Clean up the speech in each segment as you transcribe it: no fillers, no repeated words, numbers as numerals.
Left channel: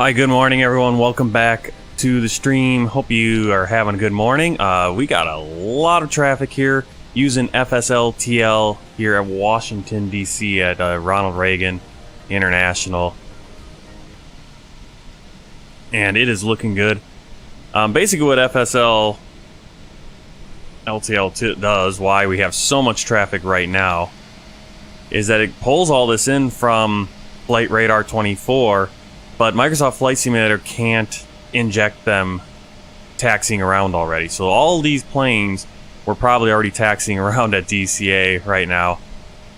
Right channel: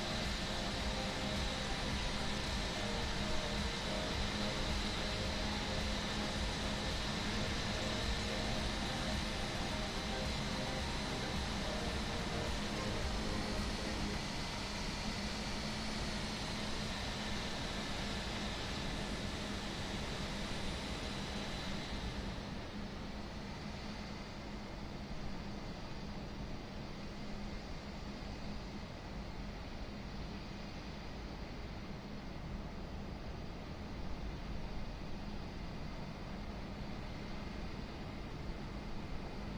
Hi, good morning everyone. Welcome back to the stream. Hope you are having a good morning. We got a lot of traffic here using FSLTL here at Washington, D.C. at Ronald Reagan International. And it is looking good. Basically what FSL LTL does, why we have so much traffic right now, is that it pulls all this in from Flight Radar 24, but Microsoft Flight Simulator can't inject them taxiing around already. So all these planes were probably already taxiing around at DCA right now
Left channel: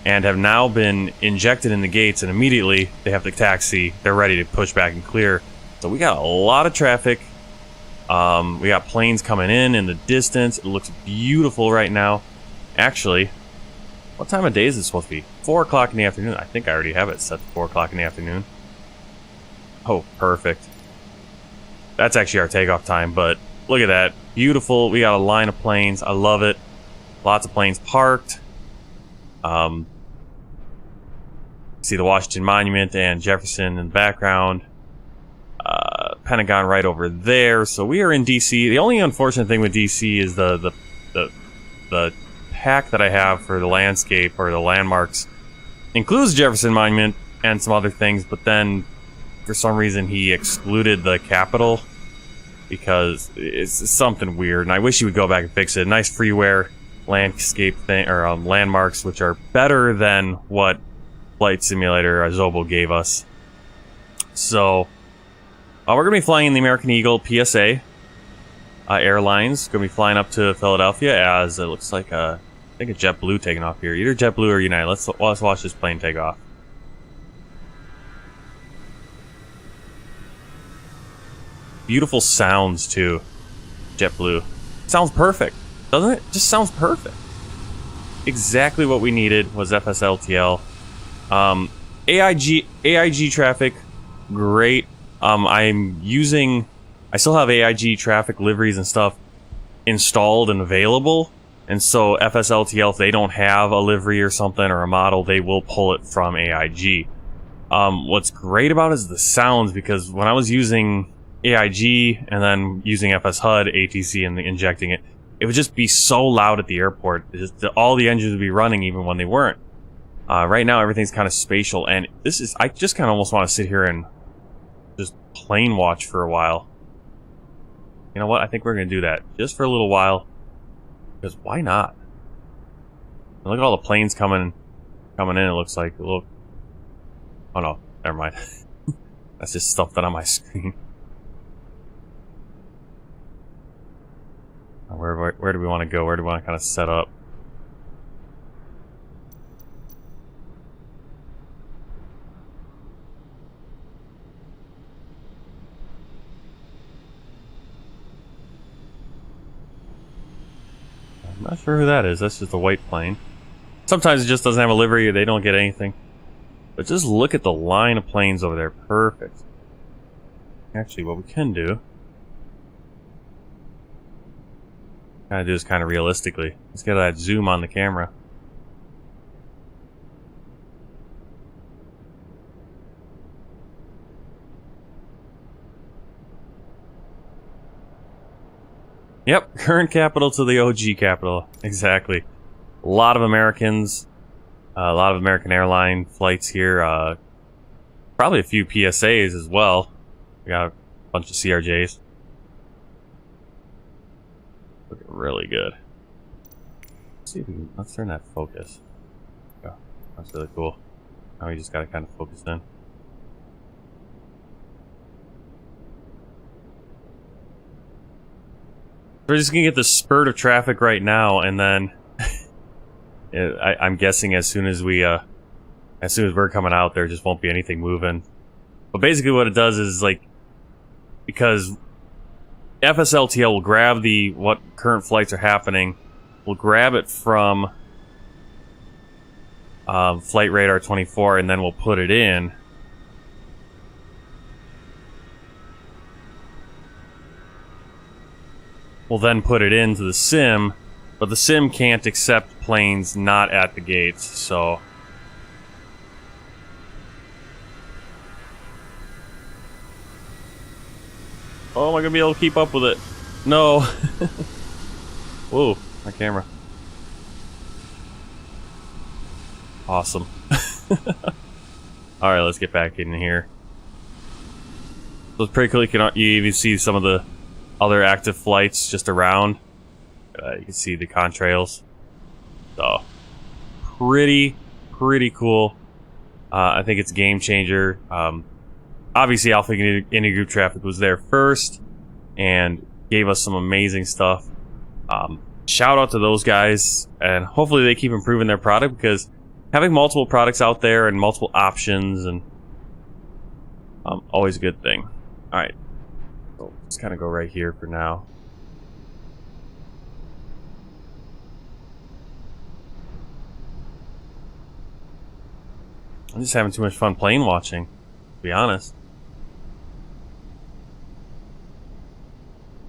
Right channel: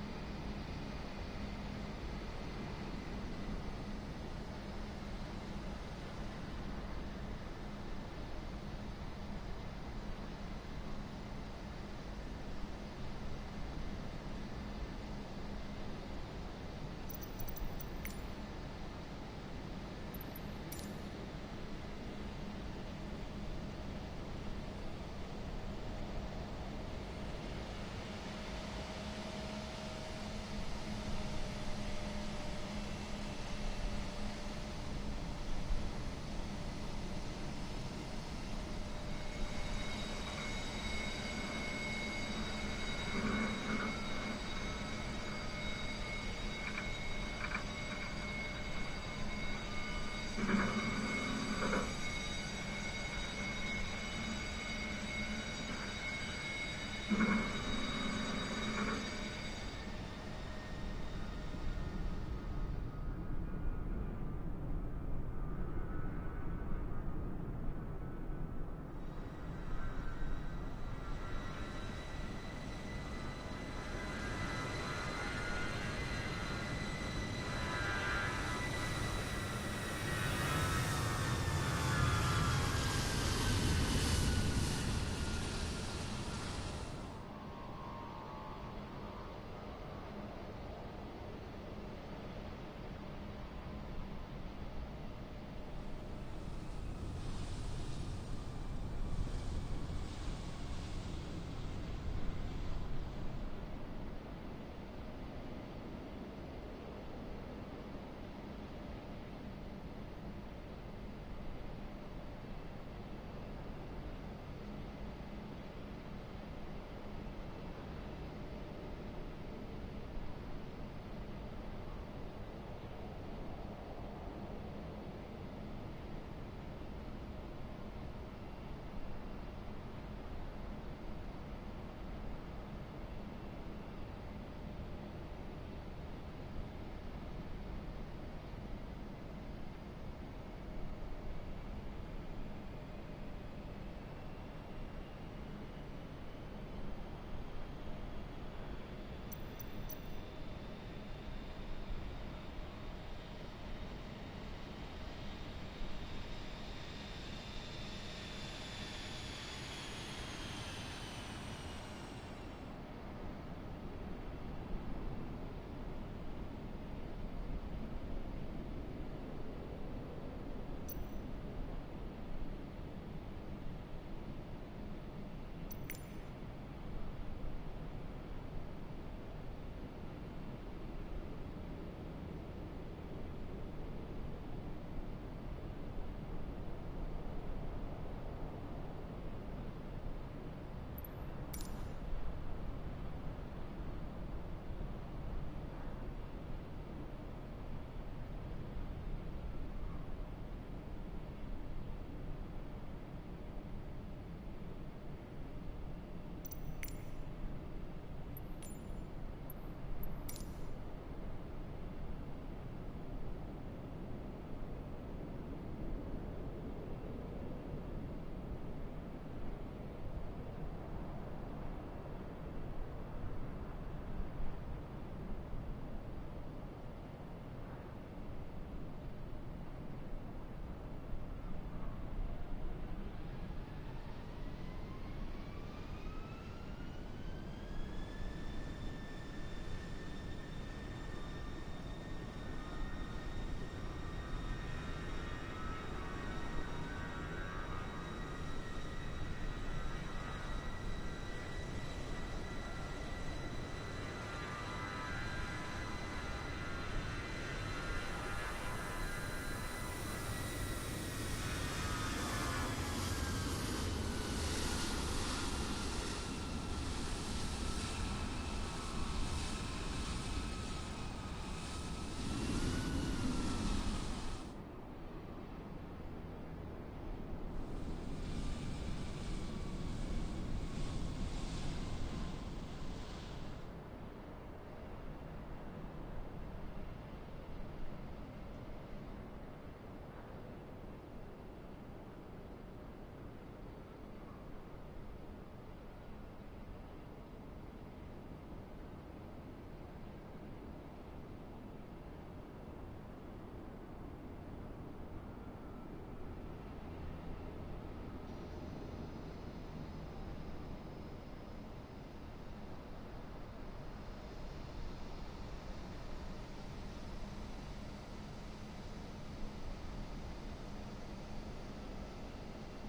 and have now been injected in the gates, and immediately they have to taxi. They're ready to push back and clear. So we got a lot of traffic. We got planes coming in the distance. It looks beautiful right now. Actually, what time of day is it supposed to be? 4 o'clock in the afternoon. I think I already have it set to 4 o'clock in the afternoon. Oh, perfect. That's actually our takeoff time, but look at that. Beautiful. We got a line of planes. I love it. Lots of planes parked. See the Washington Monument and Jefferson in the background. Pentagon right over there. So we are in DC. The only unfortunate thing with DC is the pack that I have for the landscape or the landmarks includes Jefferson Monument and some other things, but then for some reason he excluded the Capitol because it's something weird, and I wish he would go back and fix it. Nice freeware landscape thing, or landmarks, which are better than what Flight Simulator Zobo gave us. So we're gonna be flying in the American Eagle PSA Airlines. Gonna be flying up to Philadelphia as it looks like I think a JetBlue taking off here, either JetBlue or United. Let's watch this plane take off. Beautiful sounds too. JetBlue sounds perfect, doesn't it? Just sounds perfect. Exactly what we needed was FSLTL. AIG traffic, great. I still have AIG traffic liveries and stuff installed and available, and so FSLTL, if they don't have a livery or something or a model, they will pull it from AIG. What's great about it is the sounds, because when I was using AIG and then using FS HUD, ATC, and injecting it, it would just be so loud at the airport. All the engines would be running even when they weren't. Right now everything's kind of spatial, and I just kind of almost want to sit here and just plane watch for a while. You know what? I think we're gonna do that just for a little while, because why not? Look at all the planes coming in. It looks like, look. Oh no, never mind. That's just stuff that on my screen. Where do we want to go? Where do we want to kind of set up? I'm not sure who that is. That's just a white plane. Sometimes it just doesn't have a livery, or they don't get anything. But just look at the line of planes over there. Perfect. Actually, what we can do, do this kind of realistically. Let's get that zoom on the camera. Yep, current capital to the OG capital. Exactly. A lot of Americans, a lot of American airline flights here. Probably a few PSAs as well. We got a bunch of CRJs. Looking really good. Let's see if we can, let's turn that focus. Oh, that's really cool. Now we just gotta kind of focus in. We're just gonna get the spurt of traffic right now, and then I'm guessing as soon as we're coming out, there just won't be anything moving. But basically, what it does is, like, because FSLTL will grab what current flights are happening, we'll grab it from Flight Radar 24, and then we'll put it in. We'll then put it into the sim, but the sim can't accept planes not at the gates, so Oh, am I gonna be able to keep up with it? No. Whoa, my camera. Awesome. Alright, let's get back in here. So it's pretty cool. You even see some of the other active flights just around. You can see the contrails. So, pretty cool. I think it's a game changer. Obviously, Alpha Intergroup Traffic was there first and gave us some amazing stuff. Shout out to those guys, and hopefully they keep improving their product, because having multiple products out there and multiple options and always a good thing. All right, so let's kind of go right here for now. I'm just having too much fun plane watching, to be honest.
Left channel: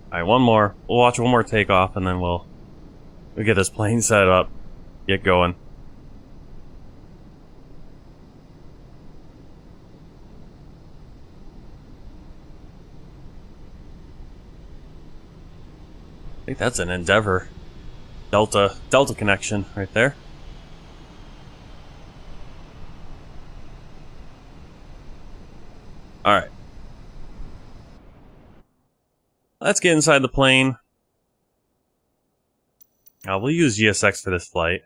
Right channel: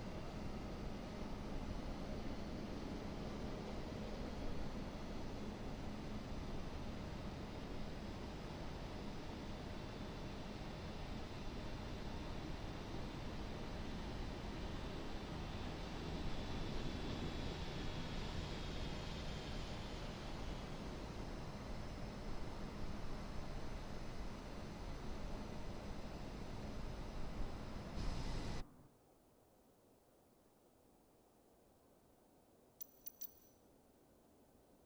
Alright, one more. We'll watch one more takeoff, and then we'll get this plane set up, get going. I think that's an Endeavor Delta connection right there. Alright. Let's get inside the plane. We'll use GSX for this flight.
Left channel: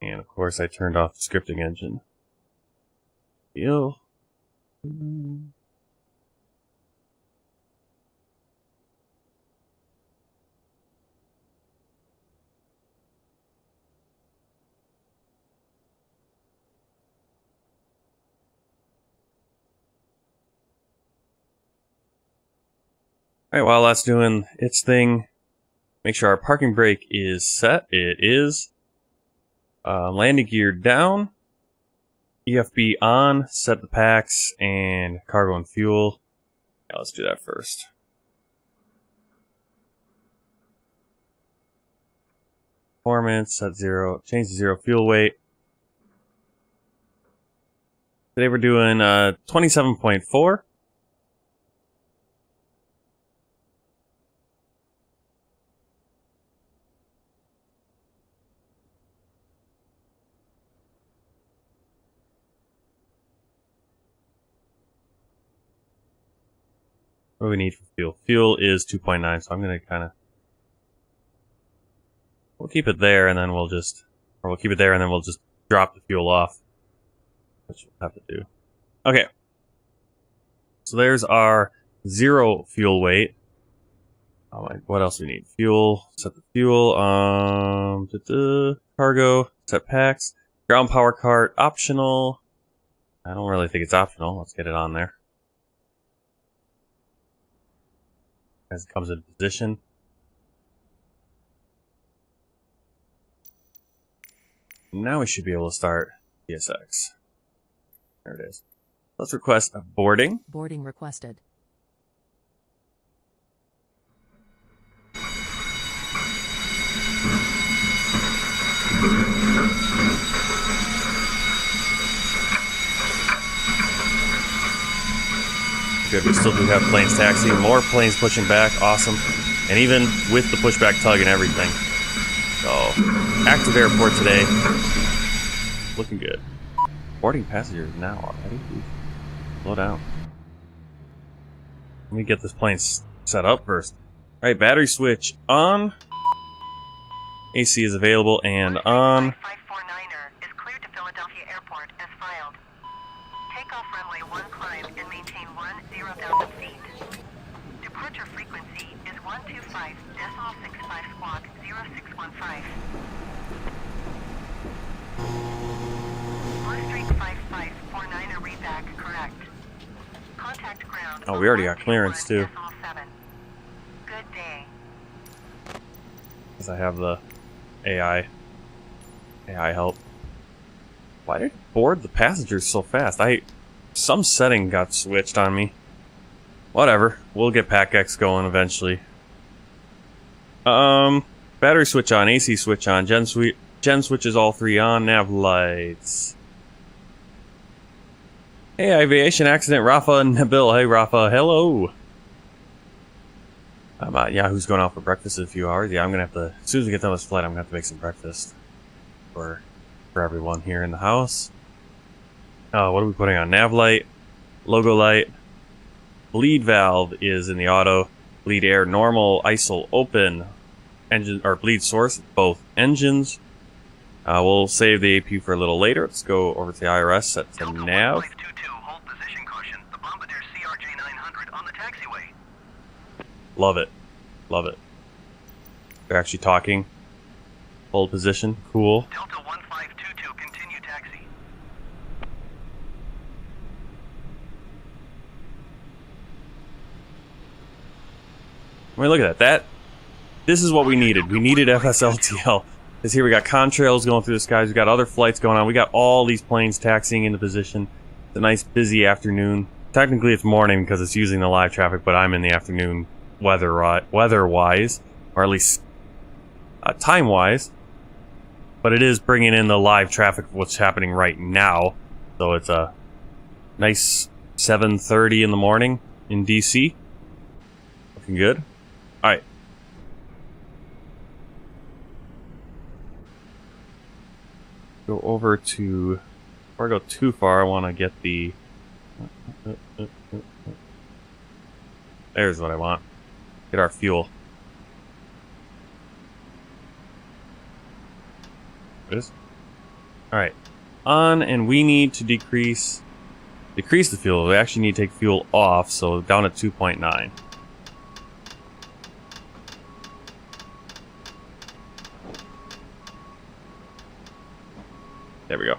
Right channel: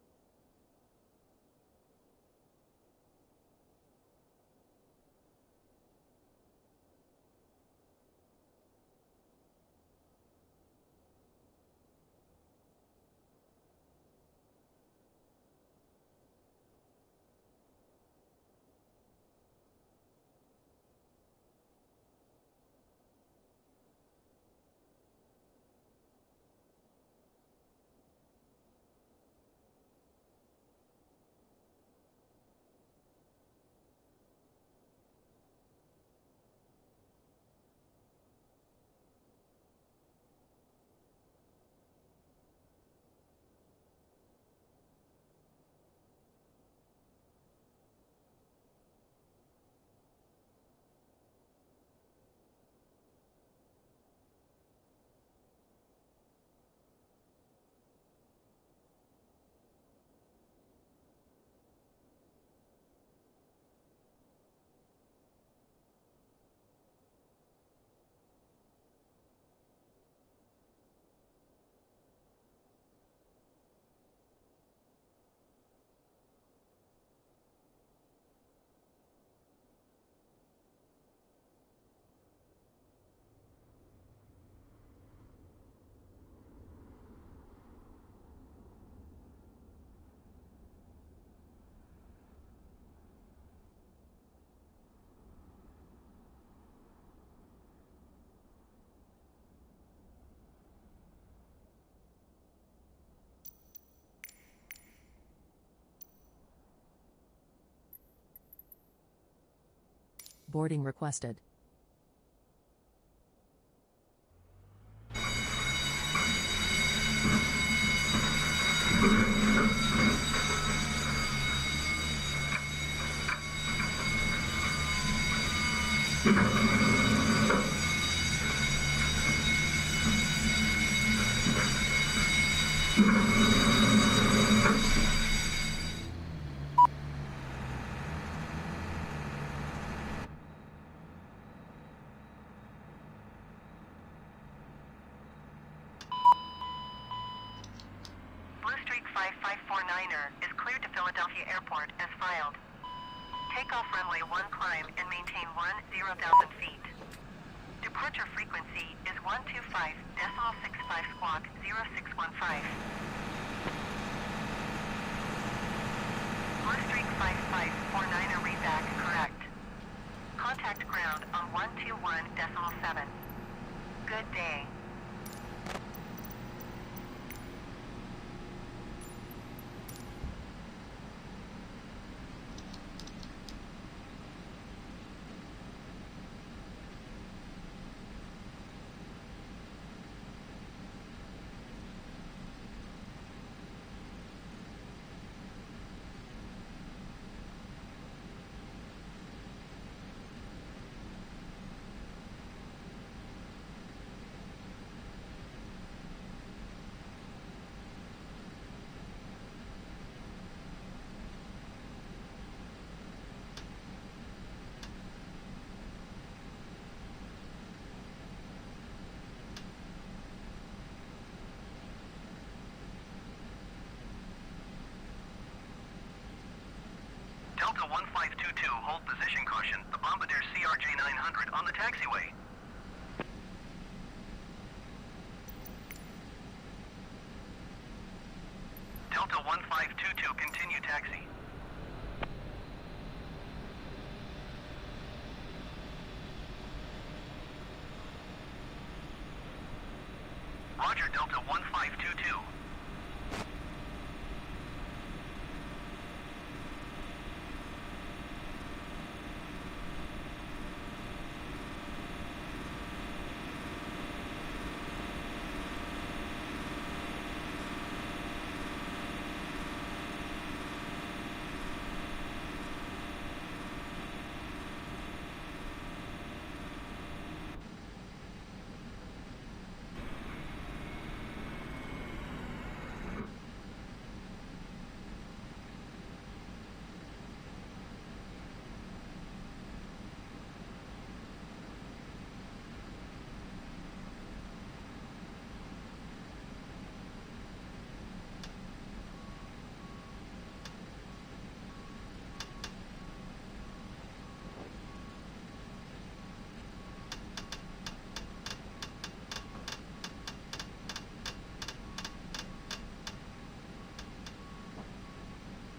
And of course I turned off the scripting engine. Yo. Alright, while that's doing its thing, make sure our parking brake is set. It is. Landing gear down. EFB on. Set the packs and cargo and fuel. Yeah, let's do that first. Performance, set 0. Change to 0 fuel weight. Today we're doing 27.4. What do we need for fuel? Fuel is 2.9, so I'm going to we'll keep it there, and then we'll just drop the fuel off, which we'll have to do. Okay. So there's our 0 fuel weight. What else do we need? Fuel, set the fuel, cargo, set packs, ground power cart, optional. I don't really think it's optional. Let's get it on there. As it comes in position. Now we should be able to start GSX. There it is. Let's request a boarding. Boarding requested. Good, we still do have planes taxiing, more planes pushing back, awesome. And even with the pushback tug and everything. So, active airport today. Looking good. Boarding passengers now already. Slow down. Let me get this plane set up first. Alright, battery switch on. AC is available and on. 549er is cleared to Philadelphia Airport as filed. Takeoff runway 1 climb and maintain 10,000 feet. Departure frequency is 125.65 squawk 0615. Blue streak 5549er readback correct. Contact ground. Oh, we already got clearance too. 7. Good day. Because I have the AI help. Why did it board the passengers so fast? Some setting got switched on me. Whatever. We'll get PAC-X going eventually. Battery switch on, AC switch on, gen switches all 3 on, nav lights. Hey, aviation accident, Rafa and Nabil. Hey, Rafa. Hello. Yeah, who's going out for breakfast in a few hours? Yeah, I'm gonna have to, as soon as we get done with this flight, I'm gonna have to make some breakfast for everyone here in the house. Oh, what are we putting on? Nav light, logo light, bleed valve is in the auto, bleed air normal, ISIL open, engine or bleed source both engines. We'll save the AP for a little later. Let's go over to the IRS, set to Delta nav. 1522, hold position caution. The Bombardier CRJ-900 on the taxiway. Love it. Love it. They're actually talking. Hold position. Cool. Delta 1522, continue taxi. I mean, look at that. This is what we needed. We needed FSLTL. Because here we got contrails going through the skies. We got other flights going on. We got all these planes taxiing into position. It's a nice busy afternoon. Technically it's morning because it's using the live traffic, but I'm in the afternoon weather-wise, or at least time-wise. But it is bringing in the live traffic, what's happening right now. So it's a nice 7:30 in the morning in DC. Looking good. All right. Go over to, before I go too far, I want to get the, there's what I want. Get our fuel. Alright. On, and we need to decrease the fuel. We actually need to take fuel off, so down at 2.9. There we go.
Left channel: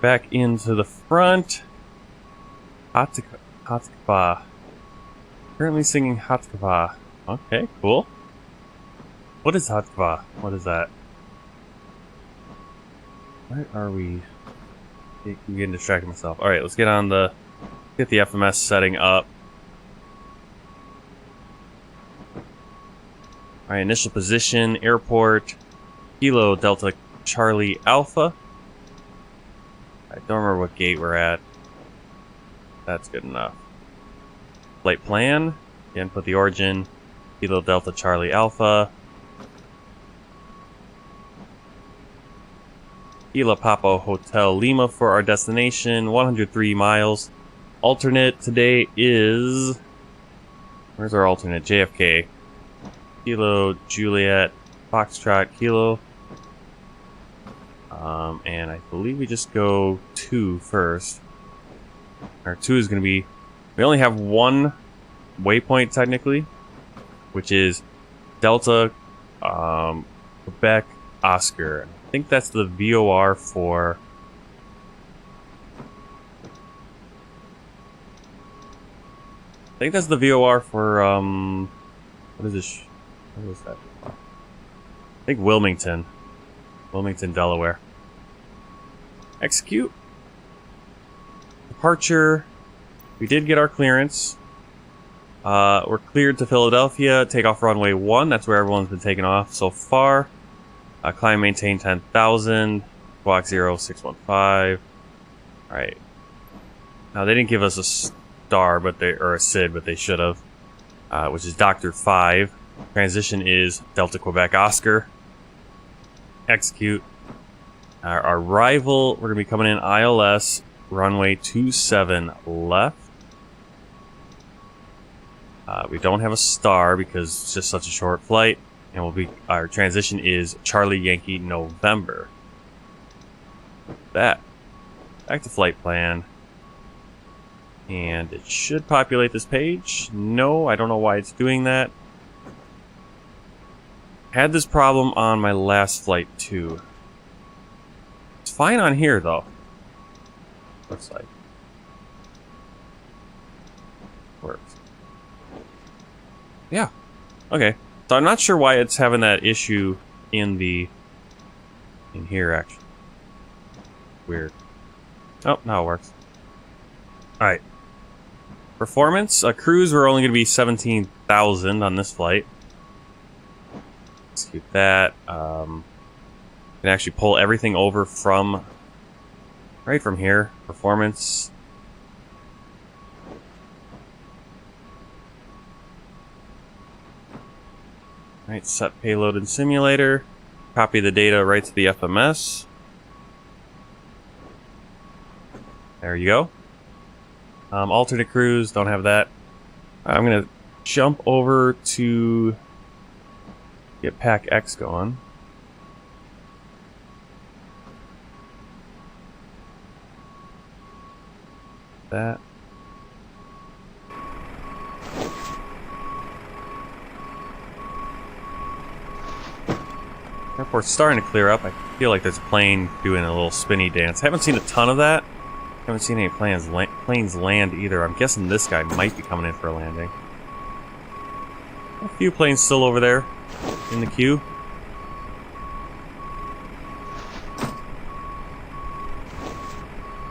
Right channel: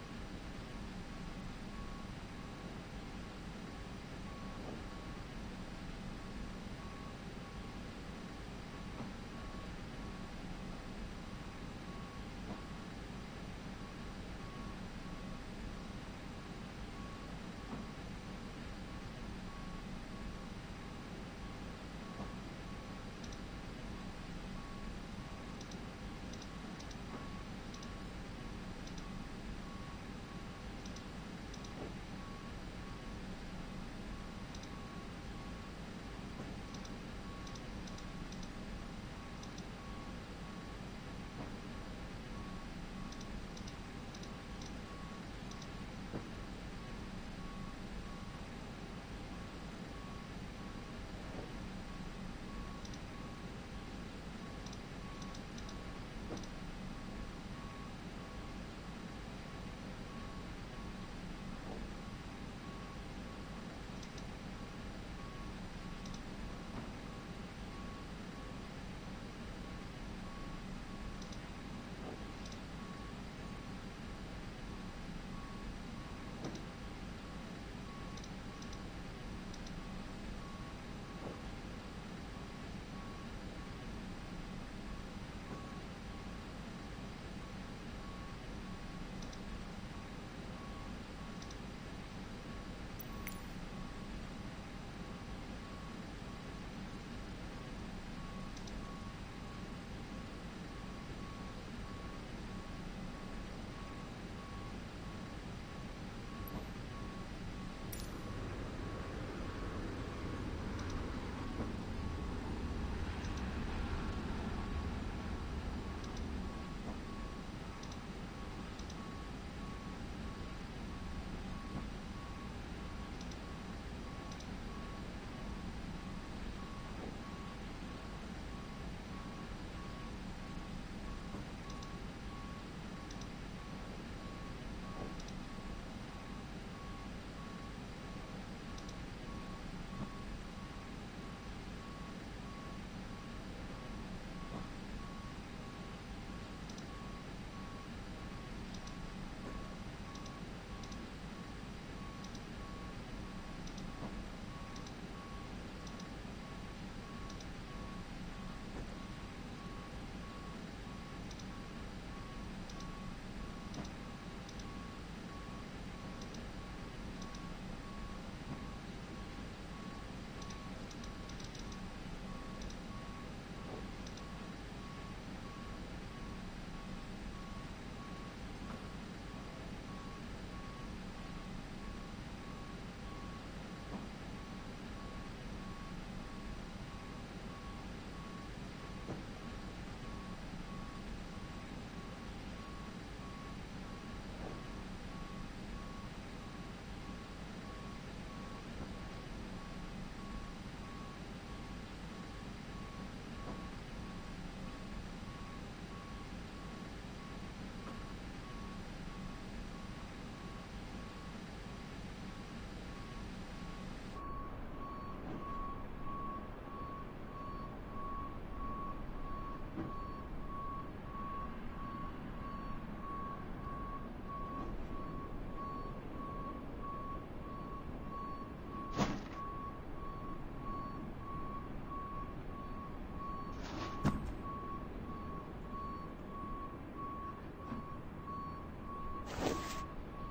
Back into the front. Hatkava. Currently singing Hatkava. Okay, cool. What is Hatkava? What is that? Where are we? I'm getting distracted myself. Alright, let's get on the... Get the FMS setting up. Alright, initial position, airport, Kilo Delta Charlie Alpha. I don't remember what gate we're at. That's good enough. Flight plan, again, put the origin, Kilo Delta Charlie Alpha. Kilo Papa Hotel Lima for our destination, 103 miles. Alternate today is... Where's our alternate? JFK. Kilo Juliet Foxtrot Kilo. And I believe we just go 2 first. Our 2 is going to be... We only have one waypoint technically, which is Delta Quebec Oscar. I think that's the VOR for... I think that's the VOR for, what is this? What is that? I think Wilmington. Wilmington, Delaware. Execute. Departure. We did get our clearance. We're cleared to Philadelphia. Take off runway 1. That's where everyone's been taking off so far. Climb, maintain 10,000. Squawk 0615. Alright. Now, they didn't give us a star, but they, or a SID, but they should have. Which is Dr. 5. Transition is Delta Quebec Oscar. Execute. Our arrival, we're going to be coming in ILS, runway 27 left. We don't have a star because it's just such a short flight. And we'll be, our transition is Charlie Yankee November. That. Back to flight plan. And it should populate this page. No, I don't know why it's doing that. Had this problem on my last flight too. It's fine on here though. Looks like. Works. Yeah. Okay. So I'm not sure why it's having that issue in here actually. Weird. Oh, now it works. Alright. Performance, cruise, we're only going to be 17,000 on this flight. Execute that. Gonna can actually pull everything over from right from here. Performance. Right, set payload in simulator. Copy the data right to the FMS. There you go. Alternate cruise, don't have that. I'm gonna jump over to get Pack X going. That. Airport's starting to clear up. I feel like there's a plane doing a little spinny dance. Haven't seen a ton of that. Haven't seen any planes land either. I'm guessing this guy might be coming in for a landing. A few planes still over there in the queue.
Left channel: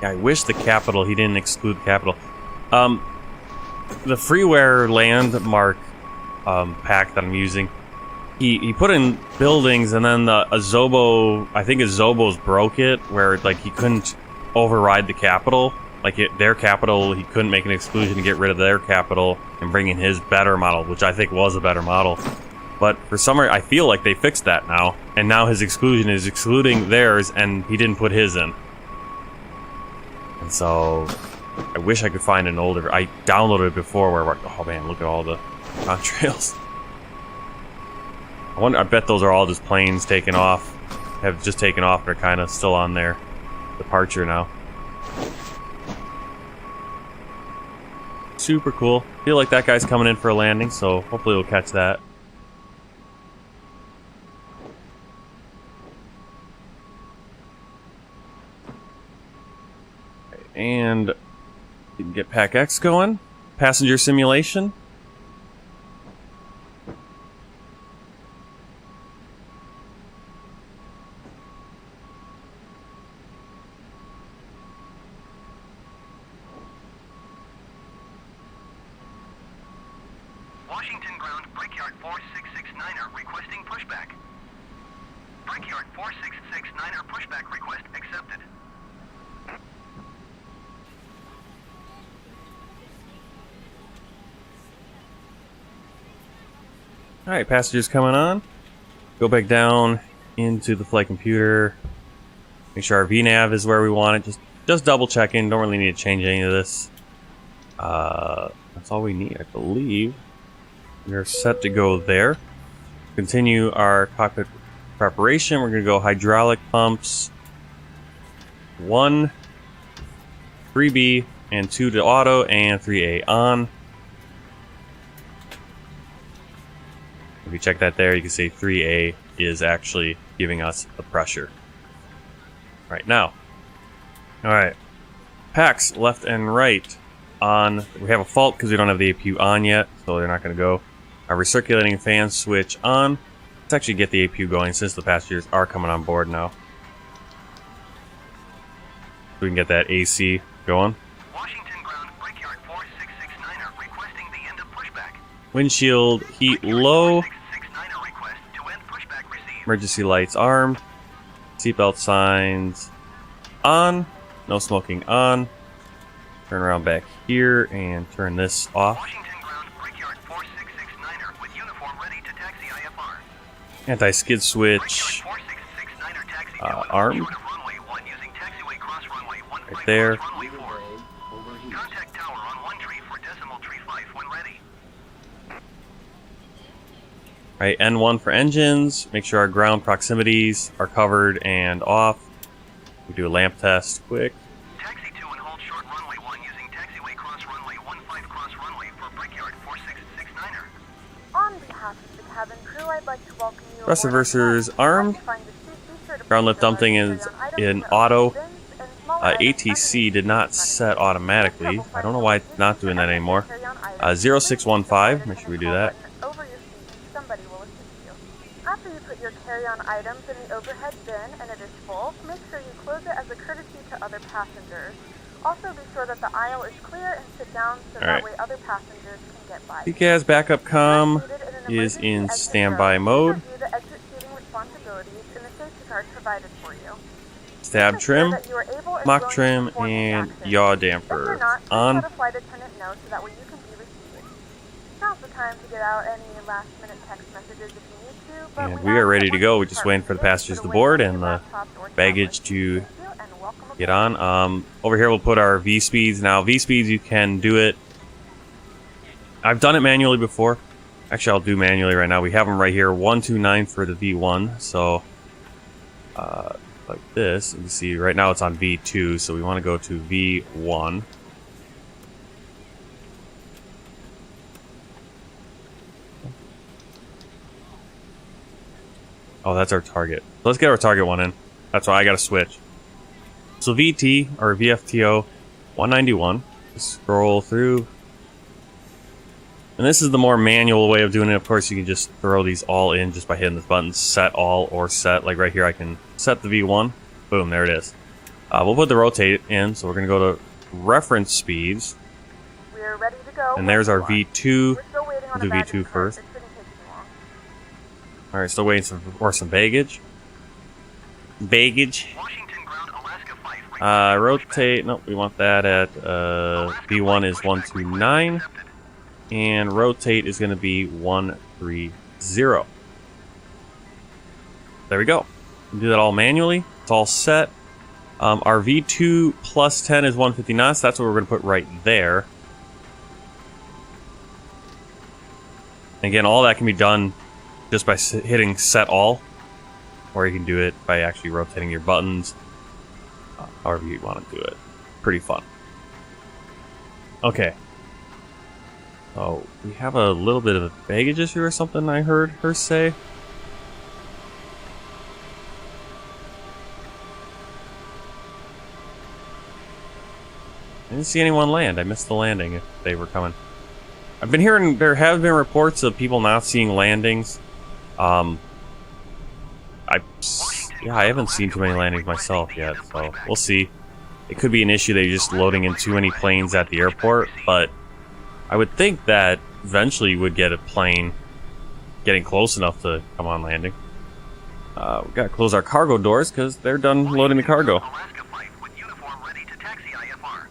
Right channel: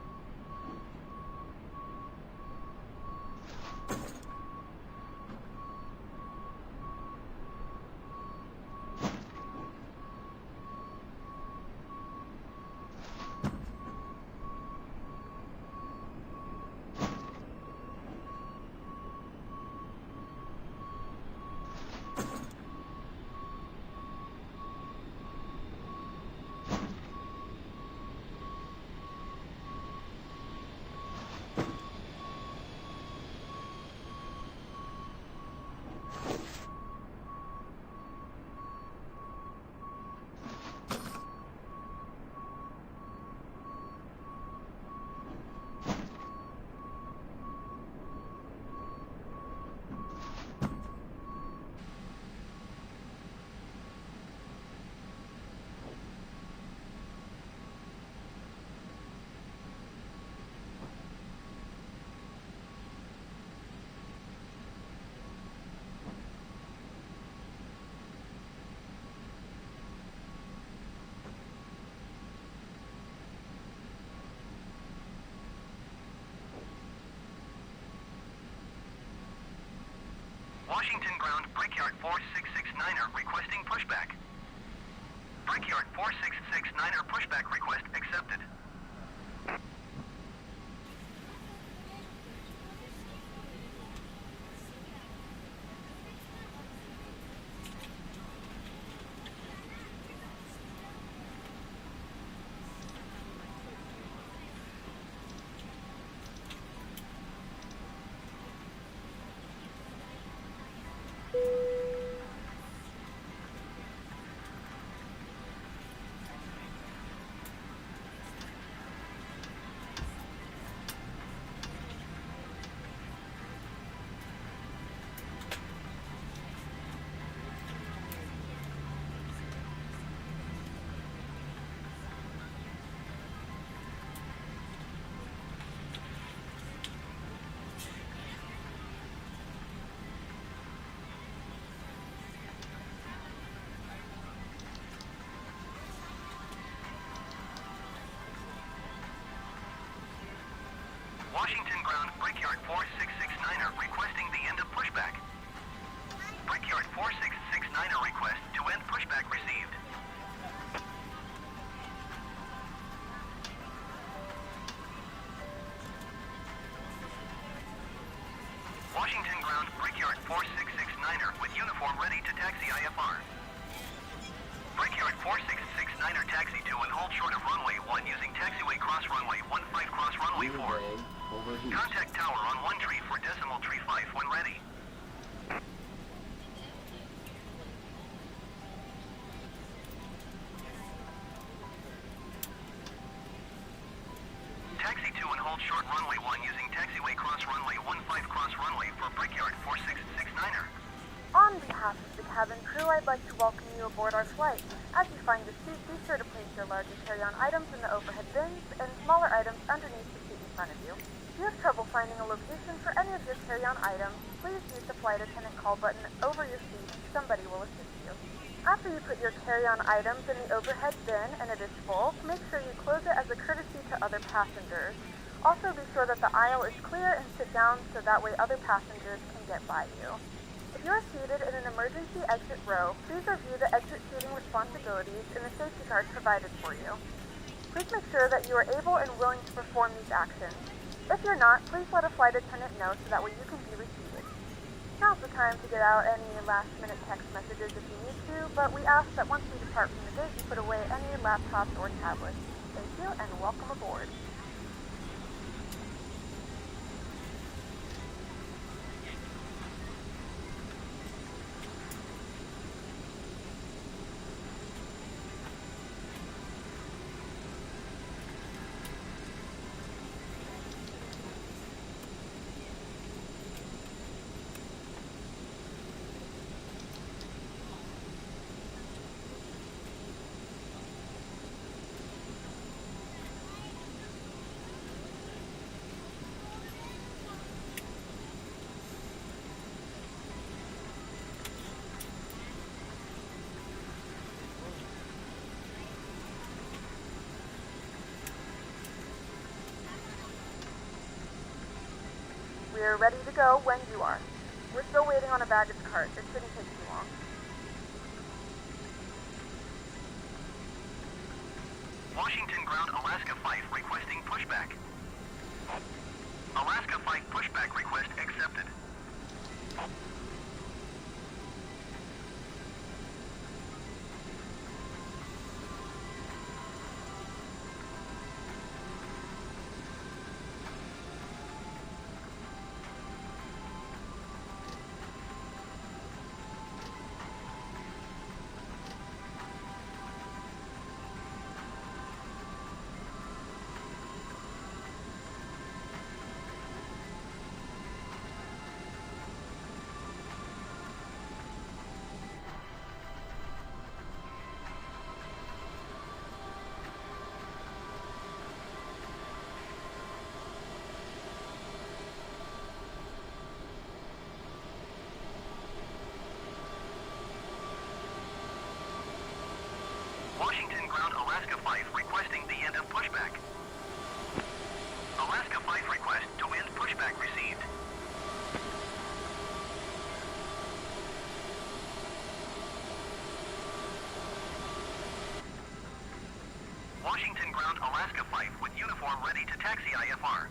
Yeah, I wish the capital, he didn't exclude capital. The freeware landmark pack that I'm using, he put in buildings, and then the Azobo, I think Azobo's broke it, where like he couldn't override the capital. Like their capital, he couldn't make an exclusion to get rid of their capital and bring in his better model, which I think was a better model. But for some reason, I feel like they fixed that now, and now his exclusion is excluding theirs, and he didn't put his in. And so, I wish I could find an older. I downloaded it before where we're, oh man, look at all the contrails. I bet those are all just planes taken off. Have just taken off. They're kind of still on their departure now. Super cool. Feel like that guy's coming in for a landing, so hopefully we'll catch that. And we can get Pack X going. Passenger simulation. Washington ground, Brickyard 4669er requesting pushback. Brickyard 4669er pushback request accepted. Alright, passengers coming on. Go back down into the flight computer. Make sure our VNAV is where we want it. Just double checking. Don't really need to change any of this. That's all we need, I believe. We're set to go there. Continue our cockpit preparation. We're going to go hydraulic pumps 1, 3B, and 2 to auto, and 3A on. If you check that there, you can see 3A is actually giving us the pressure right now. Alright, packs left and right on. We have a fault because we don't have the APU on yet, so they're not going to go. Our recirculating fan switch on. Let's actually get the APU going since the passengers are coming on board now. We can get that AC going. Washington ground, Brickyard 4669er requesting the end of pushback. Windshield heat low. 4669er request to end pushback received. Emergency lights armed. Seatbelt signs on. No smoking on. Turn around back here and turn this off. Washington ground, Brickyard 4669er with uniform ready to taxi IFR. Anti-skid switch Brickyard 4669er taxi to and armed. short of runway 1 using taxiway cross runway 15 Right there. cross runway 4. Contact tower on 1 tree for decimal tree 5 when ready. Right, N1 for engines. Make sure our ground proximities are covered and off. We do a lamp test quick. Taxi 2 and hold short runway 1 using taxiway cross runway 15 cross runway for Brickyard 4669er. On behalf of the cabin crew, I'd like to welcome you Thrust aboard our reversers flight. armed. As you find your seat, be sure to Ground place lift your dumping large is carry-on items in the auto. overhead bins and smaller items ATC underneath did not in front of set you. automatically. Trouble I don't know finding why the it's not location doing for that any of your anymore. carry-on items, 0615, please make sure we the do call that. button over your seat and somebody will assist you. After you put your carry-on items in the overhead bin and it is full, make sure you close it as a courtesy to other passengers. Also be sure that the aisle is clear and sit down so that way other passengers can get by. PCAS backup comm If you're seated in an is emergency in exit standby row, mode. please review the exit seating responsibilities in the safety card provided for you. Stab Make trim, sure that you are able and mock willing to trim, perform these and actions. yaw If you're damper. not, please On. let a flight attendant know so that way you can be received. Now's the time to get out any last-minute text messages if you need to, but And we we are ask ready that to once go. you We're just depart waiting from for the today, passengers put to away board any and the laptops or baggage tablets. to Thank you, and welcome get aboard. on. Over here we'll put our V speeds. Now V speeds, you can do it. I've done it manually before. Actually, I'll do manually right now. We have them right here, 129 for the V1. So like this, you can see right now it's on V2, so we want to go to V1. Oh, that's our target. So let's get our target one in. That's why I got to switch. So VT, or VFTO, 191. Just scroll through. And this is the more manual way of doing it. Of course, you can just throw these all in just by hitting the button, set all or set. Like right here, I can set the V1. Boom, there it is. We'll put the rotate in, so we're going to go to reference speeds. We are ready to go. And there's our when you are. V2. We're still waiting on Do a baggage V2 cart. first. It shouldn't take too long. Alright, still waiting for some baggage. Baggage. Washington ground Alaska 5. Rotate. Nope, we want that at V1 is 129. And rotate is going to be 130. There we go. We do that all manually. It's all set. Our V2 plus 10 is 159, so that's what we're going to put right there. Again, all that can be done just by hitting set all, or you can do it by actually rotating your buttons, however you want to do it. Pretty fun. Okay. Oh, we have a little bit of a baggage issue or something, I heard her say. I didn't see anyone land. I missed the landing if they were coming. I've been hearing there have been reports of people not seeing landings. I haven't seen too many landings myself yet, so we'll see. It could be an issue that you're just loading in too many planes at the airport, but I would think that eventually you would get a plane getting close enough to come on landing. We've got to close our cargo doors because they're done loading the cargo. Alaska 5 with uniform ready to taxi IFR.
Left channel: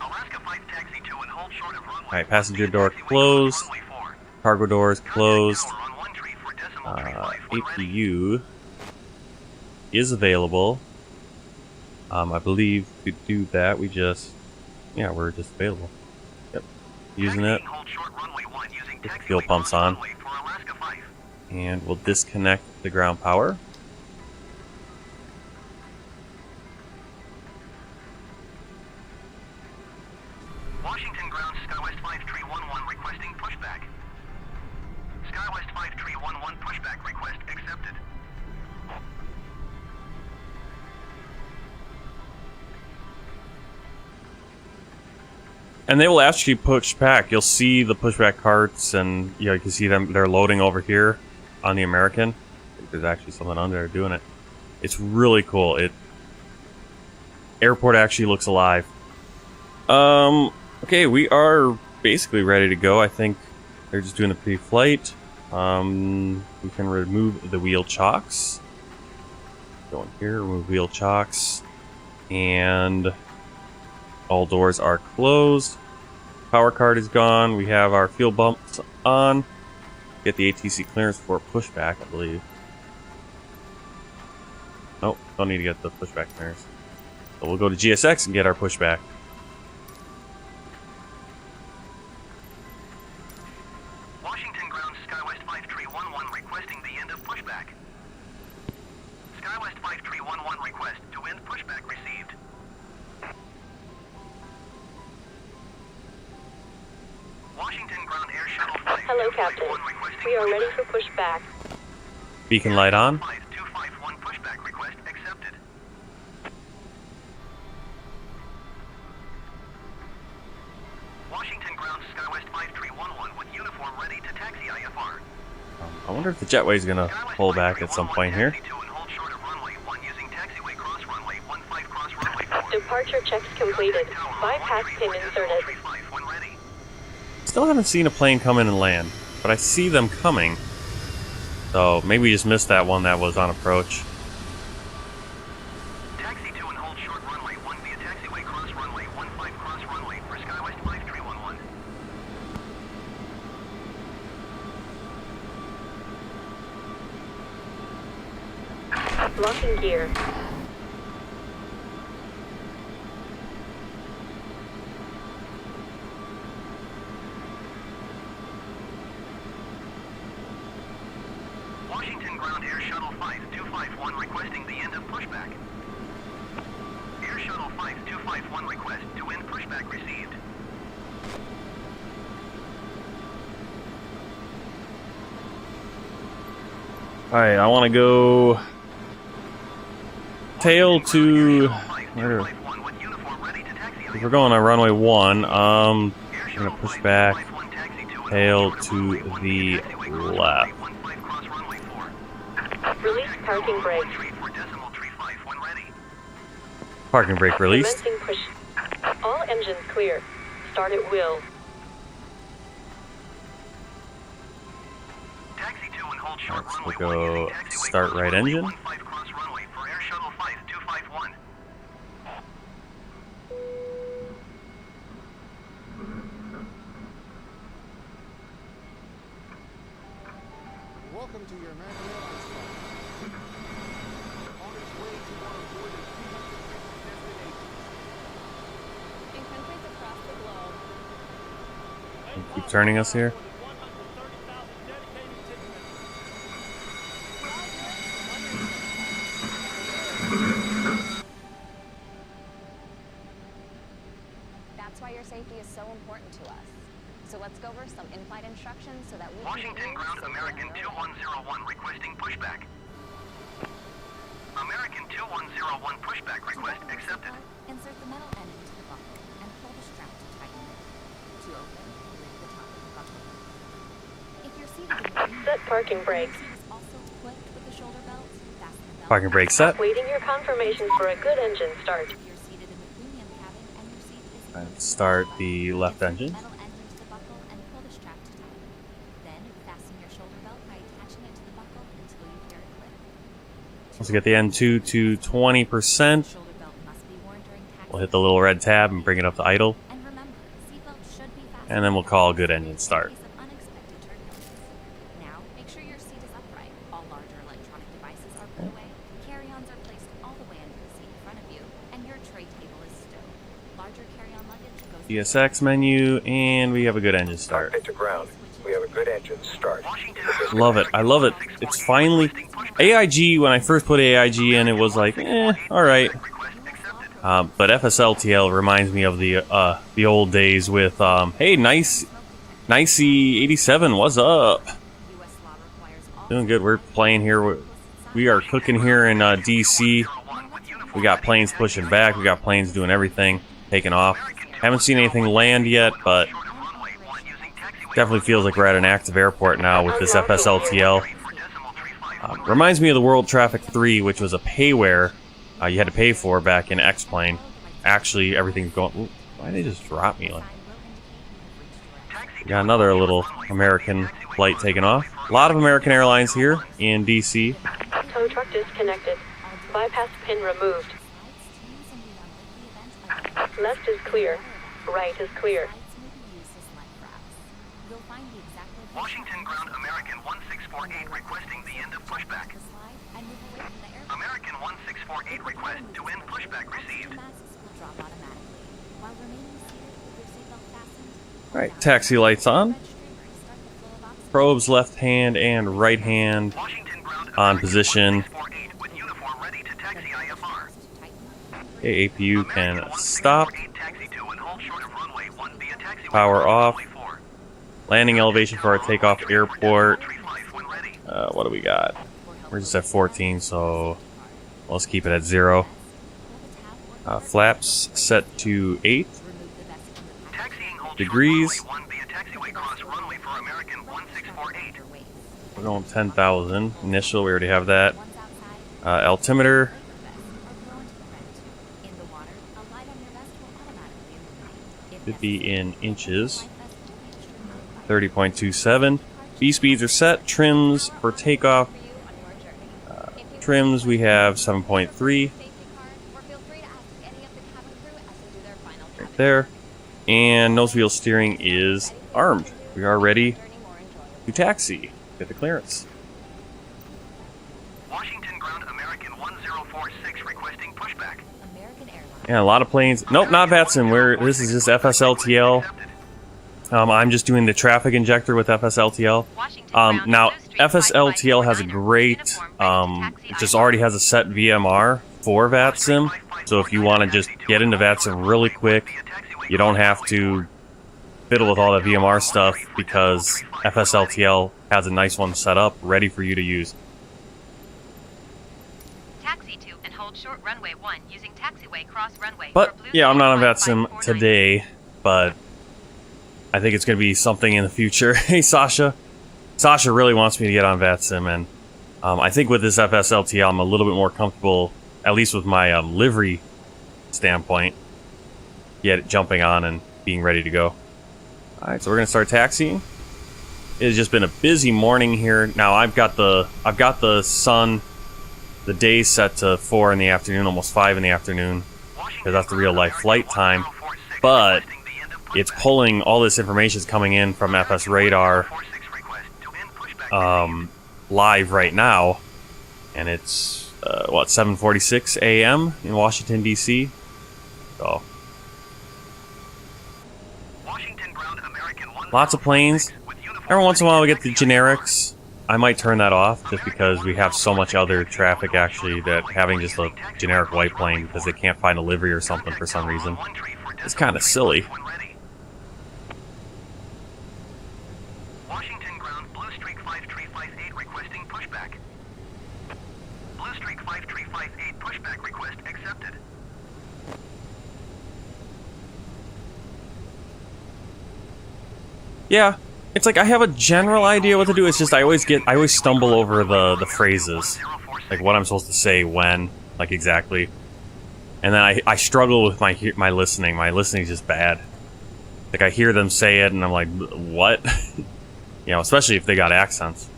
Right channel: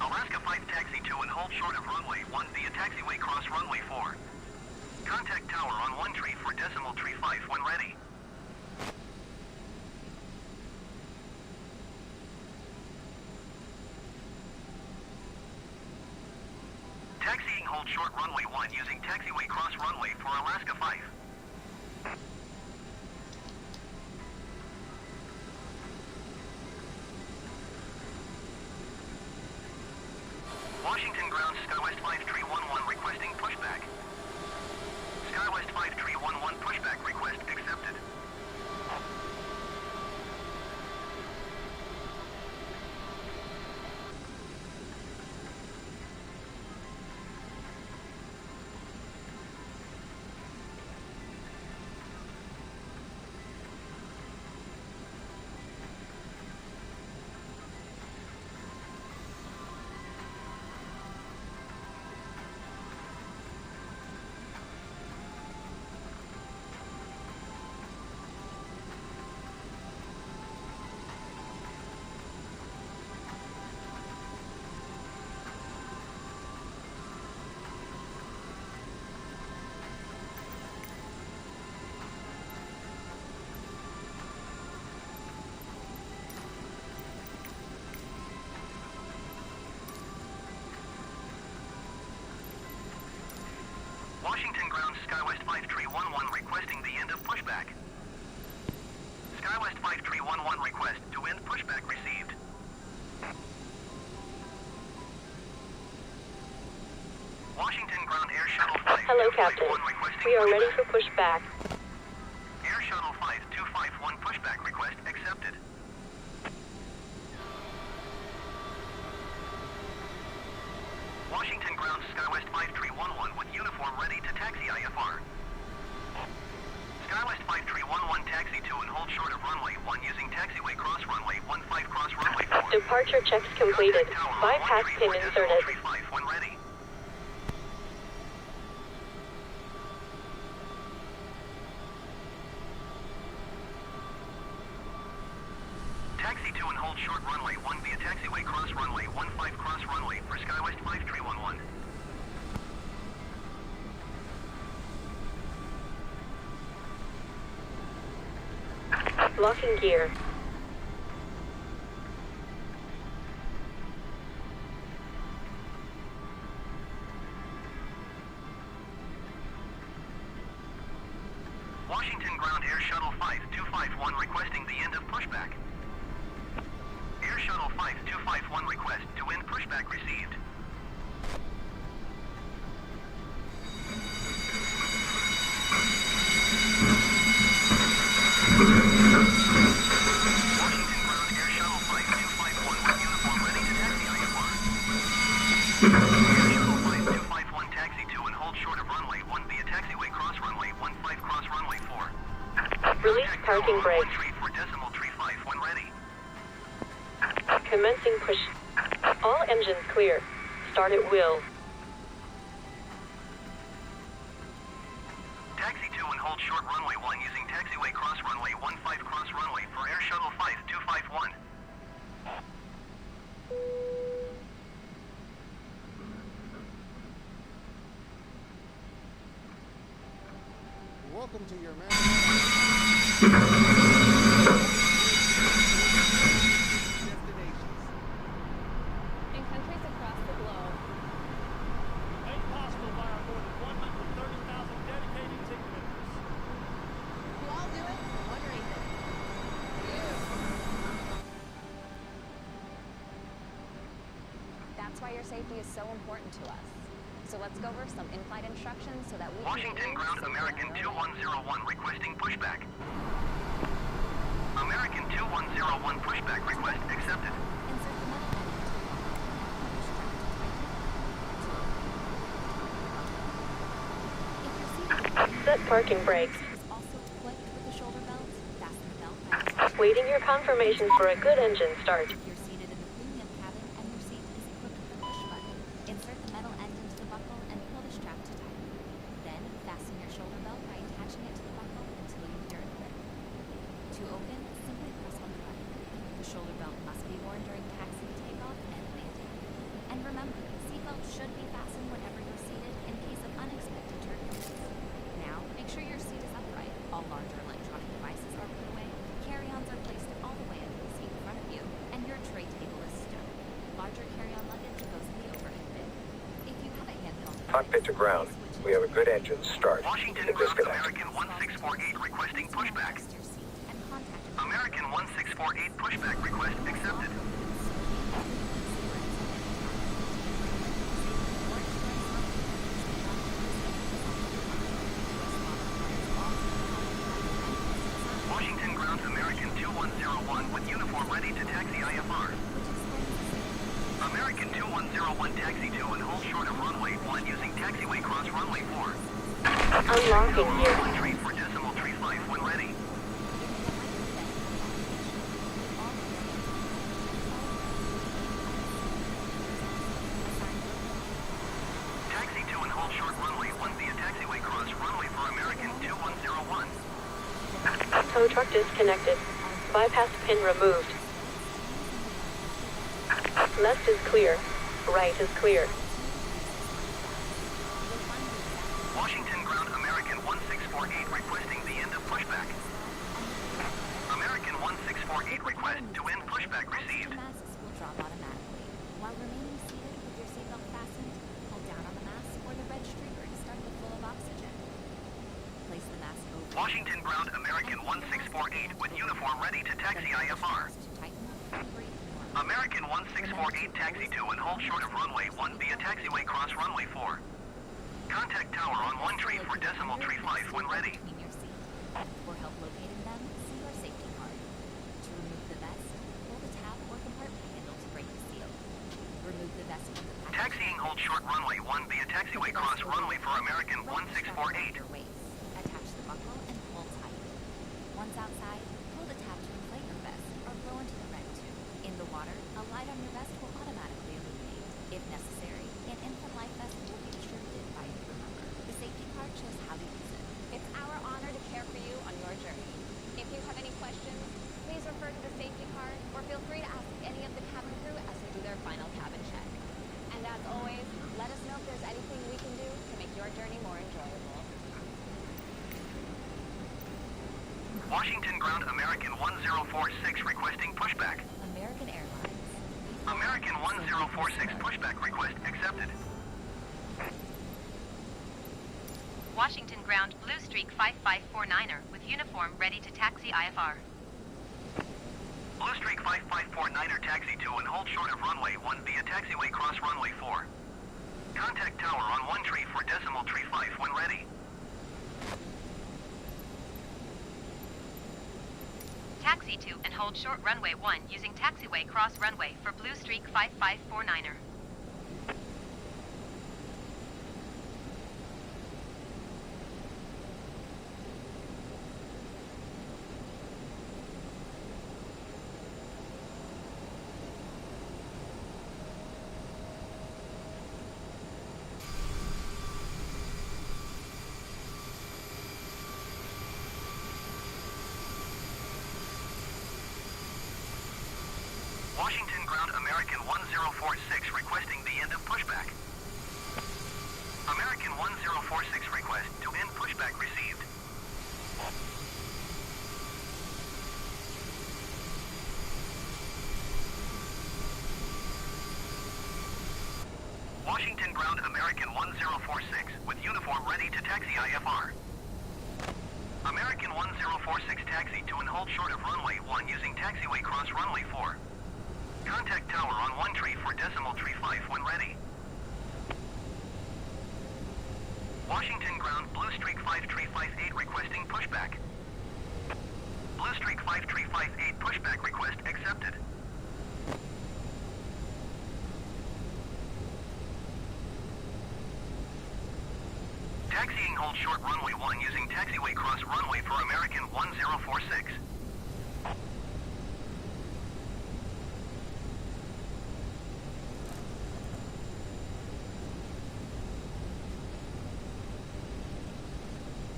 Alaska 5 taxi to and hold short of runway. Alright, passenger door closed. Cargo doors closed. APU is available. I believe to do that, we're just available. Yep, using it. Get the fuel pumps on. And we'll disconnect the ground power. Washington ground SkyWest 5311 requesting pushback. SkyWest 5311 pushback request accepted. And they will actually push back. You'll see the pushback carts, and you can see them. They're loading over here on the American. There's actually someone on there doing it. It's really cool. Airport actually looks alive. Okay, we are basically ready to go. I think they're just doing the pre-flight. We can remove the wheel chocks. Go in here, remove wheel chocks, and all doors are closed. Power card is gone. We have our fuel bumps on. Get the ATC clearance for pushback, I believe. Nope, don't need to get the pushback clearance. So we'll go to GSX and get our pushback. Washington ground SkyWest 5311 requesting the end of pushback. SkyWest 5311 request to end pushback received. Washington ground air shuttle 5. Hello, Captain. We are ready for pushback. Beacon light on. 5251 pushback request accepted. Washington ground SkyWest 5311 with uniform ready to taxi IFR. I wonder if the jetway is gonna pull back at some point here. Departure checks completed. Bypass pin inserted. Still haven't seen a plane come in and land, but I see them coming. So maybe we just missed that one that was on approach. Taxi to and hold short runway 1 via taxiway cross runway 15 cross runway for SkyWest 5311. Locking gear. Washington Ground Air Shuttle 5251 requesting the end of pushback. Air Shuttle 5251 request to end pushback received. Alright, I want to go tail to... We're going on runway 1. Push back. Tail to the left. Release parking brake. Parking brake released. Commencing push. All engines clear. Start at will. Taxi to and hold short runway We'll 1 go using taxiway start cross right runway engine. 15 cross runway for Air Shuttle 5251. Welcome to your man. In countries across the globe, Keep turning us here. we all do it for one reason. That's why your safety is so important to us. So let's go over some in-flight instructions so that we Washington can get you Ground safely American on your way. 2101 requesting pushback. American 2101 pushback request accepted. Insert the metal end into the buckle and pull the strap to tighten. To open the top of the buckle. If you're seated in the Set parking brake. seat is also clipped with the shoulder belt, fasten the belt. Parking brake set. Waiting your confirmation for a good engine start. If you're seated in the premium cabin and your seat is equipped with a Start belt, the left insert engine. the metal end into the buckle and pull the strap to tighten. Then fasten your shoulder belt by attaching it to the buckle until you hear it click. Let's get the N2 to 20%. Shoulder belt must be worn during taxi. We'll hit the little red tab and bring it up to idle. And remember, seatbelt should be fastened. And then we'll call good engine in start. case of unexpected turbulence. Now, make sure your seat is upright. All larger electronic devices are put away. Carry-ons are placed all the way under the seat in front of you, and your tray table is stowed. Larger carry-on luggage goes. ESX menu, and we have a good engine start. Cockpit to ground. We have a good engine start. Love it. I love it. It's finally... AIG, when I first put AIG in, it was like, alright. But FSLTL reminds me of the old days with, hey, Nicey 87, what's up? Doing good. We're playing here. We are cooking here in DC. We got planes pushing back. We got planes doing everything, taking off. Haven't seen anything land yet, but definitely feels like we're at an active airport now with this FSLTL. Reminds me of the World Traffic 3, which was a payware you had to pay for back in X-Plane. Actually, everything's going... Ooh, why did they just drop me? Got another little American flight taking off. A lot of American Airlines here in DC. Tow truck disconnected. Bypass pin removed. Left is clear. Right is clear. Washington Ground American 1648 requesting the end of pushback. American 1648 request to end pushback received. Alright, taxi lights on. Probes left hand and right hand Washington Ground on American position. 1648 with uniform ready to taxi IFR. Okay, APU American can stop. 1648 taxi to and hold short of runway 1 via taxiway Power cross off. runway 4. Landing elevation for our takeoff airport. Tree 5 when ready. What do we got? We're just at 14, so let's keep it at 0. Flaps set to 8 Taxiing hold degrees. short runway 1 via taxiway cross runway for American 1648. We're going 10,000. Initial, we already have that. Altimeter. 50 in inches. 30.27. B speeds are set. Trims for takeoff. Trims we have 7.3 there, and nose wheel steering is armed. We are ready to taxi. Get the clearance. Washington ground American 1046 requesting pushback. American Airlines. Yeah, a lot of planes. Nope, not VATSIM. This is just FSLTL. I'm just doing the traffic injector with FSLTL. Now, FSLTL has a great, just already has a set VMR for VATSIM. So if you want to just get into VATSIM really quick, you don't have to fiddle with all the VMR stuff because FSLTL has a nice one set up, ready for you to use. Taxi to and hold short runway 1 using taxiway cross runway. But yeah, I'm not on VATSIM today, but I think it's going to be something in the future. Hey, Sasha. Sasha really wants me to get on VATSIM, and I think with this FSLTL, I'm a little bit more comfortable, at least with my livery standpoint, jumping on and being ready to go. All right, so we're going to start taxiing. It has just been a busy morning here. Now I've got the sun, the day set to 4 in the afternoon, almost 5 in the afternoon, because that's the real life flight time. But it's pulling all this information is coming in from FS Radar live right now, and it's 7:46 a.m. in Washington D.C. So lots of planes. Every once in a while we get the generics. I might turn that off just because we have so much other traffic actually that having just a generic white plane because they can't find a livery or something for some reason. It's kind of silly. Washington ground Blue Streak 5358 requesting pushback. Blue Streak 5358 pushback request accepted. Yeah, it's like I have a general idea what to do. It's just I always stumble over the phrases, like what I'm supposed to say when, like exactly, and then I struggle with my listening. My listening is just bad. Like I hear them say it, and I'm like, what? You know, especially if they got accents.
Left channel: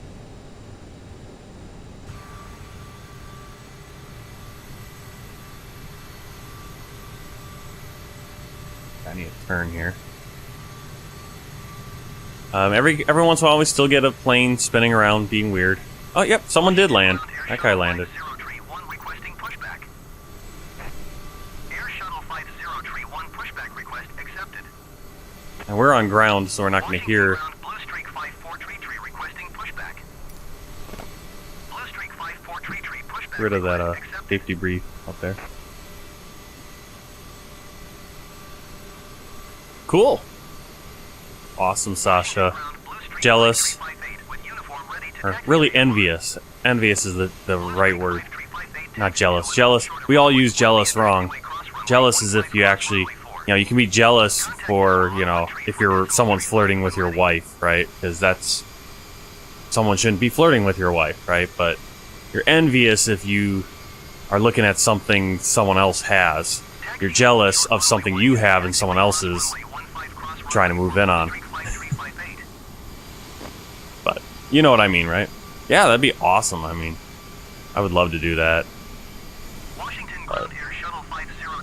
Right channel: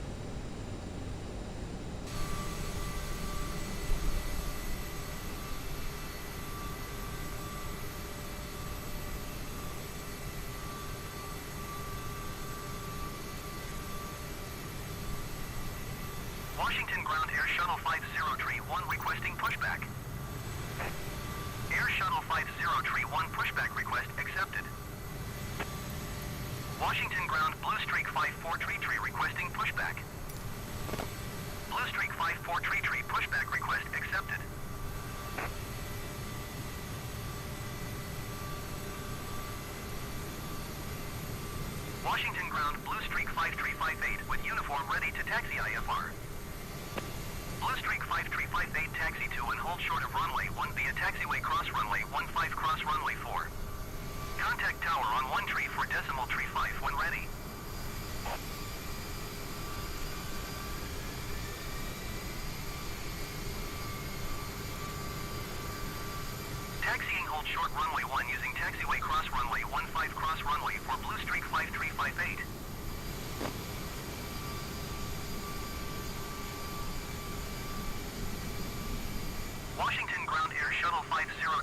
I need to turn here. Every once in a while we still get a plane spinning around being weird. Oh, yep, someone did land. That guy landed. Requesting pushback. Air Shuttle 5031 pushback request accepted. And we're on ground, so we're not going to hear. Blue Streak 5433 requesting pushback. Blue Streak 5433 pushback. Rid of that safety brief up there. Cool. Awesome, Sasha. Jealous. Or really envious. Envious is the right word. Not jealous. Jealous. We all use jealous wrong. Jealous is if you actually, you can be jealous for, if someone's flirting with your wife, right? Because someone shouldn't be flirting with your wife, right? But you're envious if you are looking at something someone else has. You're jealous of something you have and someone else is trying to move in on. But you know what I mean, right? Yeah, that'd be awesome. I mean, I would love to do that.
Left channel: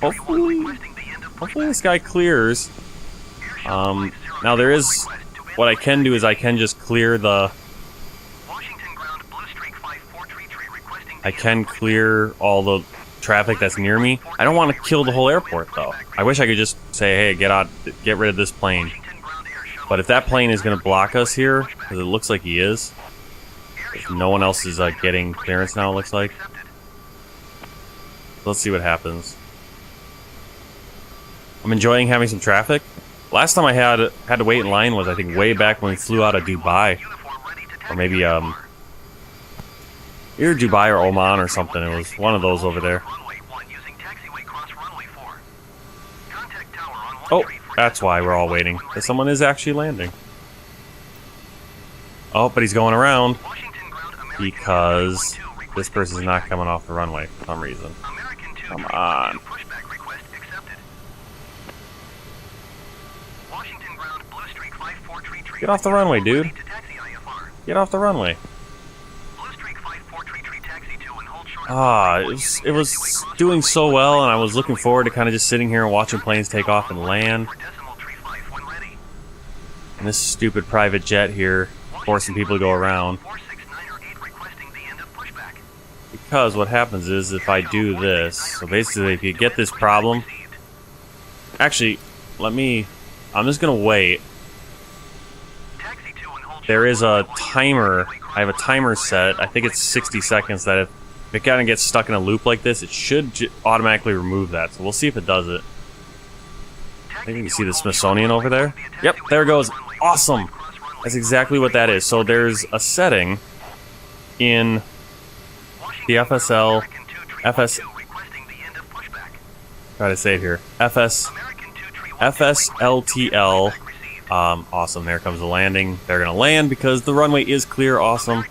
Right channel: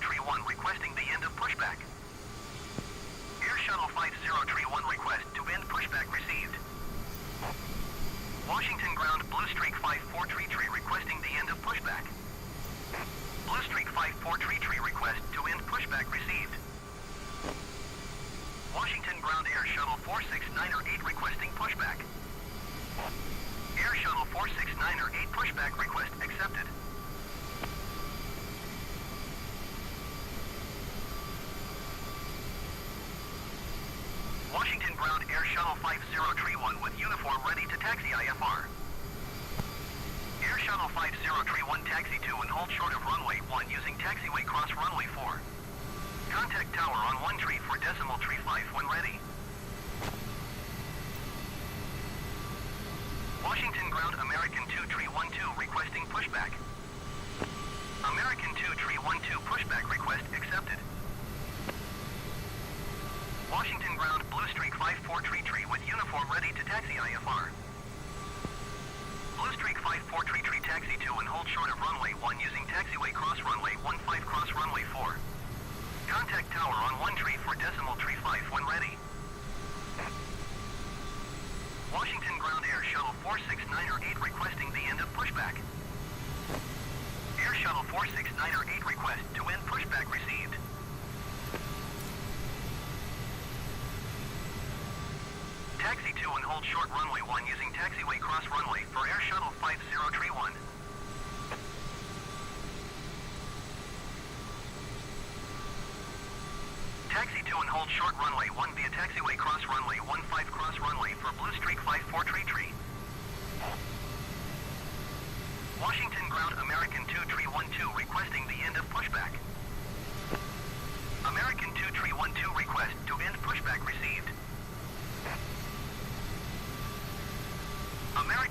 Hopefully this guy clears. Now there is, what I can do is I can just clear I can clear all the traffic that's near me. I don't want to kill the whole airport though. I wish I could just say, hey, get rid of this plane. But if that plane is going to block us here, because it looks like he is, if no one else is getting clearance now, it looks like. Let's see what happens. I'm enjoying having some traffic. Last time I had to wait in line was, I think, way back when we flew out of Dubai. Or maybe, either Dubai or Oman or something. It was one of those over there. Oh, that's why we're all waiting. Because someone is actually landing. Oh, but he's going around. Because this person's not coming off the runway for some reason. Come on. Get off the runway, dude. Get off the runway. Blue Streak 54 tree taxi to and hold short of Ah, runway 1 it using was taxiway cross doing runway so 1 well, and I cross was looking runway forward to 4. kind of just sitting here and watching planes take off and land. For decimal tree 5 when ready. And this stupid private jet here forcing people to go around. 469 or 8 requesting the end of pushback. Because what happens is if I do this, so basically if you get this problem, actually, I'm just gonna wait. Taxi to and hold There short is a runway 1 timer, using taxiway I have a cross timer runway 4 set, I think it's 60 seconds, that if it kind of gets stuck in a loop like this, it should automatically remove that. So we'll see if it does it. I think you can see the Smithsonian over there. Yep, there it goes. Awesome. That's exactly what that is. So there's a setting in the FSL, try to say it here, FSLTL. Awesome, there comes the landing. They're gonna land because the runway is clear. Awesome.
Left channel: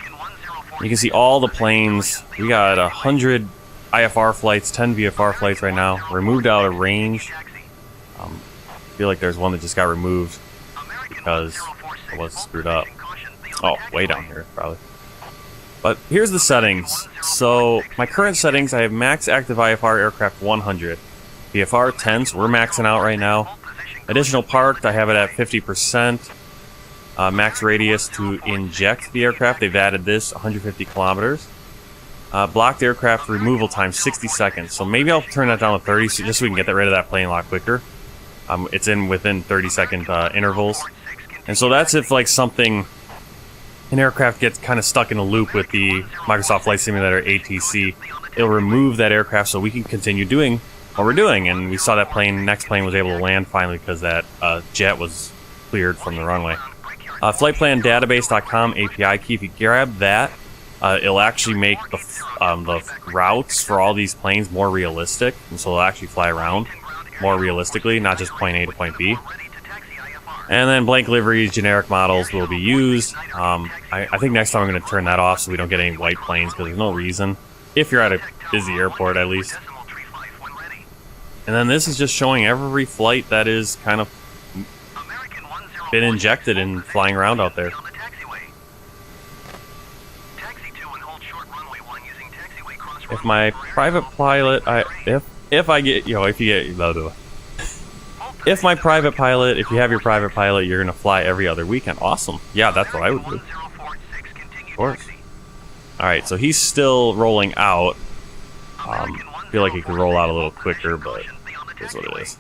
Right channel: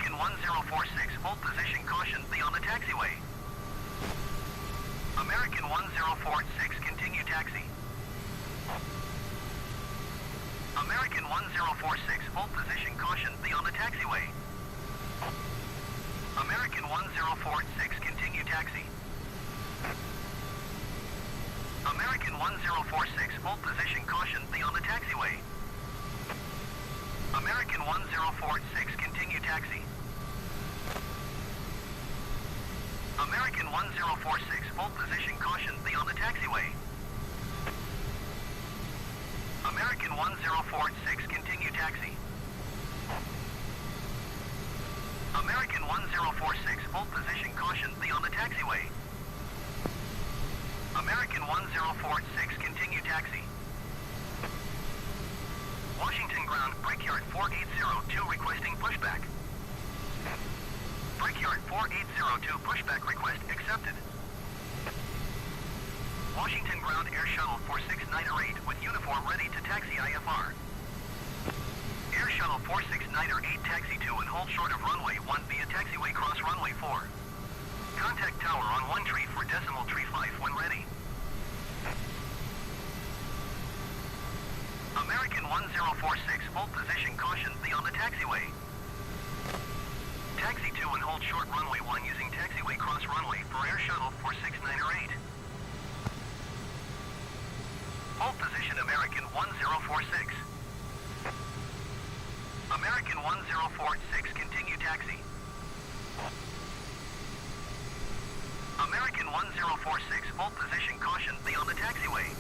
You can see all the planes. We got 100 IFR flights, 10 VFR flights right now. We're moved out of range. I feel like there's one that just got removed because it was screwed up. Oh, way down here, probably. But here's the settings. So my current settings, I have max active IFR aircraft 100. VFR 10, so we're maxing out right now. Additional parked, I have it at 50%. Max radius to inject the aircraft, they've added this, 150 kilometers. Blocked aircraft removal time, 60 seconds. So maybe I'll turn that down to 30, so just so we can get rid of that plane a lot quicker. It's in within 30-second intervals. And so that's if like something, an aircraft gets kind of stuck in a loop with the Microsoft Flight Simulator ATC, it'll remove that aircraft so we can continue doing what we're doing. And we saw that plane, next plane was able to land finally because that jet was cleared from the runway. Flightplandatabase.com API key, if you grab that, it'll actually make the routes for all these planes more realistic, and so they'll actually fly around more realistically, not just point A to point B. And then blank liveries, generic models will be used. I think next time I'm going to turn that off so we don't get any white planes, because there's no reason. If you're at a busy airport, at least. And then this is just showing every flight that is kind of been injected and flying around out there. If my private pilot, if I get, you know, if you get, if my private pilot, if you have your private pilot, you're gonna fly every other weekend. Awesome. Yeah, that's what I would do. Of course. All right, so he's still rolling out. I feel like he could roll out a little quicker, but that's what it is.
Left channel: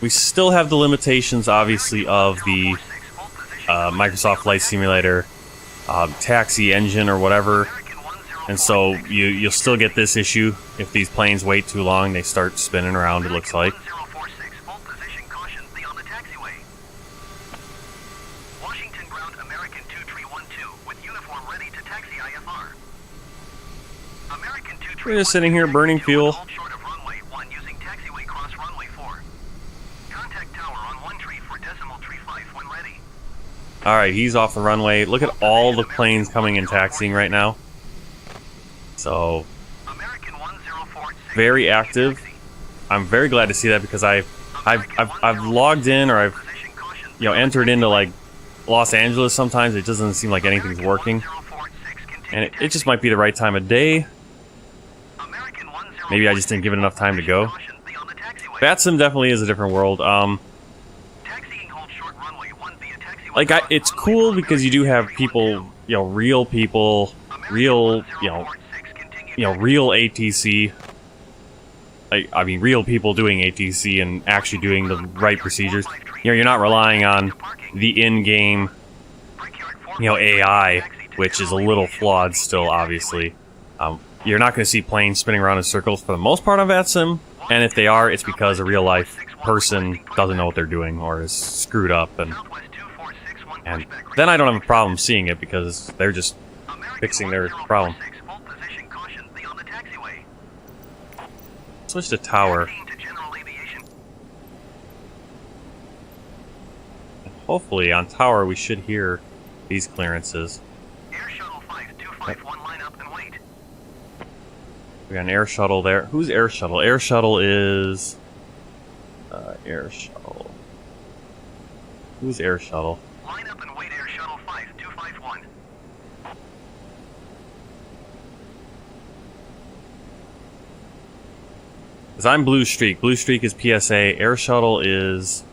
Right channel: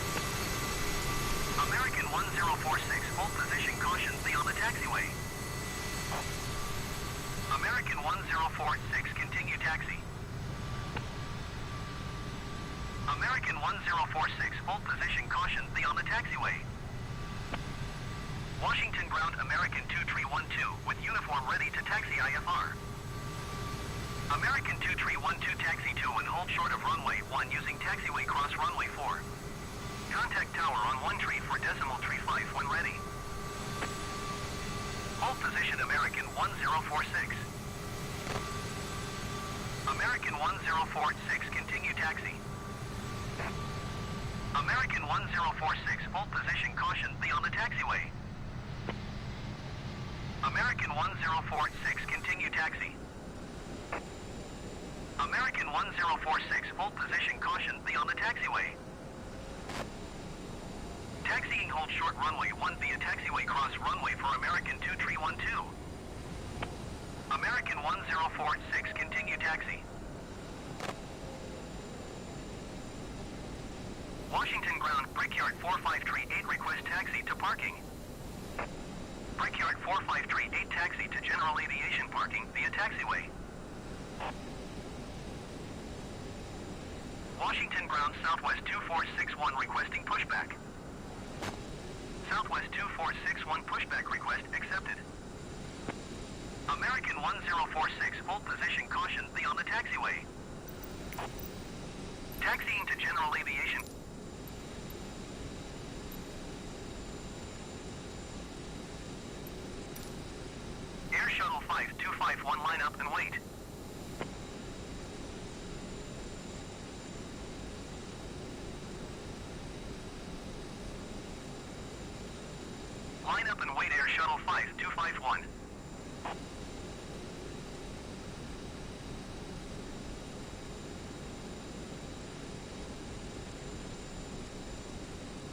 We still have the limitations, obviously, of the Microsoft Flight Simulator taxi engine or whatever, and so you'll still get this issue if these planes wait too long. They start spinning around, it looks like. Washington ground American 2312 with uniform ready to taxi IFR. American 2312 We're just sitting here burning fuel. hold short of runway 1 using taxiway cross runway 4. Contact tower on 1 tree for decimal tree 5 when ready. Alright, he's off the runway. Look at all the planes coming and taxiing right now. So, American 1046 very active. taxi. I'm very glad to see that because I've logged in, or I've entered into like Los Angeles sometimes. It doesn't seem like anything's working, and it just might be the right time of day. Maybe I just didn't give it enough time to go. Batsim definitely is a different world. Like it's cool because you do have people, real people, real ATC. I mean, real people doing ATC and actually doing the right procedures. You're not relying on the in-game, AI, which is a little flawed still, obviously. You're not going to see planes spinning around in circles for the most part on VATSIM, and if they are, it's because a real-life person doesn't know what they're doing or is screwed up, and then I don't have a problem seeing it because they're just fixing their problem. Switch to tower. Hopefully on tower we should hear these clearances. Air shuttle 5251 line up and wait. We got an air shuttle there. Who's air shuttle? Air shuttle is Air Shuttle. Who's Air Shuttle? Line up and wait Air Shuttle 5251. Because I'm Blue Streak. Blue Streak is PSA. Air Shuttle is...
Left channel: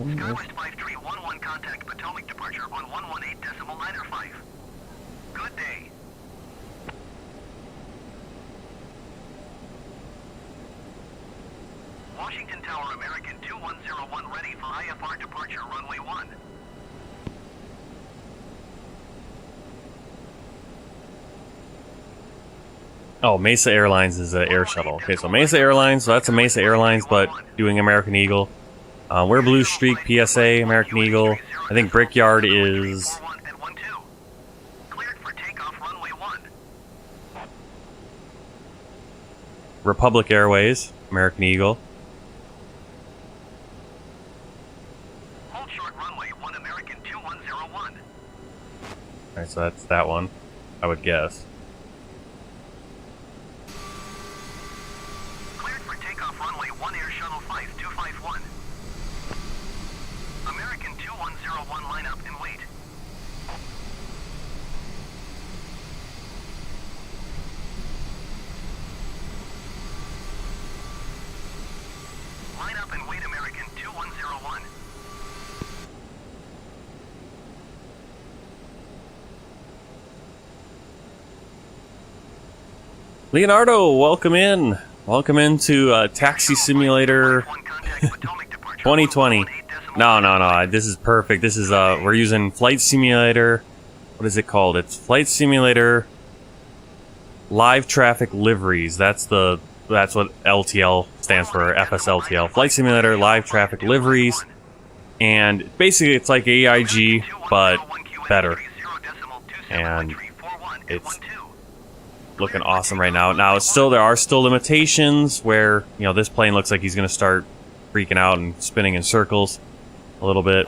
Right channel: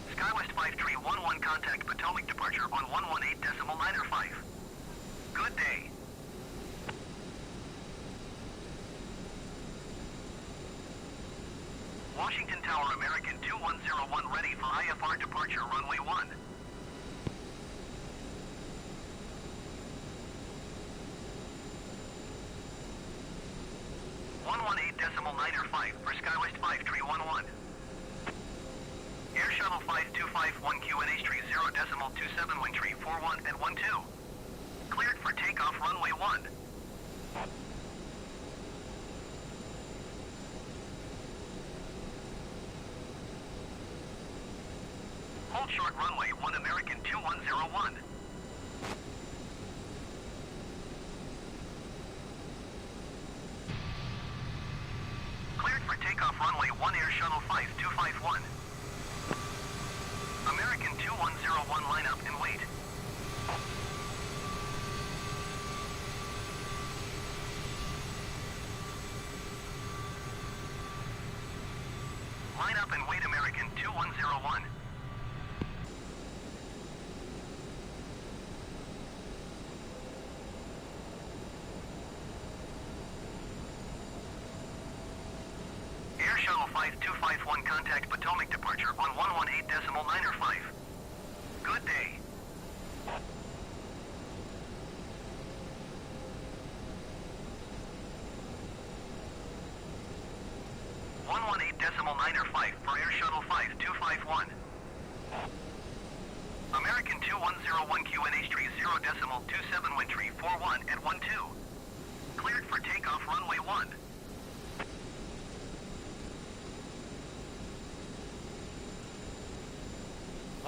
Skywest 5311 contact Potomac departure on 118.905. Good day. Washington Tower American 2101 ready for IFR departure runway 1. Oh, Mesa Airlines is an air shuttle. Okay, so Mesa Airlines, so that's a Mesa Airlines, but doing American Eagle. We're Blue Streak, PSA, American Eagle. I think Brickyard is... Cleared for takeoff runway 1. Republic Airways, American Eagle. Hold short runway 1 American 2101. Alright, so that's that one, I would guess. Cleared for takeoff runway 1 Air Shuttle 5251. American 2101 line up and wait. Line up and wait American 2101. Leonardo, welcome in. Welcome into Taxi Simulator 2020. No. This is perfect. This is we're using Flight Simulator. What is it called? It's Flight Simulator Live Traffic Liveries. That's what LTL stands for. FSLTL. Flight Simulator Live Traffic Liveries. And basically, it's like AIG, but better. And it's looking awesome right now. Now, there are still limitations where, you know, this plane looks like he's going to start freaking out and spinning in circles a little bit.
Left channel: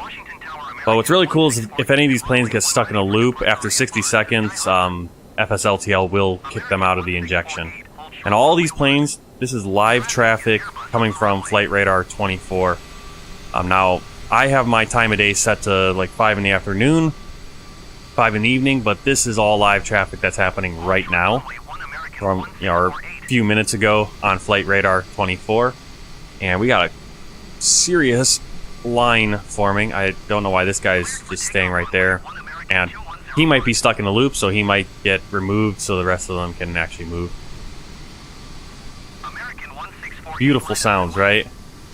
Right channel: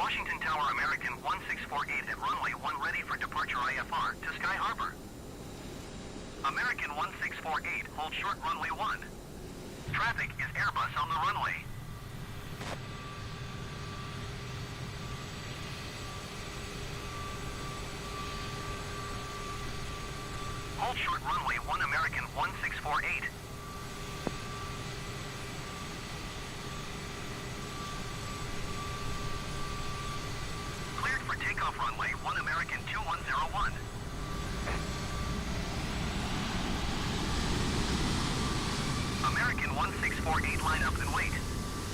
But what's really cool is if any of these planes get stuck in a loop after 60 seconds, FSLTL will kick them out of the injection. And all these planes, this is live traffic coming from Flight Radar 24. Now, I have my time of day set to like 5 in the afternoon, 5 in the evening, but this is all live traffic that's happening right now from, you know, a few minutes ago on Flight Radar 24. And we got a serious line forming. I don't know why this guy's just staying right there. And he might be stuck in a loop, so he might get removed so the rest of them can actually move. Beautiful sounds, right?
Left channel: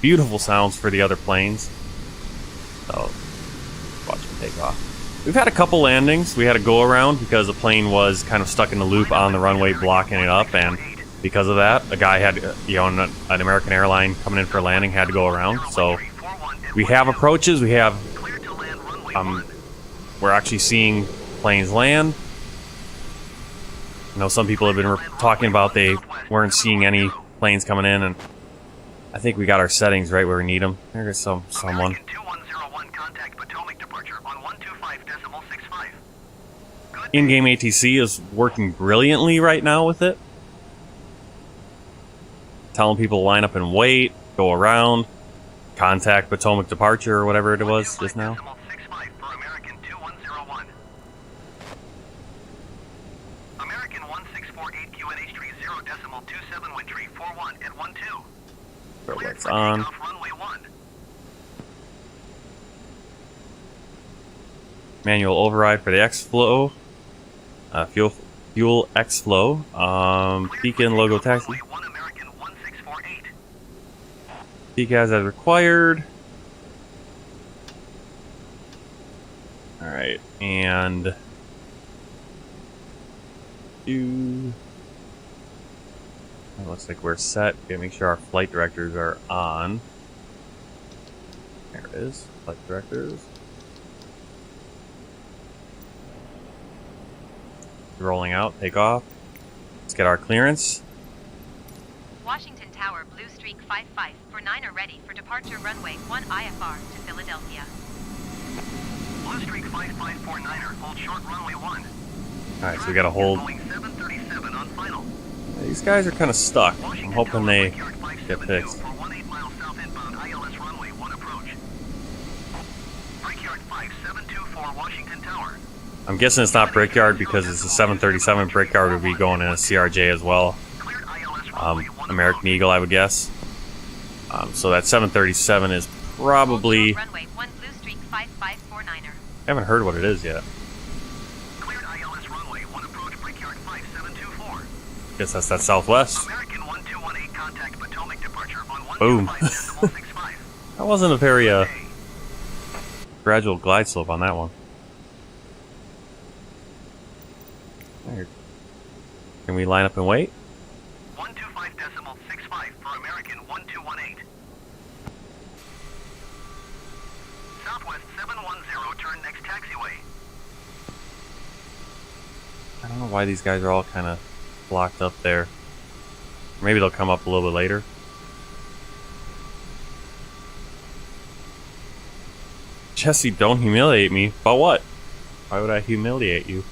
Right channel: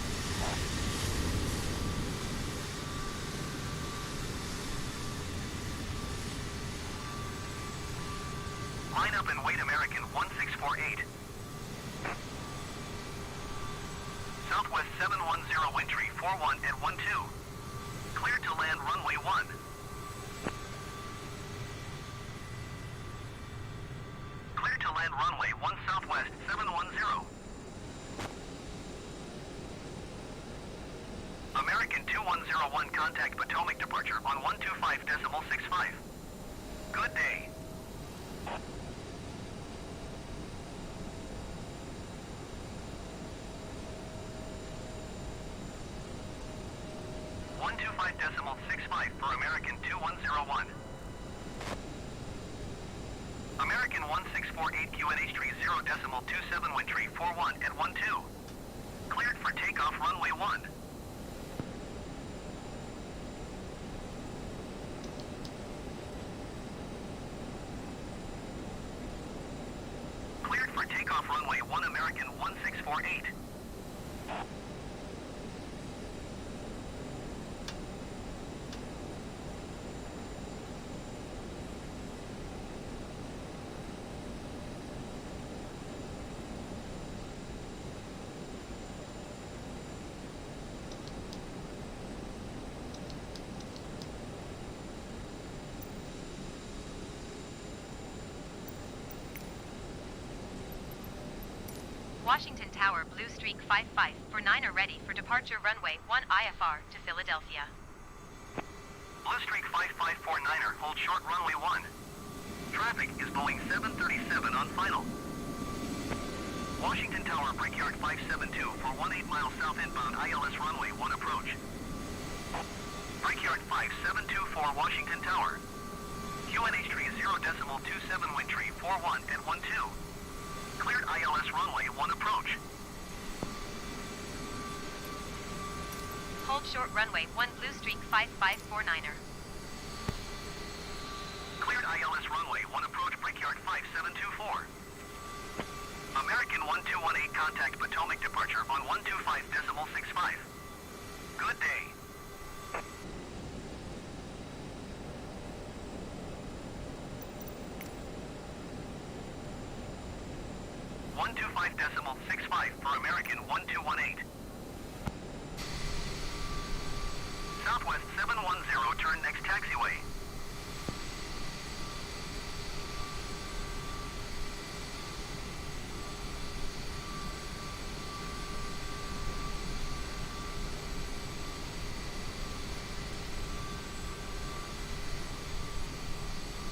Beautiful sounds for the other planes. So, watch it take off. We've had a couple landings. We had a go around because the plane was kind of stuck in the loop on the runway, blocking it up, and because of that, a guy had, you know, an American airline coming in for a landing had to go around. So we have approaches. We have, we're actually seeing planes land. I know some people have been talking about they weren't seeing any planes coming in, and I think we got our settings right where we need them. There's someone. American 2101 contact Potomac departure on 125.65. Good day. In-game ATC is working brilliantly right now with it. Telling people to line up and wait, go around, contact Potomac departure or whatever it was just now. 125.65 for American 2101. American 1648 QNH 30.27 wind tree 41 at 12. Cleared for On. takeoff runway 1. Manual override for the X-Flow. Fuel X-Flow. Beacon logo taxi. Runway 1 American 1648. Decals as required. Alright, and... looks like we're set. Gotta make sure our flight directors are on. There it is. Flight directors. Rolling out. Take off. Let's get our clearance. Washington Tower, Blue Streak 55 for 9 are ready for departure runway 1 IFR to Philadelphia. Blue Streak 5549er, hold short runway 1. Alright, so we gotta hold. Boeing 737 on final. These guys are kind of stuck. I'm Washington hoping Tower, they Brickyard get 572 fixed. for 18 miles south inbound ILS runway 1 approach. Brickyard 572 for Washington Tower. I'm guessing it's not Brickyard because it's a 737. Brickyard would be going in a CRJ as well. Cleared ILS runway 1 American approach. Eagle, I would guess. So that 737 is probably... Runway 1 Blue Streak 5549er. I haven't heard what it is yet. Cleared ILS runway 1 approach Brickyard 5724. Guess that's that Southwest. American 1218 contact Potomac departure on Boom. 125.65. That wasn't a very Good day. gradual glide slope on that one. There. Can we line up and wait? 125.65 for American 1218. Southwest 710, turn next taxiway. I don't know why these guys are all kind of blocked up there. Maybe they'll come up a little bit later. Jesse, don't humiliate me. About what? Why would I humiliate you?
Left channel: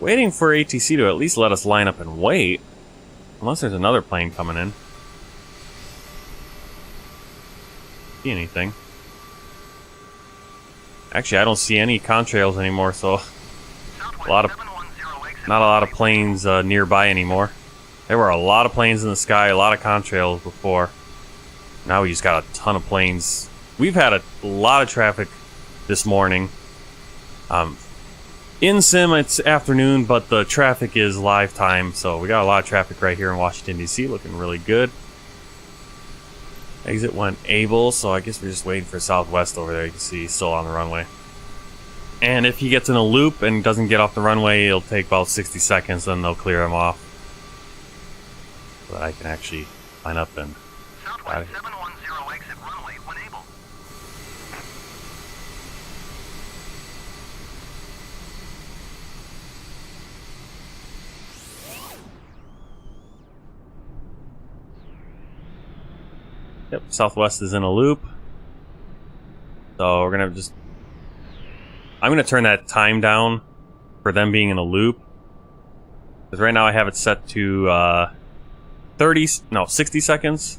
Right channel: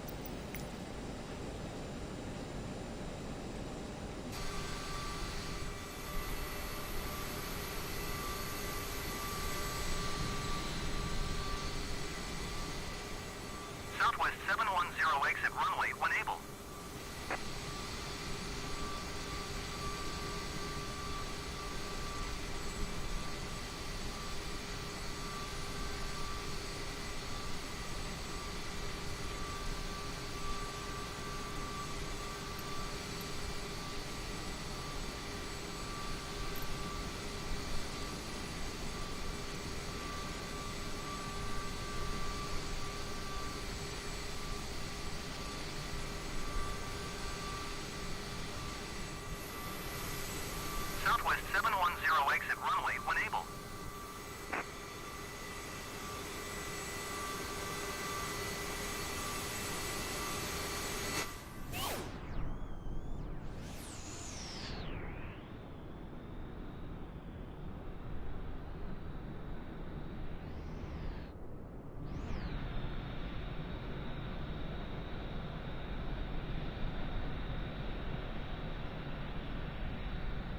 Waiting for ATC to at least let us line up and wait. Unless there's another plane coming in. See anything? Actually, I don't see any contrails anymore, so Southwest a lot of 710 exit not a lot of runway planes nearby anymore. There were a lot of planes in the sky, a lot of contrails before. Now we just got a ton of planes. We've had a lot of traffic this morning. In sim, it's afternoon, but the traffic is live time, so we got a lot of traffic right here in Washington, D.C., looking really good. Exit went able, so I guess we're just waiting for Southwest over there. You can see he's still on the runway. And if he gets in a loop and doesn't get off the runway, it'll take about 60 seconds, then they'll clear him off. So that I can actually line up and... Southwest 710 exit runway when able. Yep, Southwest is in a loop. So we're gonna just... I'm gonna turn that time down for them being in a loop. Because right now I have it set to 60 seconds.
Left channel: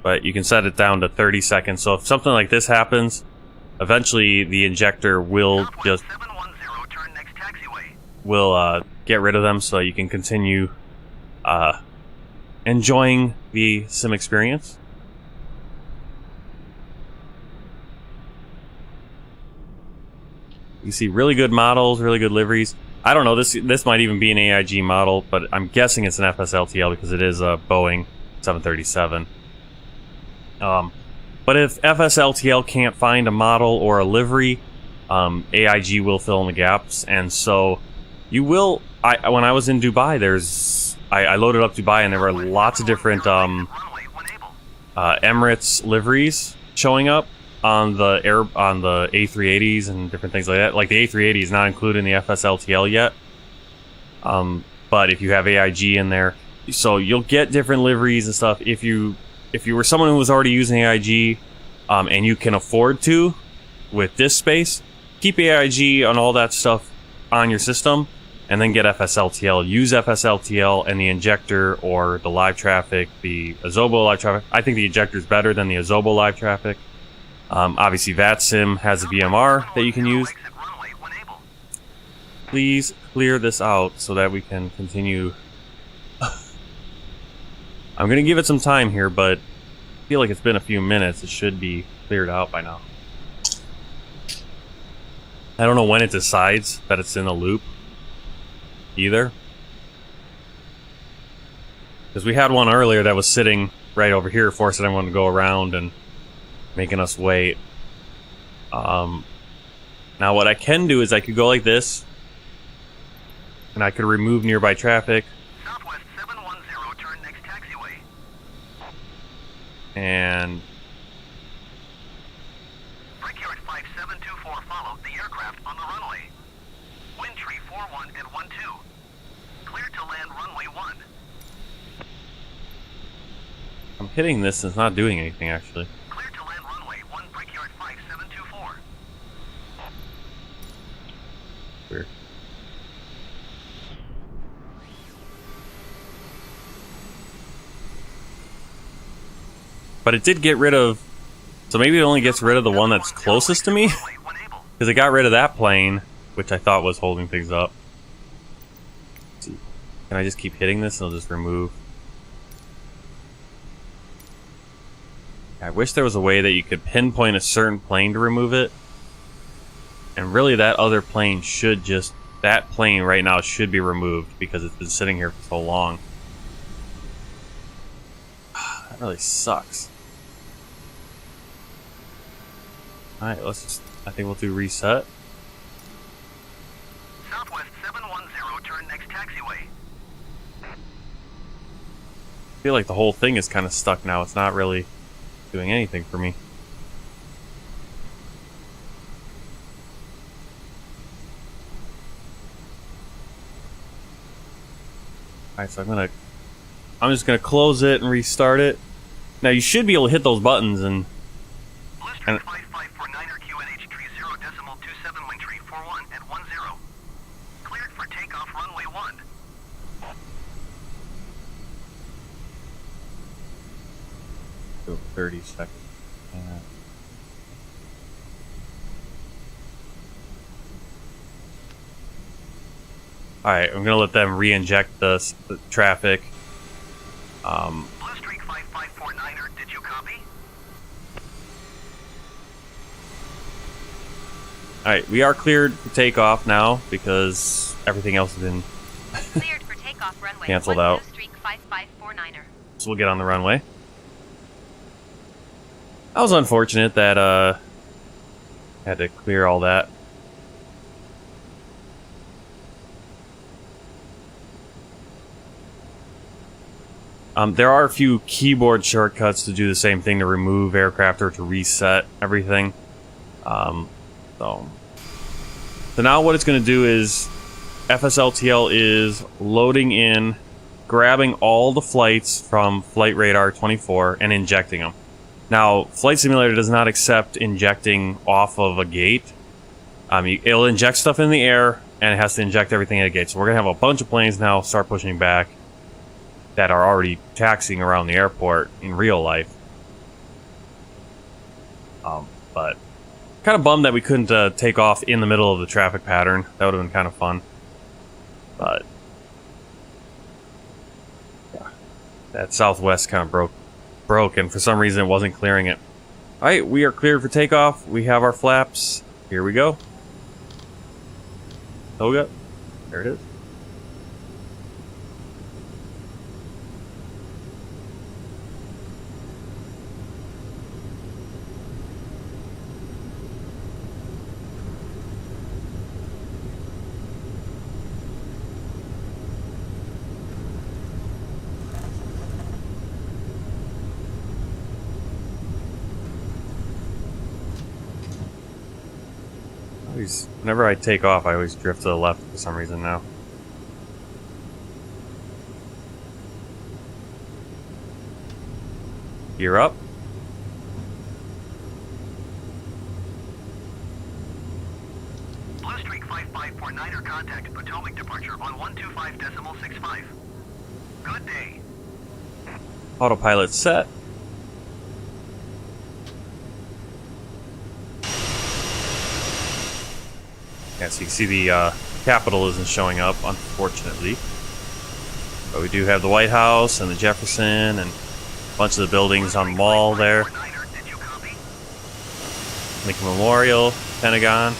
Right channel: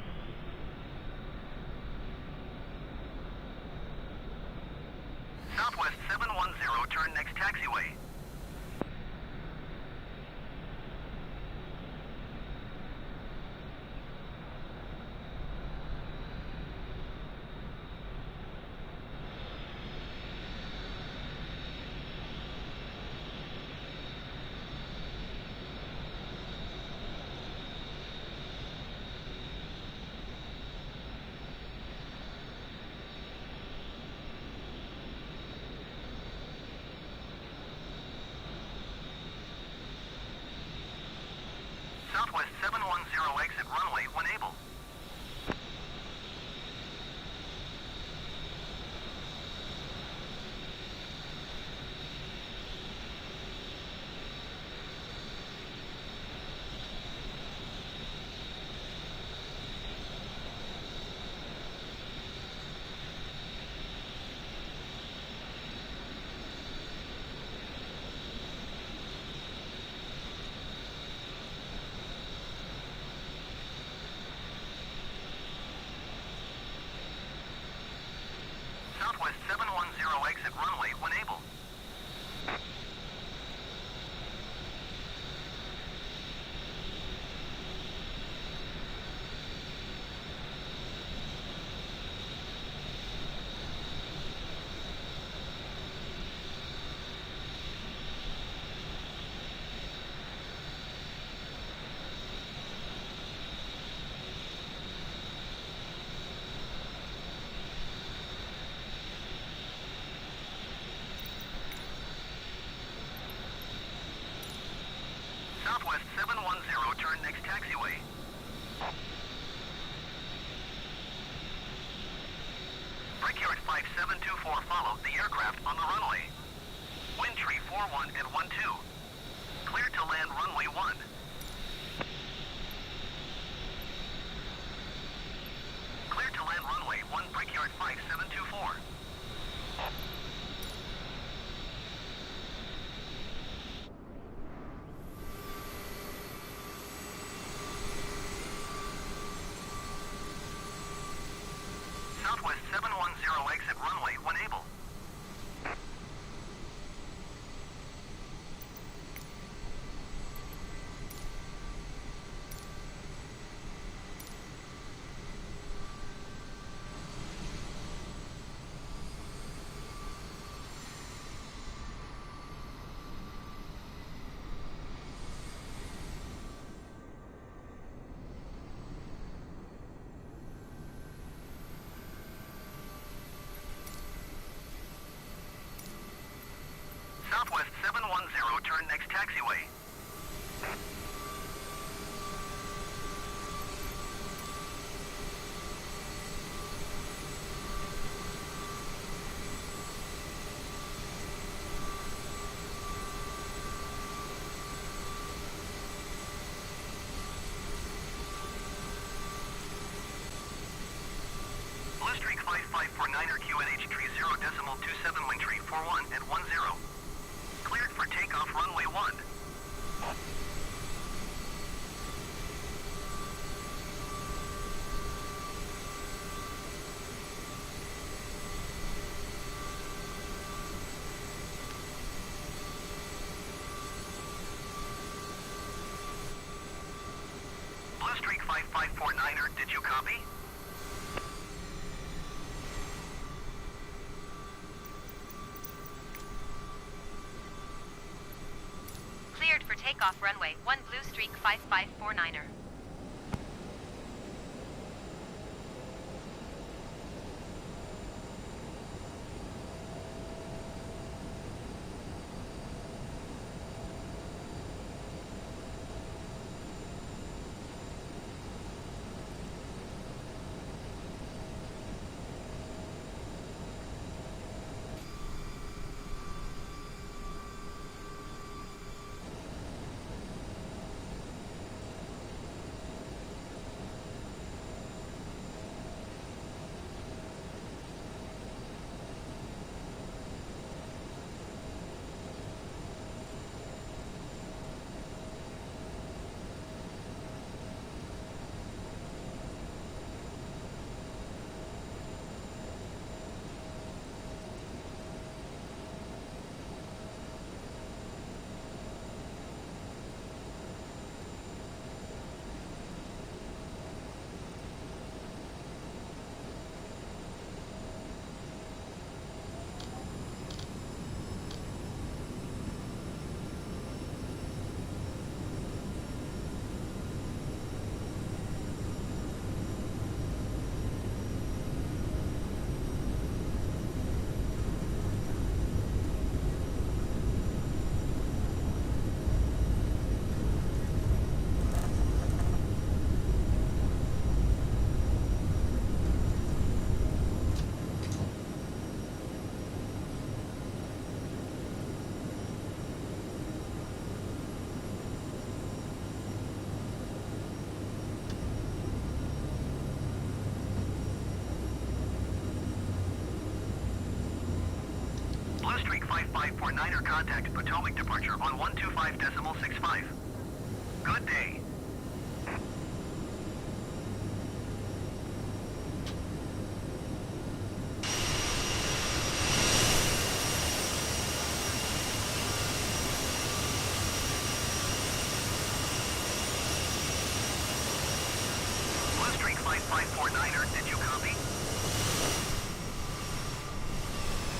But you can set it down to 30 seconds. So if something like this happens, eventually the injector will Southwest just 710, turn next taxiway. get rid of them, so you can continue enjoying the sim experience. You see really good models, really good liveries. I don't know, this might even be an AIG model, but I'm guessing it's an FSLTL because it is a Boeing 737. But if FSLTL can't find a model or a livery, AIG will fill in the gaps, and so you will. When I was in Dubai, I loaded up Dubai, and there were lots of different Emirates liveries showing up on the A380s and different things like that. Like the A380 is not included in the FSLTL yet, but if you have AIG in there, so you'll get different liveries and stuff. If you were someone who was already using AIG, and you can afford to, with this space, keep AIG on all that stuff on your system, and then get FSLTL. Use FSLTL and the injector or the live traffic, the Azobo live traffic. I think the injector is better than the Azobo live traffic. Obviously, VATSIM has a VMR that you can use. Please clear this out so that we can continue. I'm going to give it some time here, but I feel like it's been a few minutes. It should be cleared out by now. I don't know when it decides that it's in a loop either. Because we had one earlier that was sitting right over here, forcing everyone to go around and making us wait. Now what I can do is I could go like this, and I could remove nearby traffic. Southwest 710, turn next taxiway. And Brickyard 5724, follow the aircraft on the runway. Wind tree 41 and 12. Clear to land runway 1. I'm hitting this and it's not doing anything actually. Clear to land runway 1, Brickyard 5724. Weird. but it did get rid of. So maybe it only gets rid of the one that's closest to me, because it got rid of that plane, which I thought was holding things up. Can I just keep hitting this and I'll just remove? I wish there was a way that you could pinpoint a certain plane to remove it. And really that other plane should just, that plane right now should be removed because it's been sitting here for so long. That really sucks. Alright, let's just, I think we'll do reset. Southwest 710, turn next taxiway. I feel like the whole thing is kind of stuck now. It's not really doing anything for me. Alright, so I'm just gonna close it and restart it. Now you should be able to hit those buttons and Blister 5549er QNH tree 0.27 wind tree 41 at 10. Cleared for takeoff runway 1. 30 seconds. Alright, I'm gonna let them re-inject the traffic. Blue Streak 5549er, did you copy? Alright, we are cleared for takeoff now because everything else has been Cleared for takeoff runway canceled 1 out. Blue Streak 5549er. So we'll get on the runway. That was unfortunate that had to clear all that. There are a few keyboard shortcuts to do the same thing, to remove aircraft or to reset everything. So now what it's going to do is FSLTL is loading in, grabbing all the flights from Flight Radar 24 and injecting them. Now, Flight Simulator does not accept injecting off of a gate. It'll inject stuff in the air, and it has to inject everything at a gate. So we're going to have a bunch of planes now start pushing back that are already taxiing around the airport in real life. But kind of bummed that we couldn't take off in the middle of the traffic pattern. That would have been kind of fun. But yeah, that Southwest kind of broke, and for some reason it wasn't clearing it. Alright, we are cleared for takeoff. We have our flaps. Here we go. Toga. There it is. Whenever I take off, I always drift to the left for some reason now. Gear up. Blue Streak 5549er, contact Potomac departure on 125.65. Good day. Autopilot set. So you see the Capitol isn't showing up, unfortunately. But we do have the White House and the Jefferson and a bunch of the buildings on the mall there. Lincoln Memorial, Pentagon.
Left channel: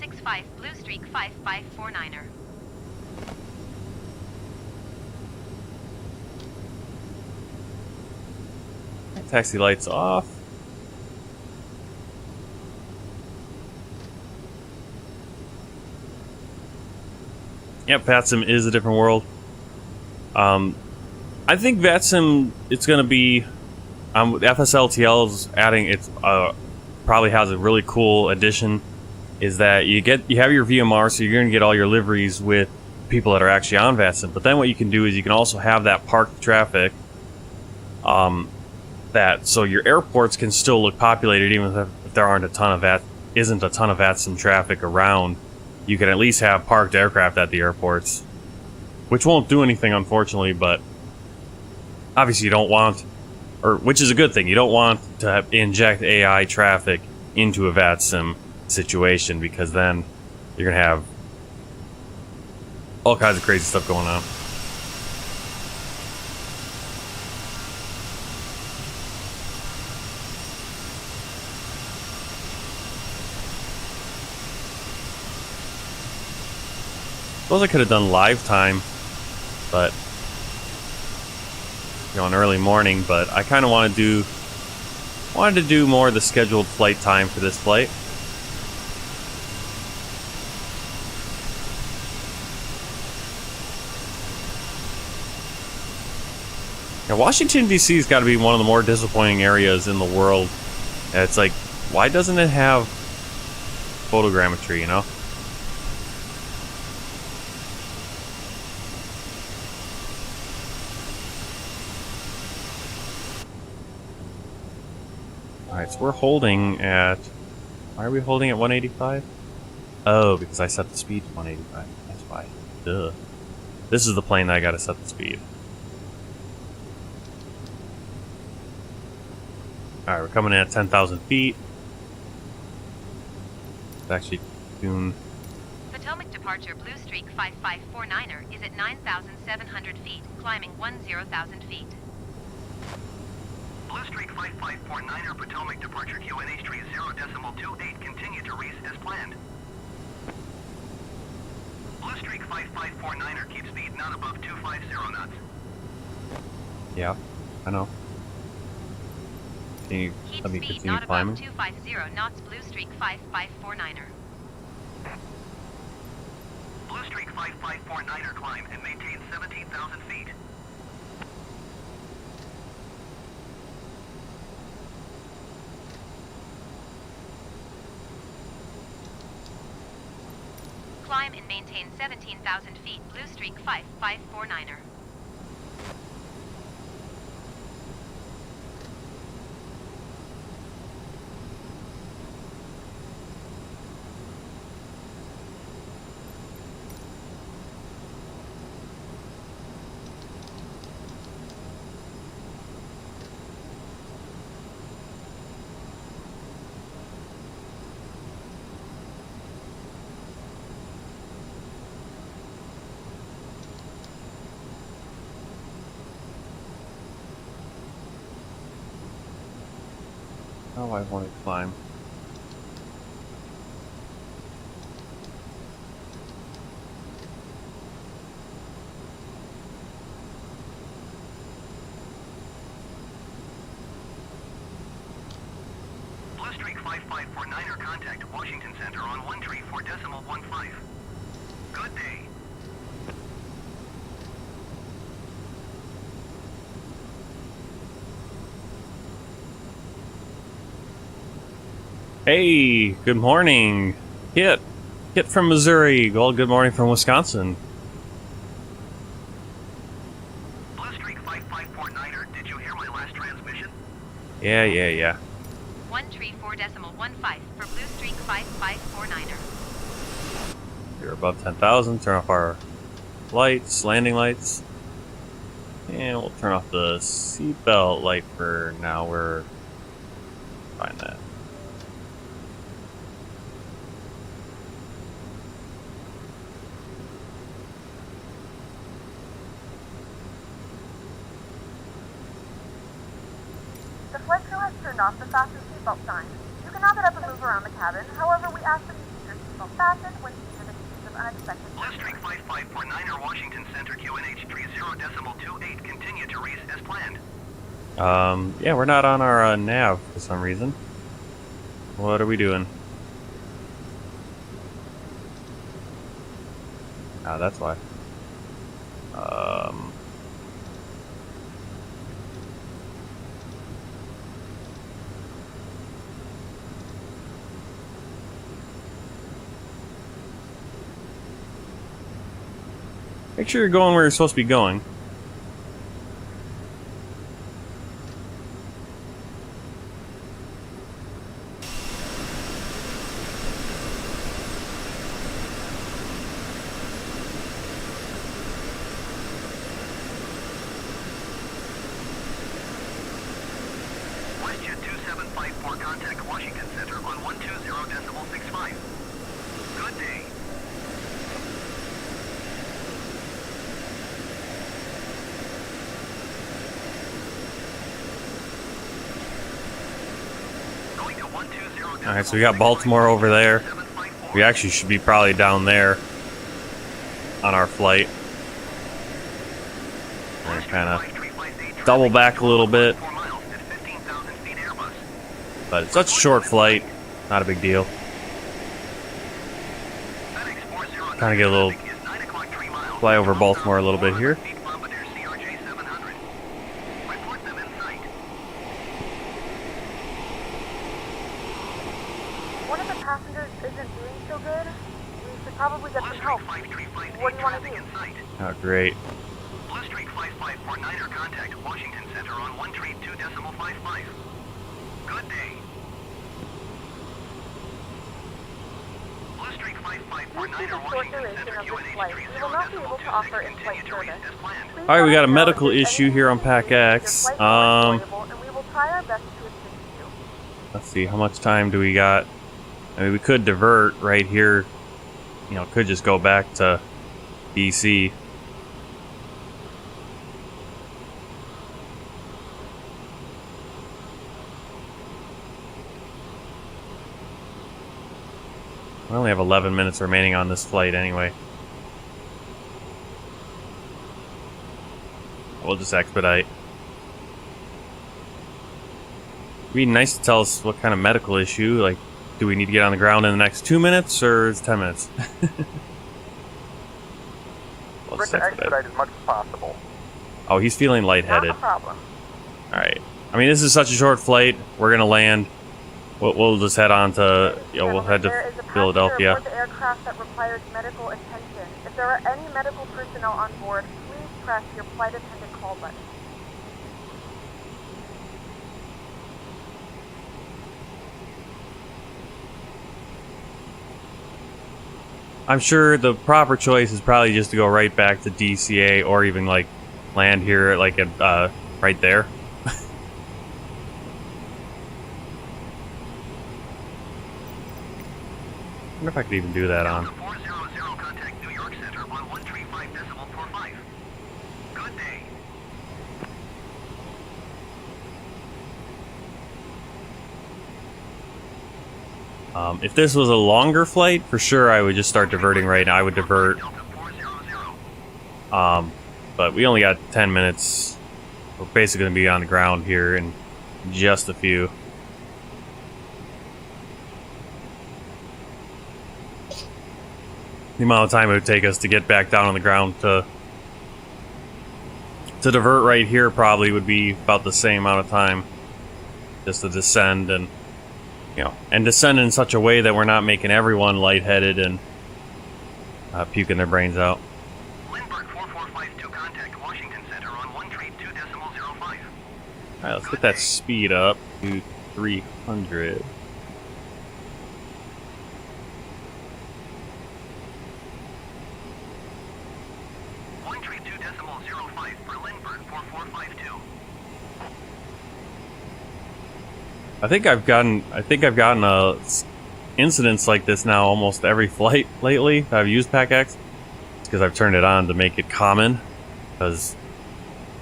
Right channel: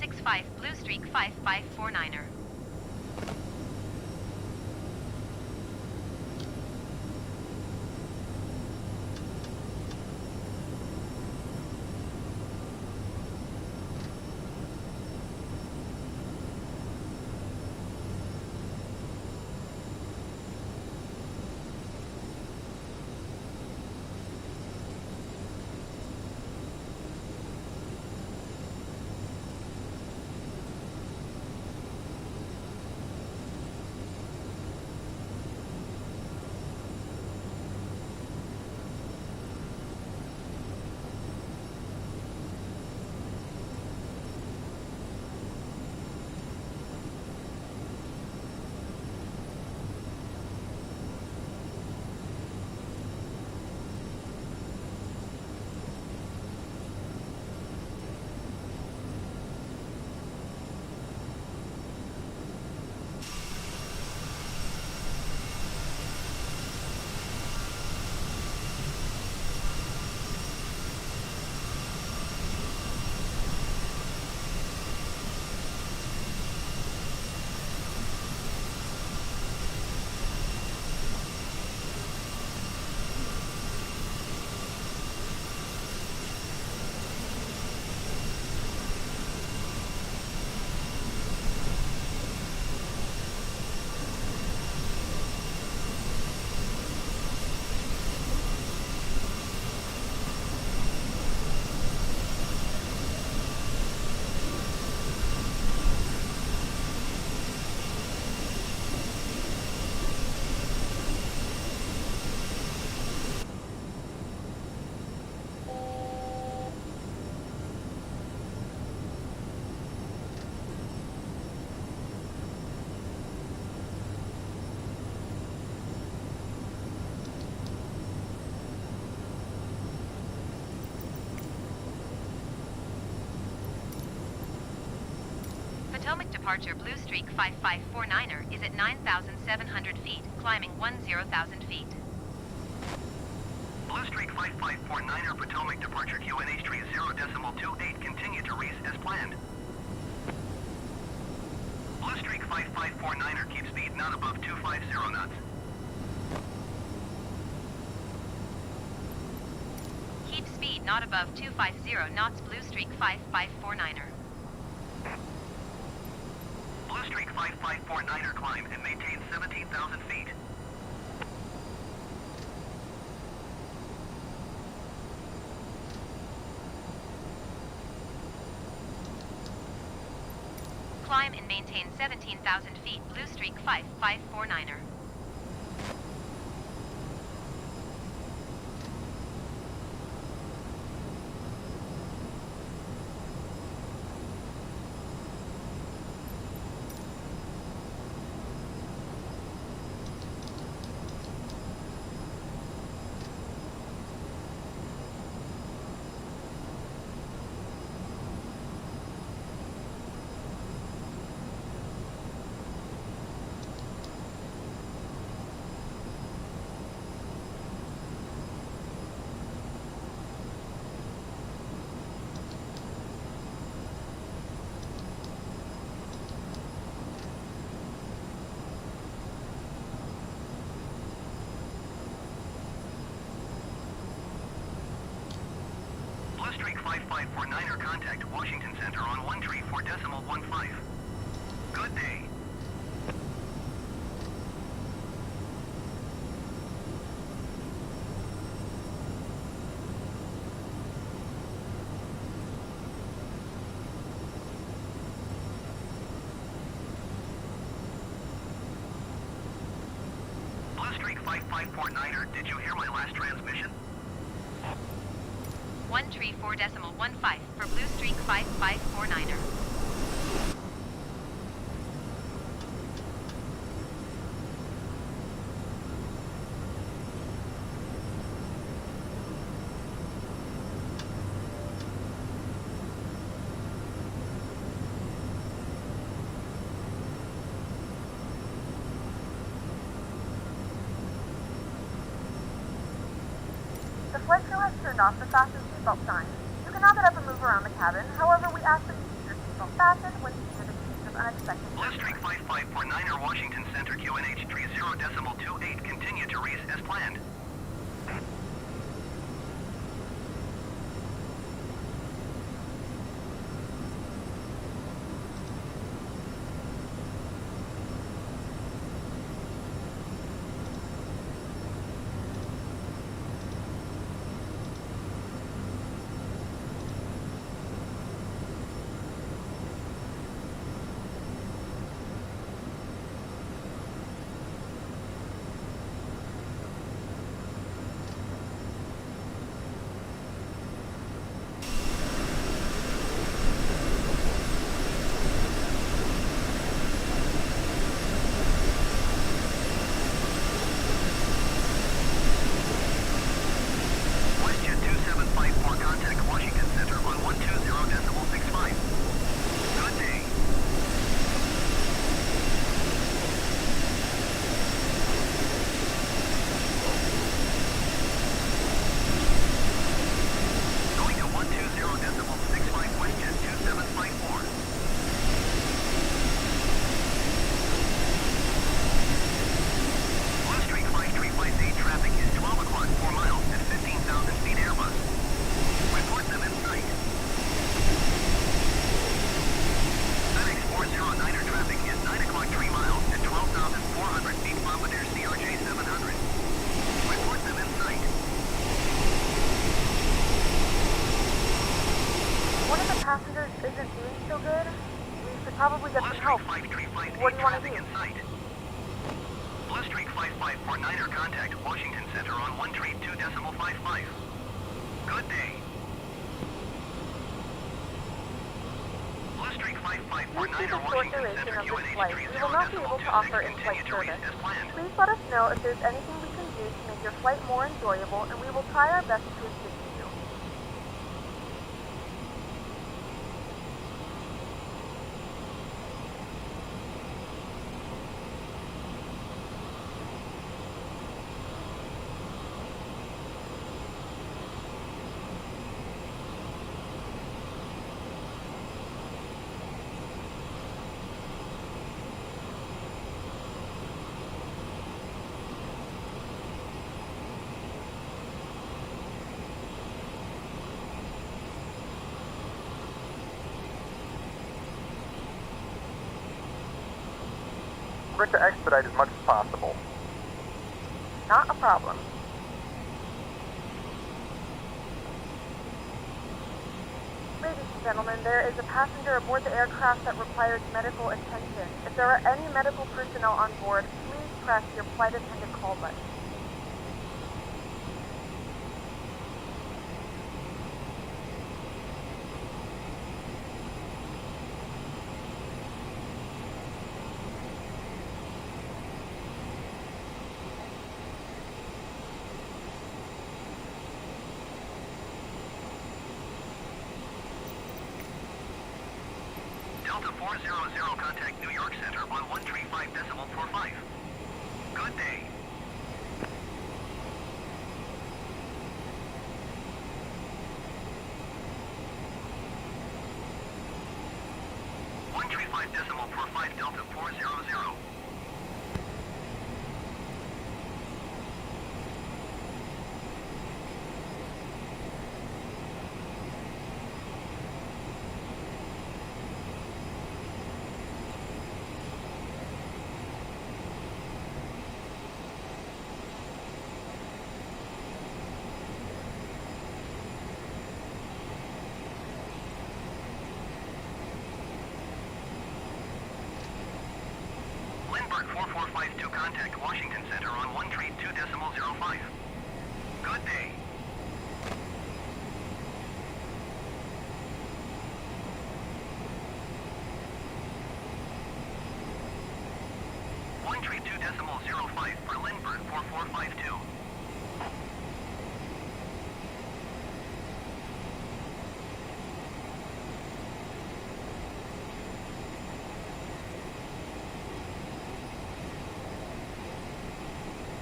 .65 Blue Streak 5549er. Taxi lights off. Yep, VATSIM is a different world. I think VATSIM, it's going to be... FSLTL is adding... It's probably has a really cool addition, is that you have your VMR, so you're going to get all your liveries with people that are actually on VATSIM. But then what you can do is you can also have that parked traffic... so your airports can still look populated even if there aren't a ton of isn't a ton of VATSIM traffic around, you can at least have parked aircraft at the airports, which won't do anything, unfortunately, but obviously you don't want, or which is a good thing, you don't want to inject AI traffic into a VATSIM situation, because then you're going to have all kinds of crazy stuff going on. Suppose I could have done live time, but an early morning. But I kind of wanted to do more of the scheduled flight time for this flight. Now, Washington D.C. has got to be one of the more disappointing areas in the world. It's like, why doesn't it have photogrammetry? You know. Alright, so we're holding at... Why are we holding at 185? Oh, because I set the speed to 185. That's why. Duh. This is the plane that I gotta set the speed. Alright, we're coming in at 10,000 feet. It's actually doing... Potomac departure Blue Streak 5549er is at 9,700 feet, climbing 10,000 feet. Blue Streak 5549er Potomac departure QNH 30.28 continue to reach as planned. Blue Streak 5549er keep speed not above 250 knots. Yeah, I know. Can you Keep let me speed continue not above climbing? 250 knots Blue Streak 5549er. Blue Streak 5549er climb and maintain 17,000 feet. Climb and maintain 17,000 feet Blue Streak 5549er. Oh, I want to climb. Blue Streak 5549er contact Washington Center on 134.15. Good day. Hey, good morning. Kit from Missouri. Well, good morning from Wisconsin. Blue Streak 5549er, did you hear my last transmission? Yeah. 134.15 for Blue Streak 5549er. We're above 10,000. Turn off our lights, landing lights. And we'll turn off the seatbelt light for now. We're fine that. The flight crew has turned off the fasten seatbelt sign. You can now get up and move around the cabin. However, we ask that you keep your seatbelt fastened when seated in case of unexpected Blue Streak 5549er Washington Center QNH 30.28 continue to reach as planned. Yeah, we're not on our nav for some reason. What are we doing? Ah, that's why. Make sure you're going where you're supposed to be going. Alright, so we got Baltimore over there. We actually should be probably down there on our flight. Kind of double back a little bit. But it's such a short flight, not a big deal. Trying to get a little fly over Baltimore a little bit here. Bombardier CRJ-700. Report them in sight. One of the passengers isn't doing so good. We should probably get some help. What do you want to do? Oh, great. Blue Streak 5549er contact Washington Center on 132.55. Good day. Blue Streak Due to 5549er the short Washington duration Center of this flight, we will not be able to offer in-flight service. Please Alright, we let got a us know medical if there's issue here on anything you Pack need to make X. your flight more enjoyable, and we will try our best to assist you. Let's see, how much time do we got? I mean, we could divert right here. You know, could just go back to DC. We only have 11 minutes remaining on this flight anyway. We'll just expedite. It'd be nice to tell us what kind of medical issue. Like, do we need to get on the ground in the next 2 minutes or is it 10 minutes? We're to expedite as much as possible. Oh, he's feeling Not lightheaded. a problem. Alright. I mean, this is such a short flight. We're gonna land. We'll just head on to, you know, we'll head There is to a passenger Philadelphia. aboard the aircraft that requires medical attention. If there are any medical personnel on board, please press your flight attendant call button. I'm sure the proper choice is probably just to go right back to DCA or even like land here, like at right there. I wonder if I could even do that on. Delta 400 contact New York Center on 135.45. Good day. If this was a longer flight, for sure I would just start diverting right now. I would divert. Delta 400. But we only got 10 minutes. We're basically going to be on the ground here in just a few. The amount of time it would take us to get back down on the ground to divert right here probably would be about the same amount of time just to descend and, you know, and descend in such a way that we're not making everyone lightheaded and puking their brains out. Lindbergh 4452 contact Washington Center on 132.05. Alright, let's get that speed up to 300. for Lindbergh 4452. I think I've gotten incidents like this now almost every flight lately. I've used Pack X because I've turned it on to make it common. Because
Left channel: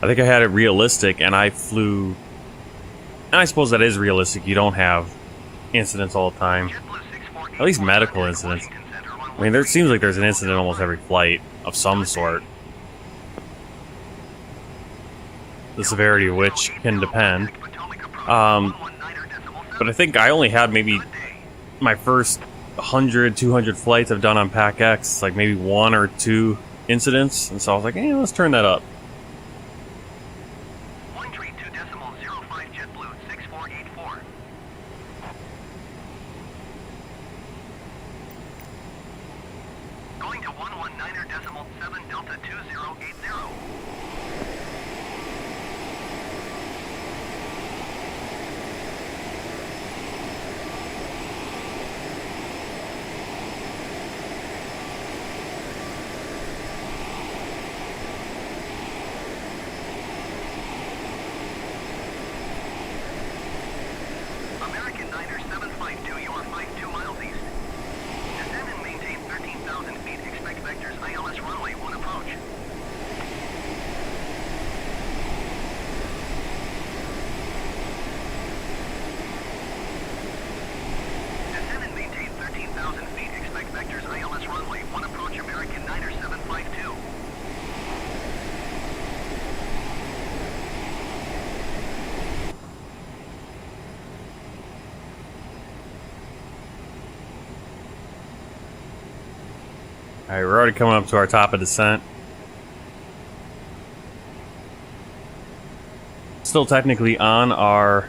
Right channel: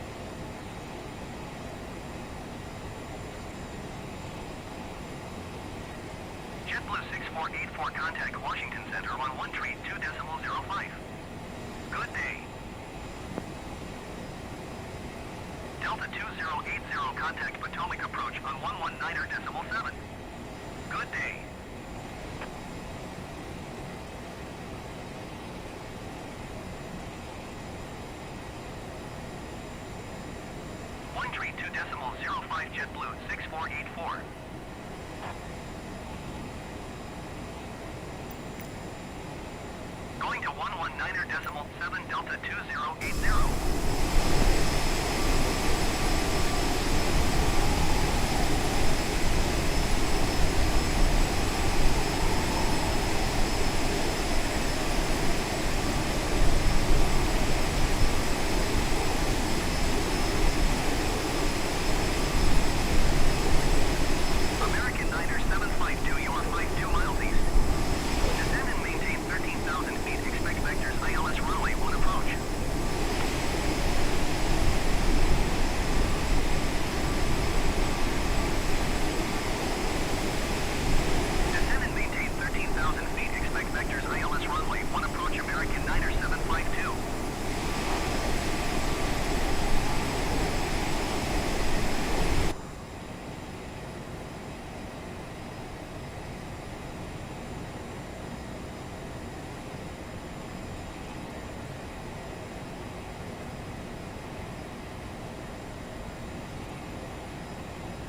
I think I had it realistic and I flew. And I suppose that is realistic. You don't have incidents all the time. At least medical incidents. I mean, there seems like there's an incident almost every flight of some sort. The severity of which can depend. But I think I only had maybe my first 100, 200 flights I've done on Pack X, like maybe 1 or 2 incidents. And so I was like, hey, let's turn that up. 132.05 JetBlue 6484. Going to 119.7 Delta 2080. American Niner 752, you are 52 miles east. Descend and maintain 13,000 feet. Expect vectors ILS runway 1 approach. Alright, we're already coming up to our top of descent. Still technically on our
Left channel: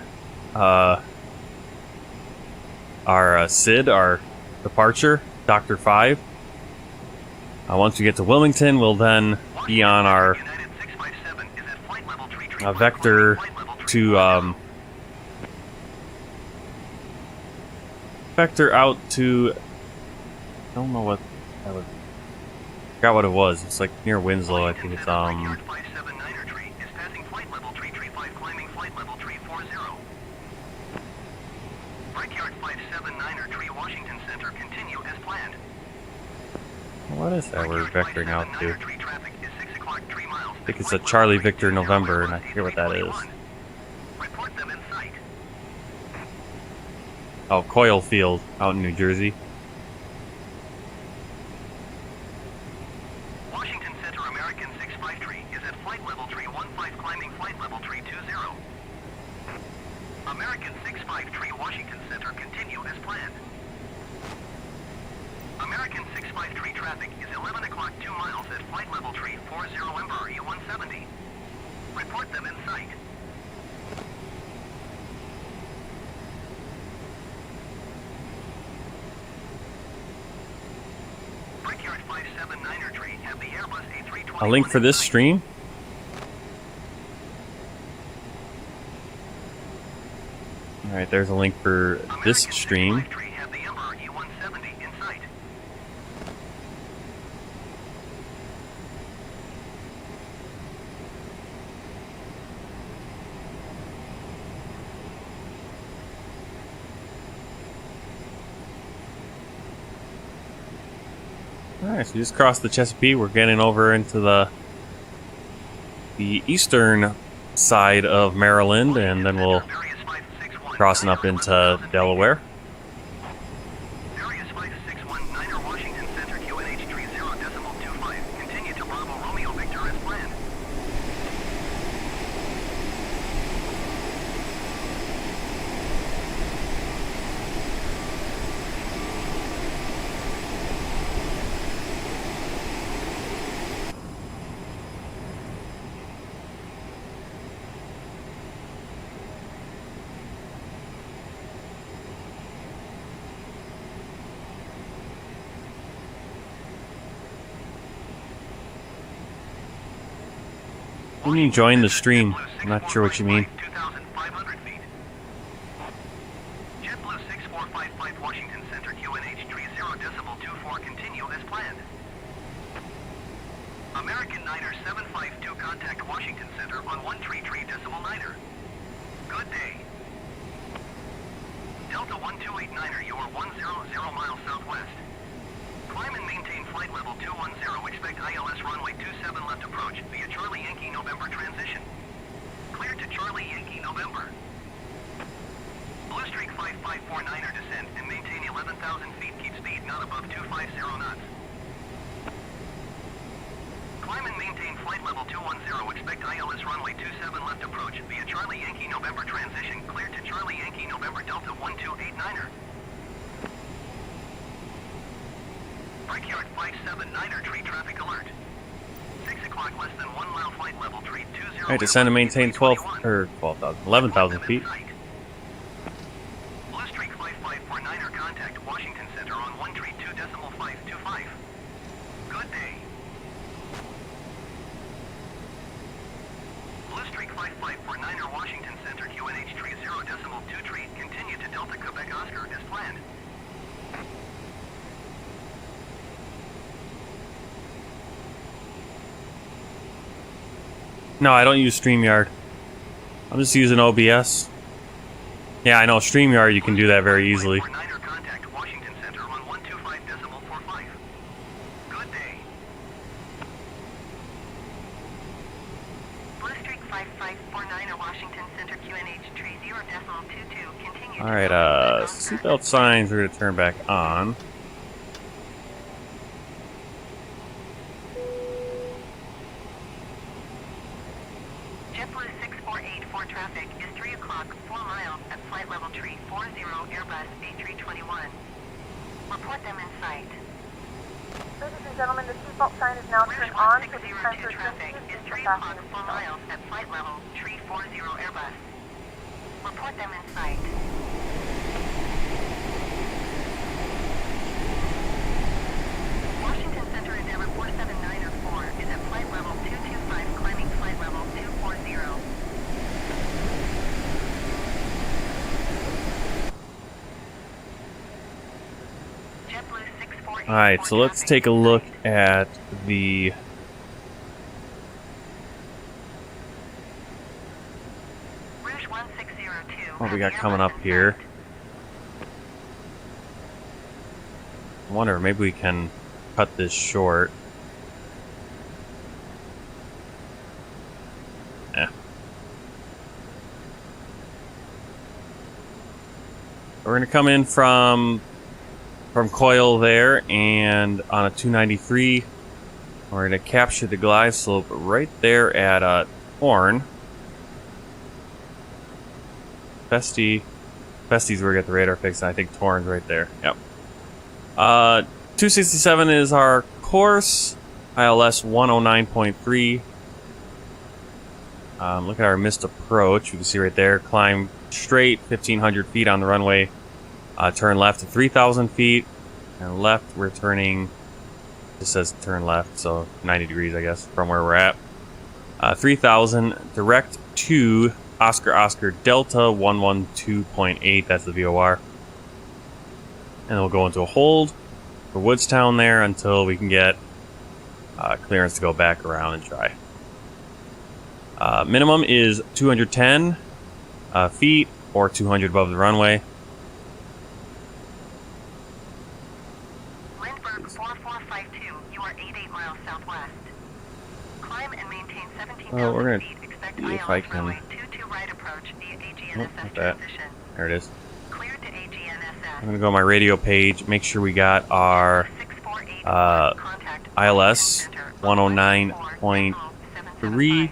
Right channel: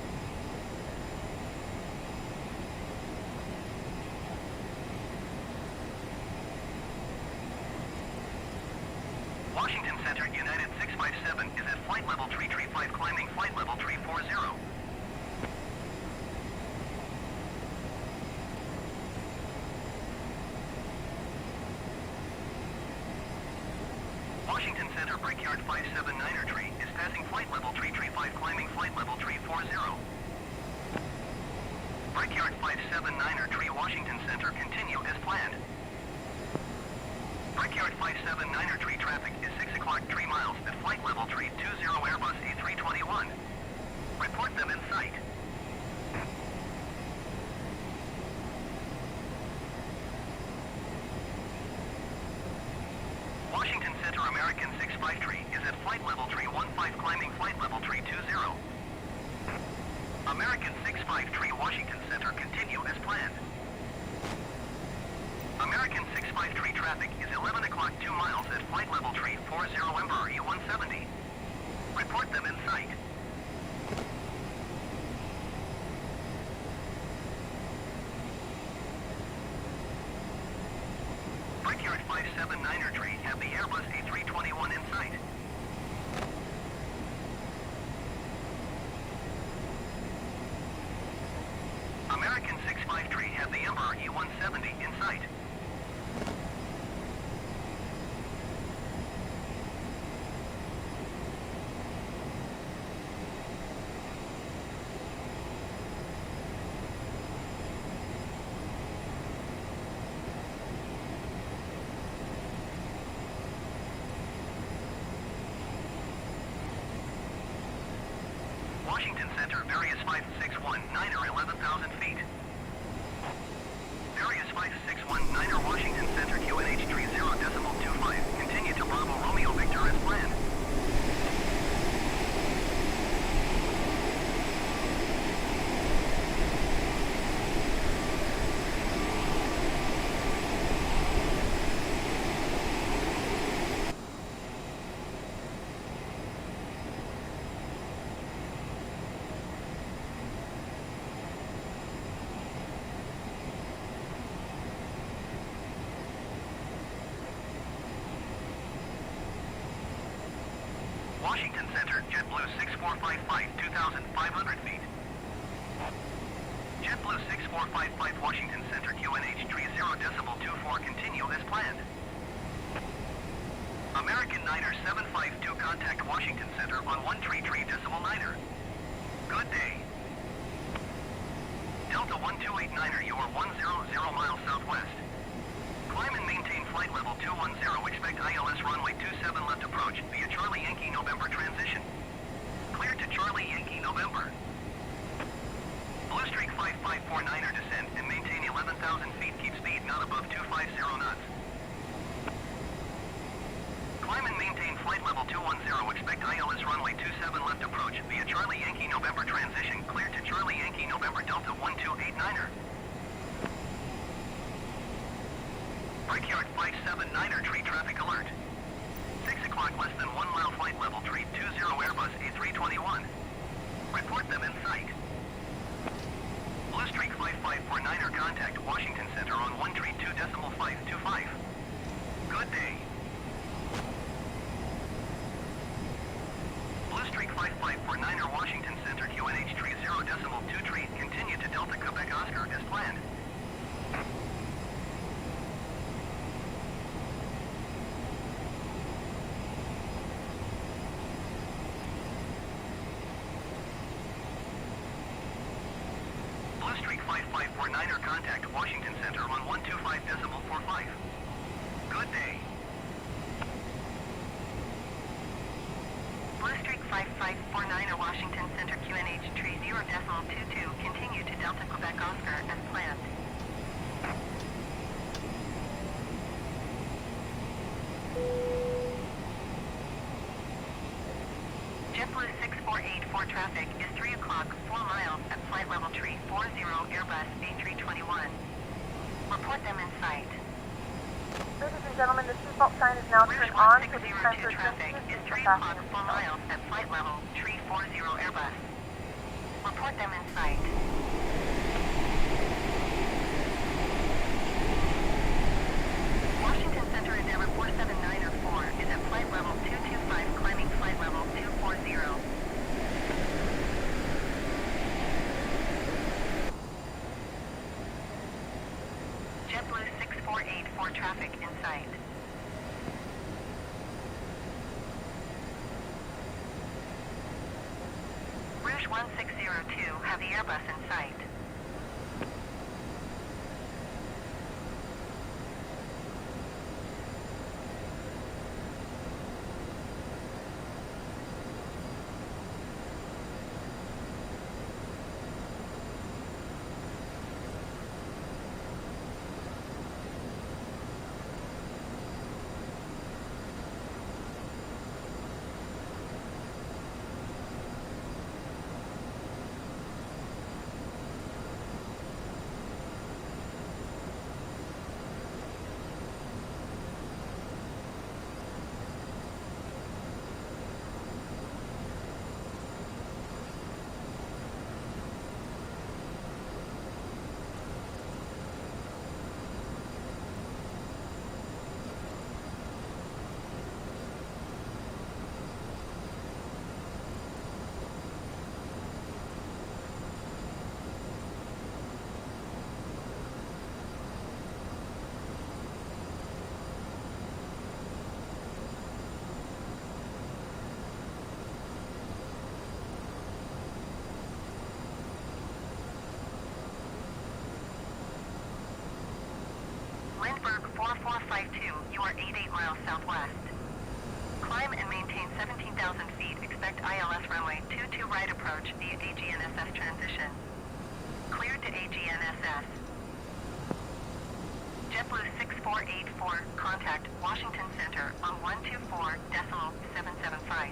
SID, our departure, Dr. 5. Once we get to Wilmington, we'll then be on our vector to vector out to, I don't know what that was. I forgot what it was. It's like near Winslow. I think it's Brickyard 579er tree is passing flight level tree 5 climbing flight level tree 40. Brickyard 579er tree Washington Center continue as planned. what is that we're Brickyard vectoring out 579er to? tree traffic is 6 o'clock 3 miles. I think it's a Charlie Victor November, and I forget what that is. Report them in sight. Oh, Coil Field out in New Jersey. Washington Center American 653 is at flight level tree 15 climbing flight level tree 20. American 653 Washington Center continue as planned. American 653 traffic is 11 o'clock 2 miles at flight level tree 40 Emperor E170. Report them in sight. Brickyard 579er tree have the Airbus A321 A link for this in sight. stream. Alright, there's a link for this American stream. 653 have the Emperor E170 in sight. Alright, so we just crossed the Chesapeake. We're getting over into the eastern side of Maryland, and then we'll crossing up into Delaware. Darius 5619er Washington Center QNH 30.25. Continue to Bravo Romeo Victor as planned. When you join the stream, I'm not sure what you mean. 2,500 feet. JetBlue 6455 Washington Center QNH 30.24 continue as planned. American Niner 752 contact Washington Center on 133.9er. Good day. Delta 1289er, you are 100 miles southwest. Climb and maintain flight level 210. Expect ILS runway 27 left approach via Charlie Yankee November transition. Clear to Charlie Yankee November. Blue Streak 5549er descend and maintain 11,000 feet. Keep speed not above 250 knots. Climb and maintain flight level 210. Expect ILS runway 27 left approach via Charlie Yankee November transition. Clear to Charlie Yankee November Delta 1289er. Brickyard 579er tree traffic alert. 6 o'clock less than 1 mile flight level tree 20. Alright, descend and maintain 11,000 feet. Blue Streak 5549er contact Washington Center on 132.525. Good day. Blue Streak 5549er Washington Center QNH 30.23 continue to Delta Quebec Oscar as planned. No, I don't use StreamYard. I'm just using OBS. Yeah, I know StreamYard, you can do that very easily. 549er contact Washington Center on 125.45. Good day. Blue Streak 5549er Washington Center QNH 30.22 continue to Alright, Delta Quebec Oscar. seatbelt signs we're gonna turn back on. JetBlue 6484 traffic is 3 o'clock 4 miles at flight level tree 40 Airbus A321. Report them in sight. This is gentlemen, the seatbelt sign is now Rouge turned on, so the 1602 time for traffic attention is is 3 to o'clock fasten 4 miles at flight level 340 Airbus. Report them in sight. Washington Center Endeavor 47904 is at flight level 225, climbing flight level 240. JetBlue 6484 Alright, so let's traffic take a in look sight. at the Rouge 1602 what we has got the coming Airbus up in here. sight. I wonder if maybe we can cut this short. Yeah. We're gonna come in from coil there, and on a 293, we're gonna capture the glide slope right there at Horn. Festy's where we get the radar fixed, and I think Torn's right there. Yep. 267 is our course. ILS 109.3. Look at our missed approach. You can see right there. Climb straight 1,500 feet on the runway. Turn left at 3,000 feet. And left, we're turning. It says turn left, so 90 degrees, I guess, from where we're at. 3,000 direct to Oscar Delta 112.8. That's the VOR. And we'll go into a hold for Woodstown there until we can get clearance to go back around and try. Minimum is 210 feet or 200 above the runway. Lindbergh 4452, you are 88 miles southwest. Climb and maintain 17,000 we're gonna feet. Expect see if I ILS can- runway 22 right approach via AGNSS that. transition. There it is. Cleared to AGNSS. I'm gonna go on my radio page, make sure we got our ILS 109.3.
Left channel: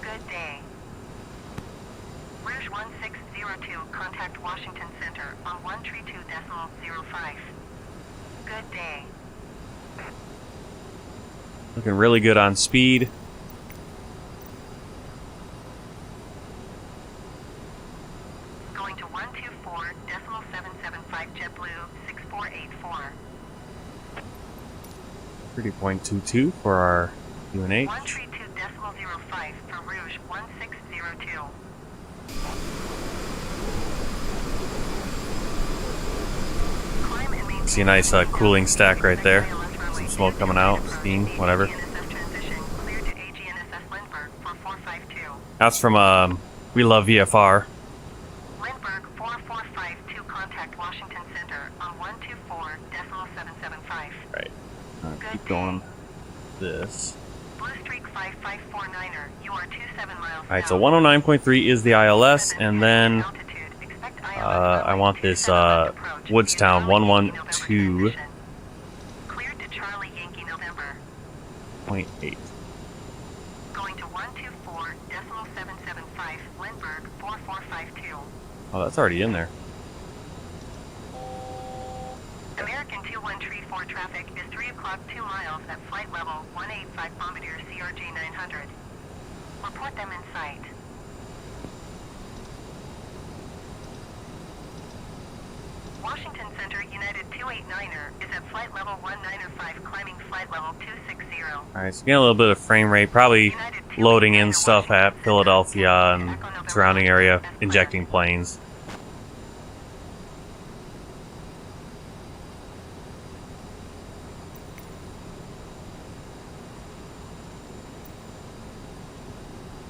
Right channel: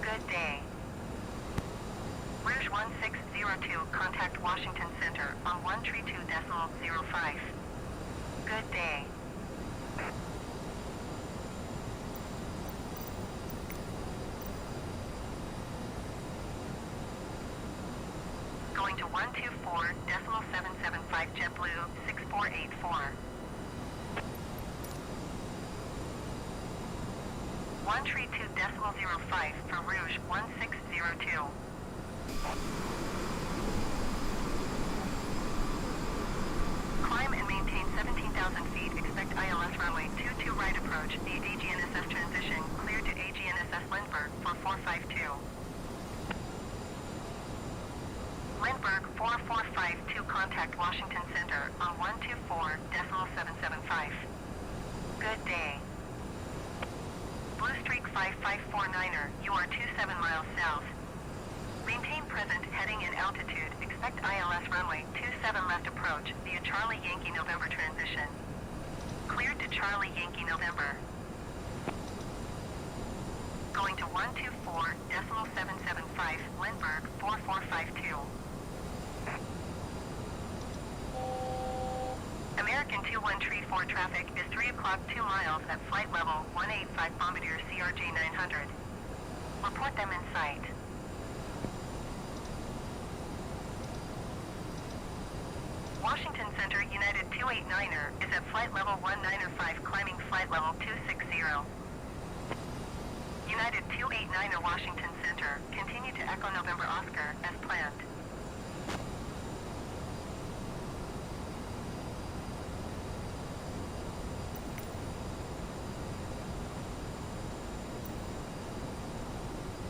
Good day. Rouge 1602, contact Washington Center on 132.05. Good day. Looking really good on speed. Going to 124.775 JetBlue 6484. 30.22 for our UNH. 132.05 for Rouge 1602. Climb and maintain See a nice 17,000 cooling feet. stack right Expect there. ILS runway Some smoke 22 coming right out, approach steam, via whatever. AGNSS transition. Cleared to AGNSS Lindbergh for 452. That's from We Love VFR. Lindbergh 4452, contact Washington Center on 124.775. Right. Good Keep day. going. This. Blue Streak 5549er, you are 27 miles Alright, south. so 109.3 is the ILS, Present and heading then altitude. Expect ILS I runway want this 27 left approach via Woodstown Charlie Yankee 112.8. November transition. Cleared to Charlie Yankee November. Going to 124.775 Lindbergh 4452. Oh, that's already in there. American 2134 traffic is 3 o'clock 2 miles at flight level 185 Bombardier CRJ-900. Report them in sight. Washington Center United 289er is at flight level 1905, climbing flight level 260. Alright, so getting a little bit of frame rate, probably United loading 289er in stuff at Washington Center, Philadelphia and Echo November surrounding area, as planned. injecting planes.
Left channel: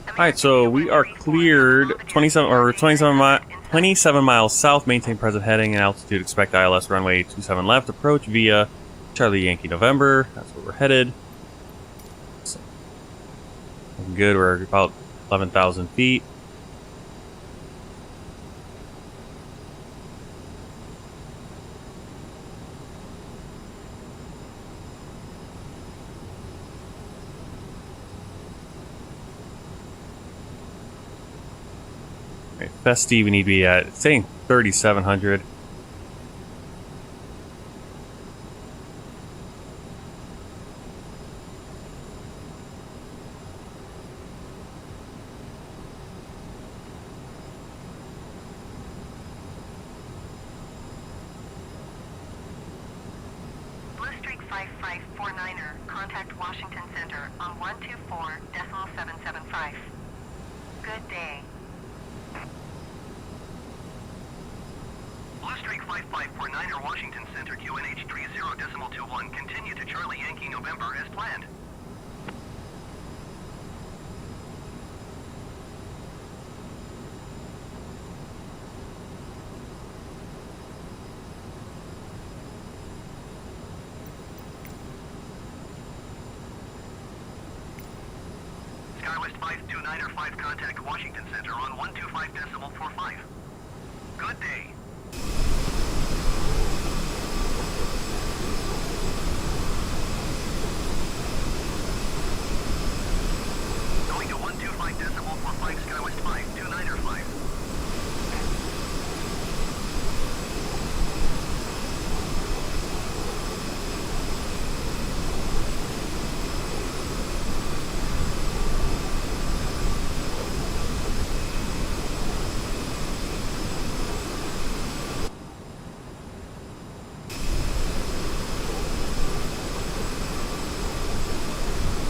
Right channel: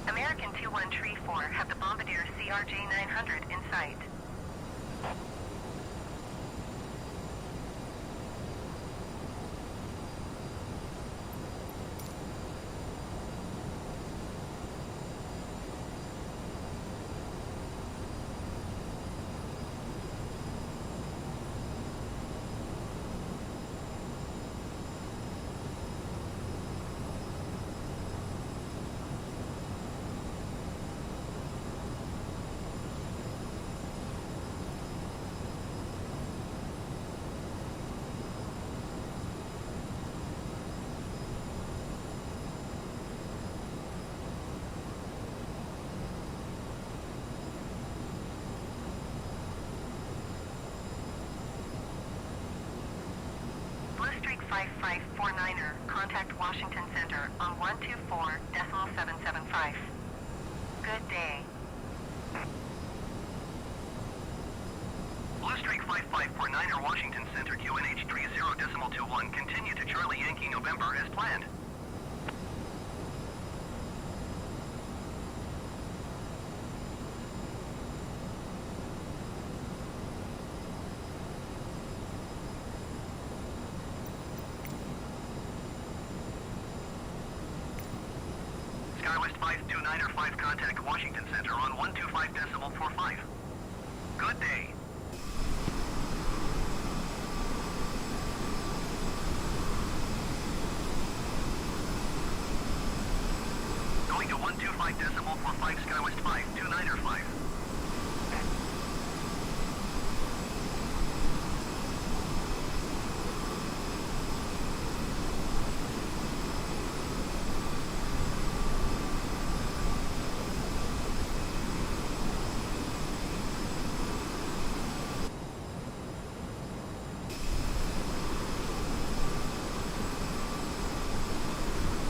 Alright, so we are cleared 27 miles south, maintain present heading and altitude, expect ILS runway 27 left, approach via Charlie Yankee November. That's where we're headed. Looking good, we're about 11,000 feet. Festy, we need to be at, it's saying 3,700. 5549er, contact Washington Center on 124.775. Good day. Bluestreak 5549er, Washington Center, QNH 30.21, continue to Charlie Yankee November as planned. SkyWest 529er 5, contact Washington Center on 125.45. Good day. Going to 125.45, SkyWest 529er 5.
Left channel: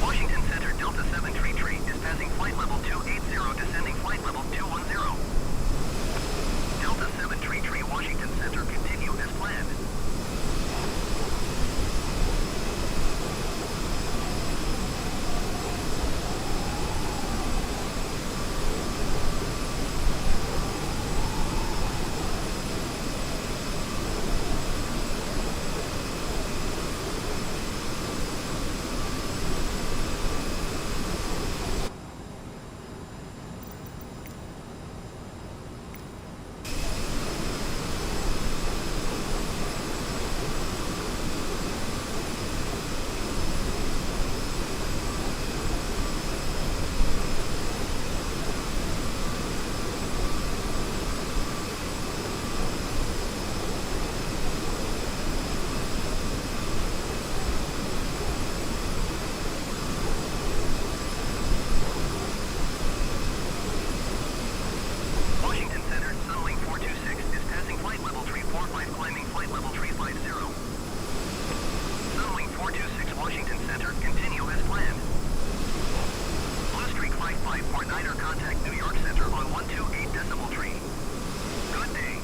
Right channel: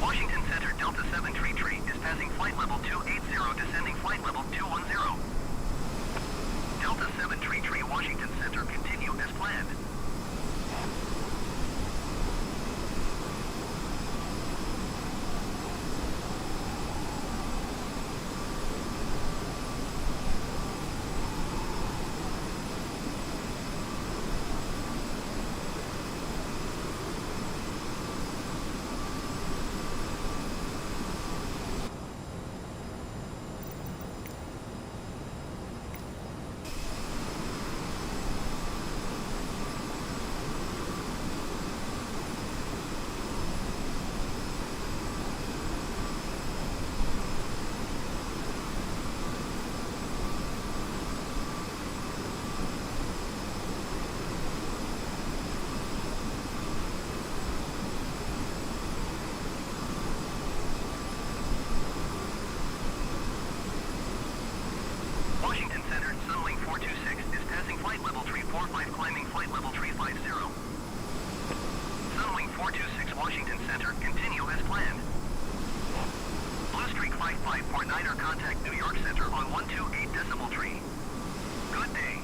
Washington Center, Delta 7 Tree is passing flight level 280, descending flight level 210. Delta 7 Tree, Washington Center, continue as planned. Washington Center, Sunwing 426 is passing flight level 345, climbing flight level 350. Sunwing 426, Washington Center, continue as planned. Bluestreak 5549er, contact New York Center on 128.3. Good day.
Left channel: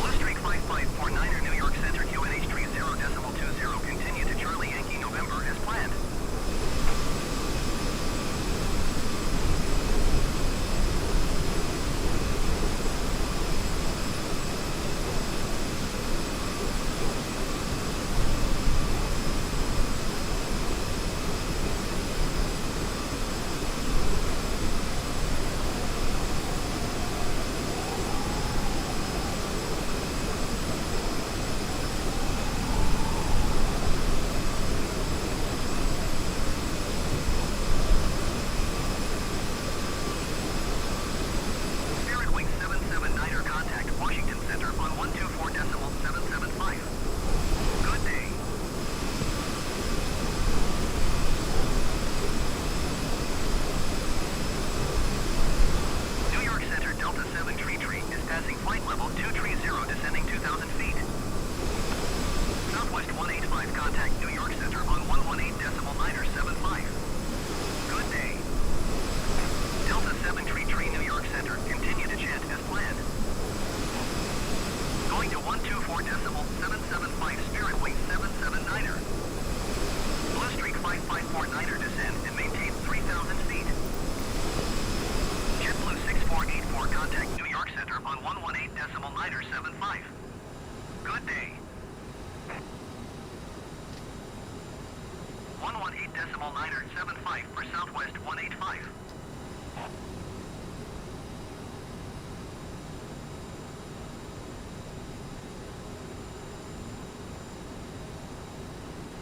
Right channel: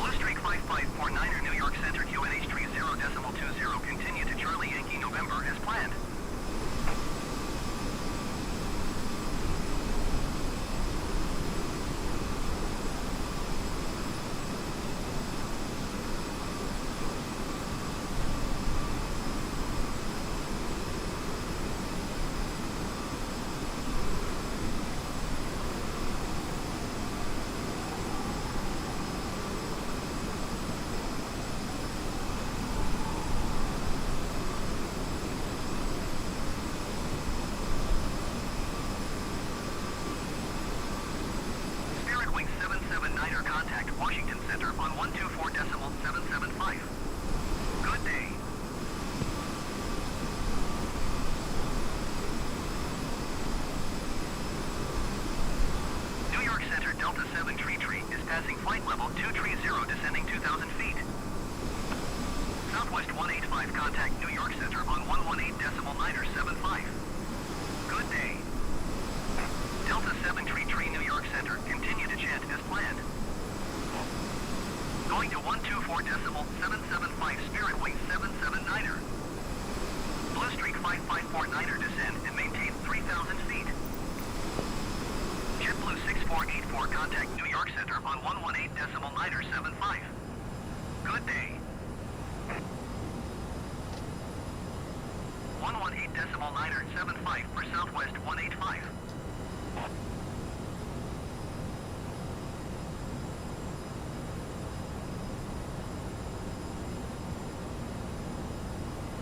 Bluestreak 5549er, New York Center, QNH 30.20, continue to Charlie Yankee November as planned. Spirit Wing 779er, contact Washington Center on 124.775. Good day. New York Center, Delta 7 Tree is passing flight level 230, descending 2,000 feet. Southwest 185, contact New York Center on 118.975. Good day. Delta 7 Tree, New York Center, continue to chant as planned. Going to 124.775, Spirit Wing 779er. Bluestreak 5549er, descend and maintain 3,000 feet. JetBlue 6484, contact New York Center on 118.975. Good day. 118.975 for Southwest 185.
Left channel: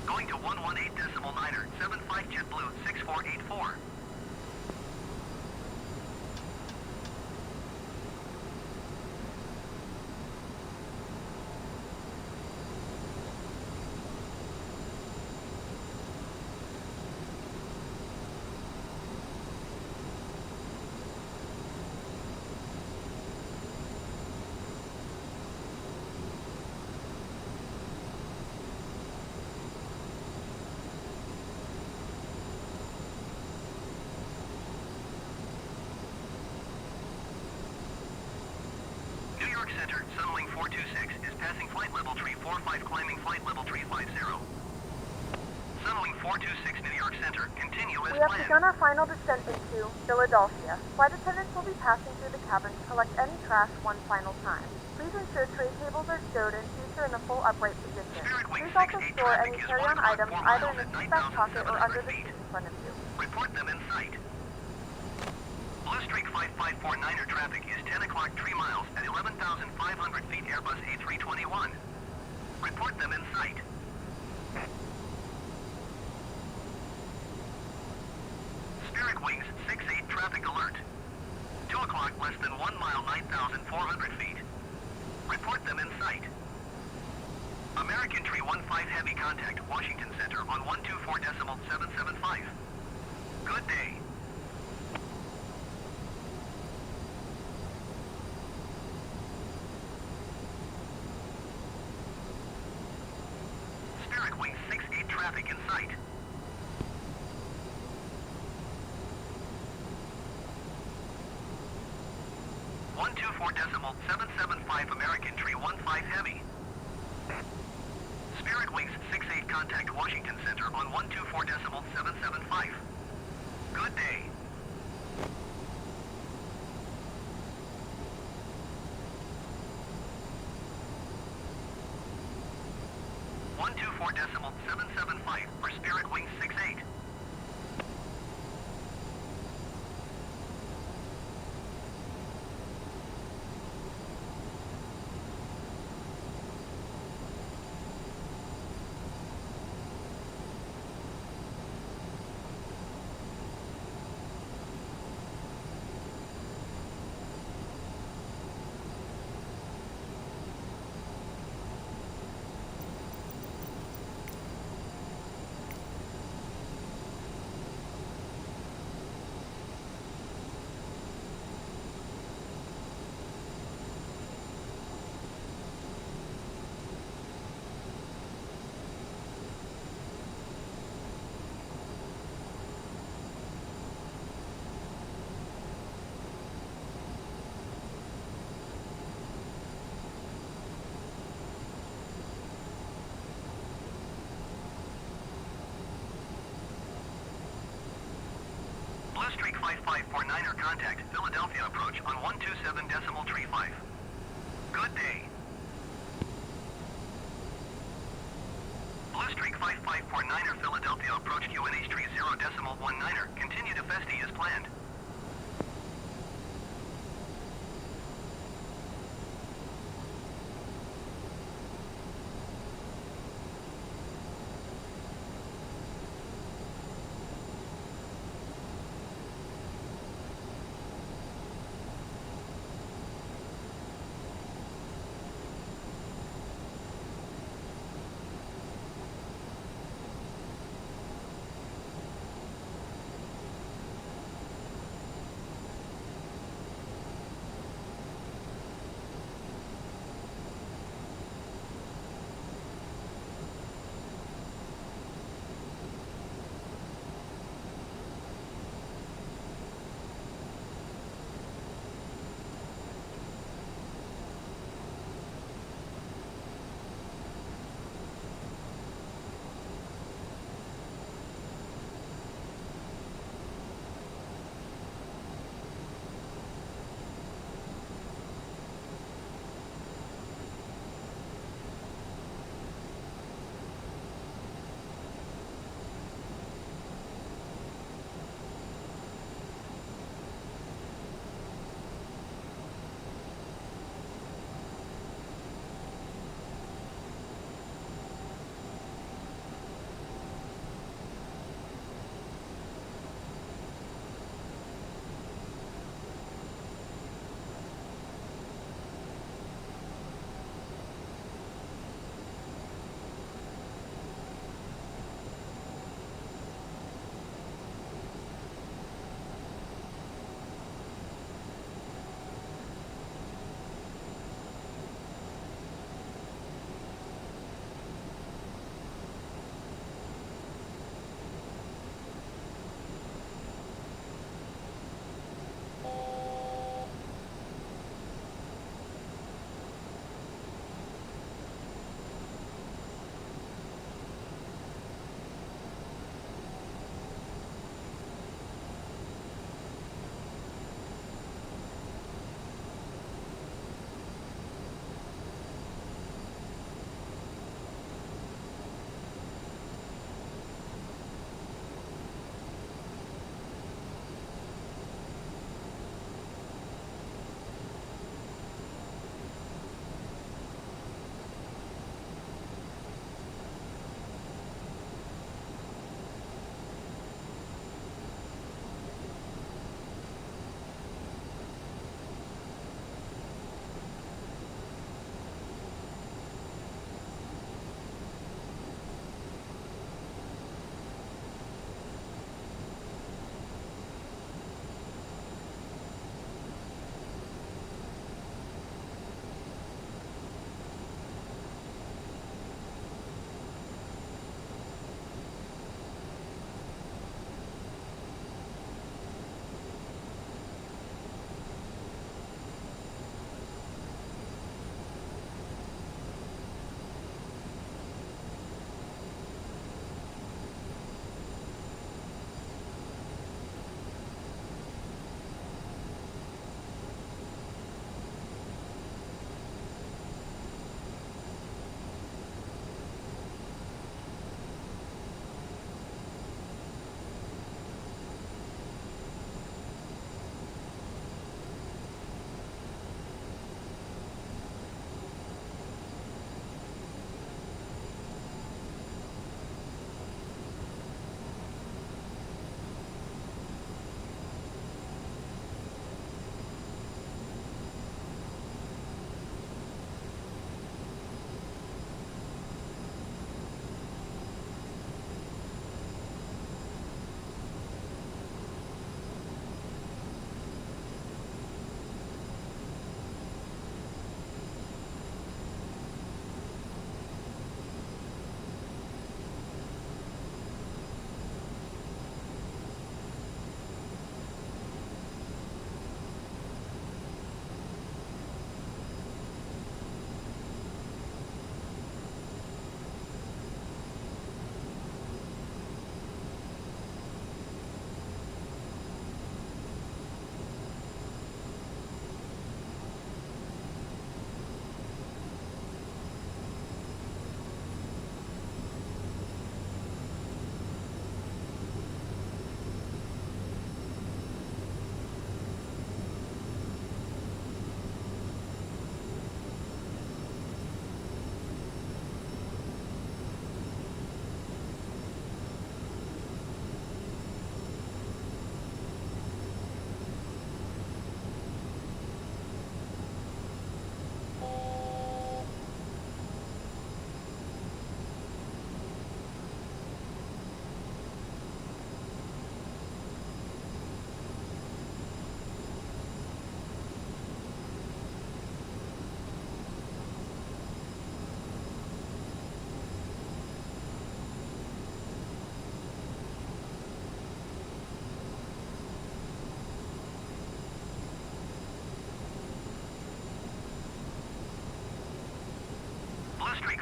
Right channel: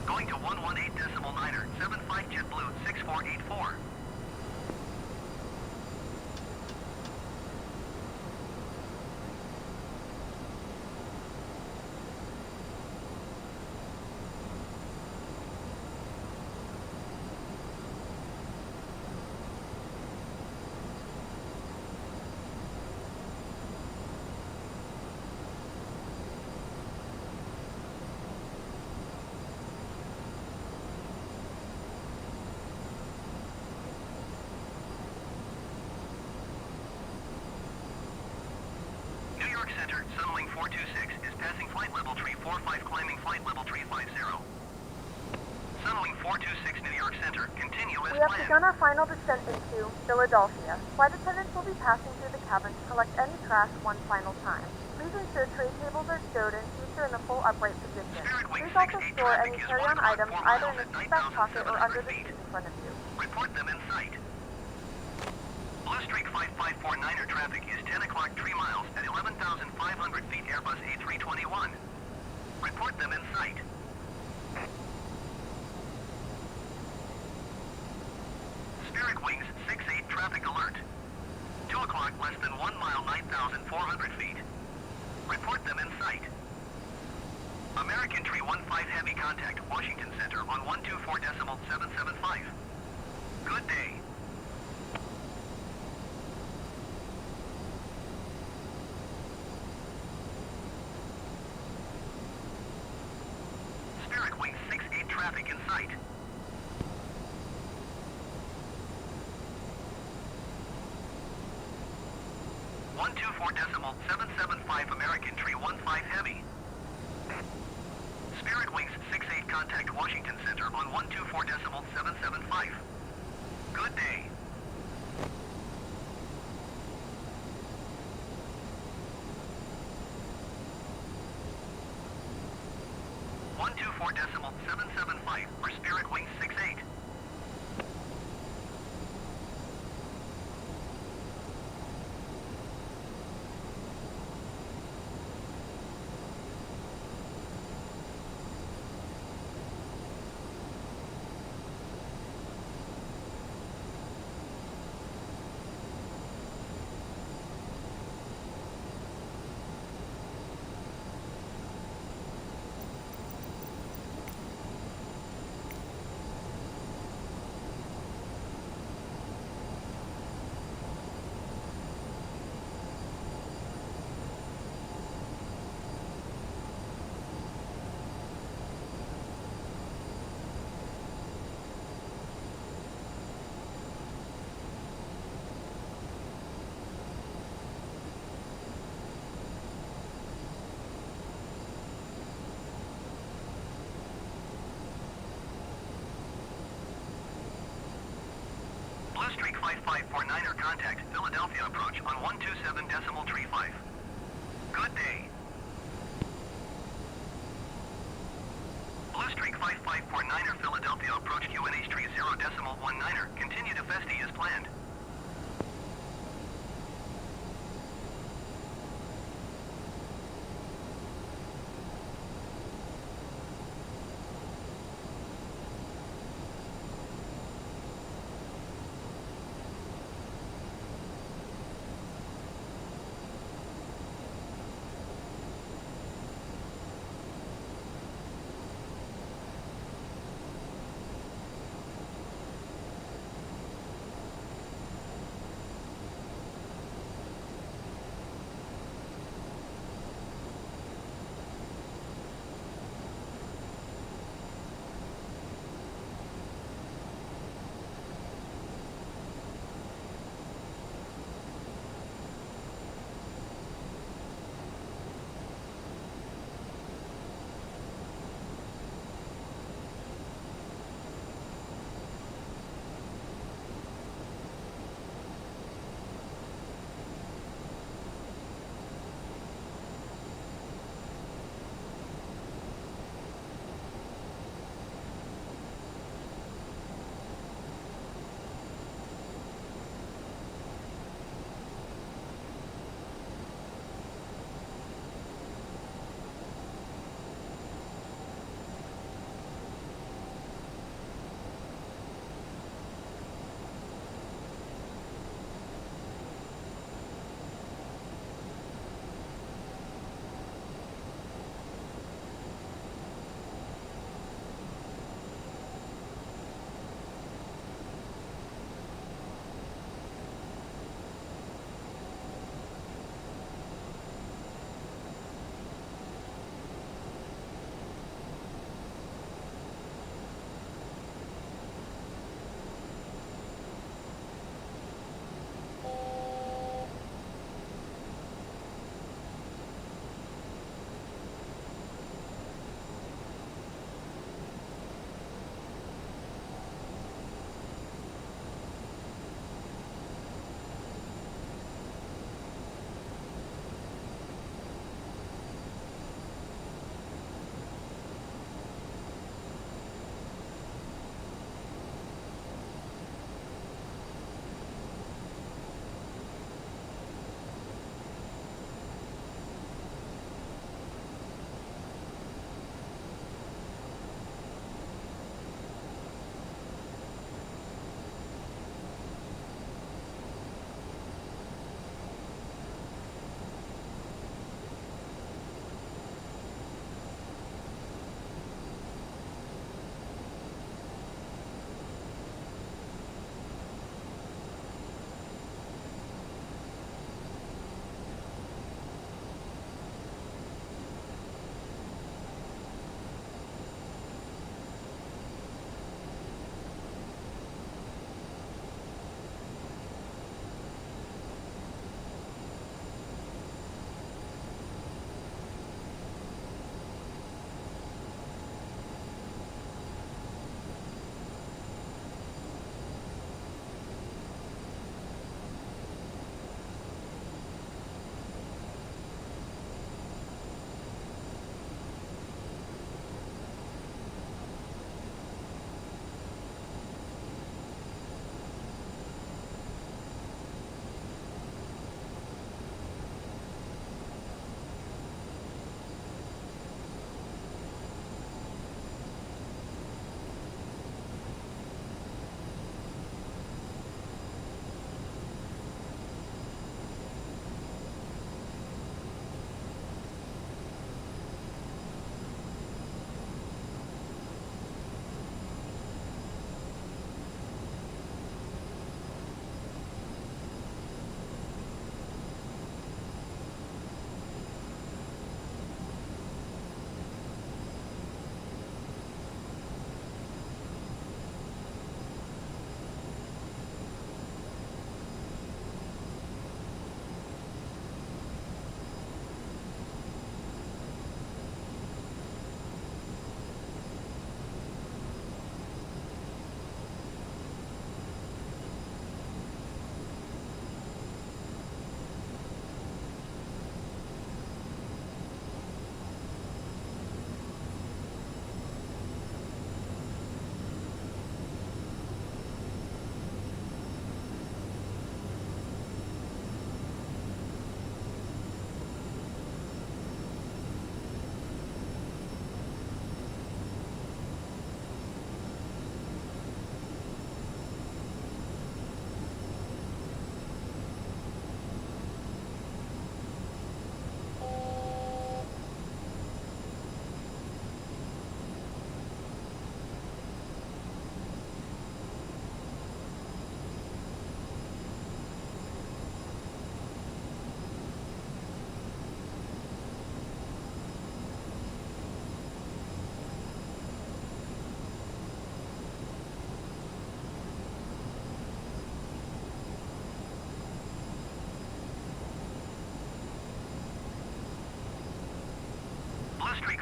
Going to 118.975, JetBlue 6484. Center, Sunwing 426 is passing flight level 345, climbing flight level 350. Sunwing 426 New York Center, continue as We have planned. begun our final descent into Philadelphia. Flight attendants will be passing through the cabin to collect any trash one final time. Please ensure tray tables are stowed and seats are in a full upright position. Please also store any carry-on items either in the seatback pocket or under the seat in front of you. Report them in sight. Blue Streak 5549er traffic is 10 o'clock 3 miles at 11,500 feet Airbus A321. Report them in sight. Spirit Wings 68 traffic alert. 2 o'clock less than 1 mile 9,400 feet. Report them in sight. American Tree 15 heavy contact Washington Center on 124.775. Good day. Spirit Wings 68 traffic in sight. .775 American Tree 15 heavy. Spirit Wings 68 contact Washington Center on 124.775. Good day. .775 for Spirit Wings 68. Blue Streak 5549er contact Philadelphia approach on 127.35. Good day. Blue Streak 5549er Philadelphia approach QNH 30.19er. Continue to Festi as planned.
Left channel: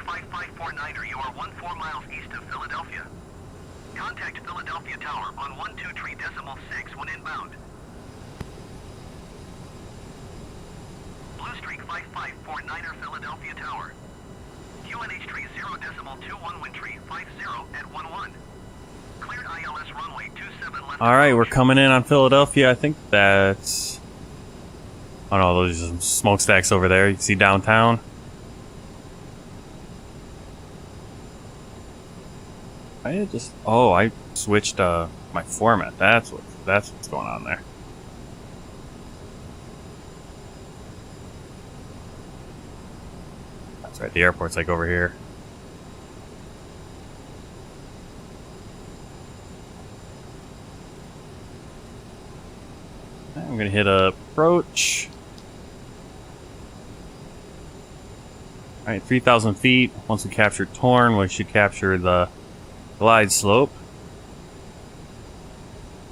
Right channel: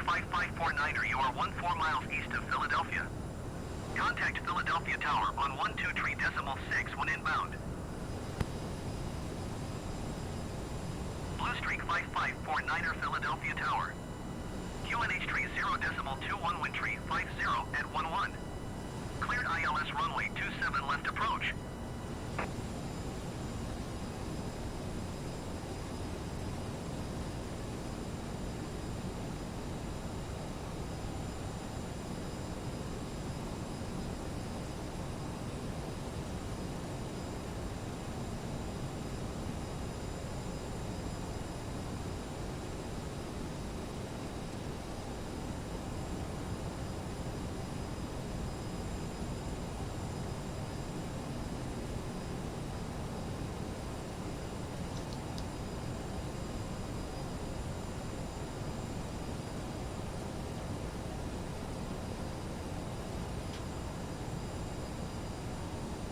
5549er, you are 14 miles east of Philadelphia. Contact Philadelphia Tower on 123.6 when inbound. Blue Streak 5549er, Philadelphia Tower. QNH tree 0.21 wind tree 50 at 11. Cleared ILS runway 27 left. All right, we're coming in on Philadelphia. I think that's... Oh no, those are some smokestacks over there. You can see downtown. I switched my format. That's what's going on there. That's right. The airport's like over here. I'm gonna hit approach. All right, 3,000 feet. Once we capture Torn, we should capture the glide slope.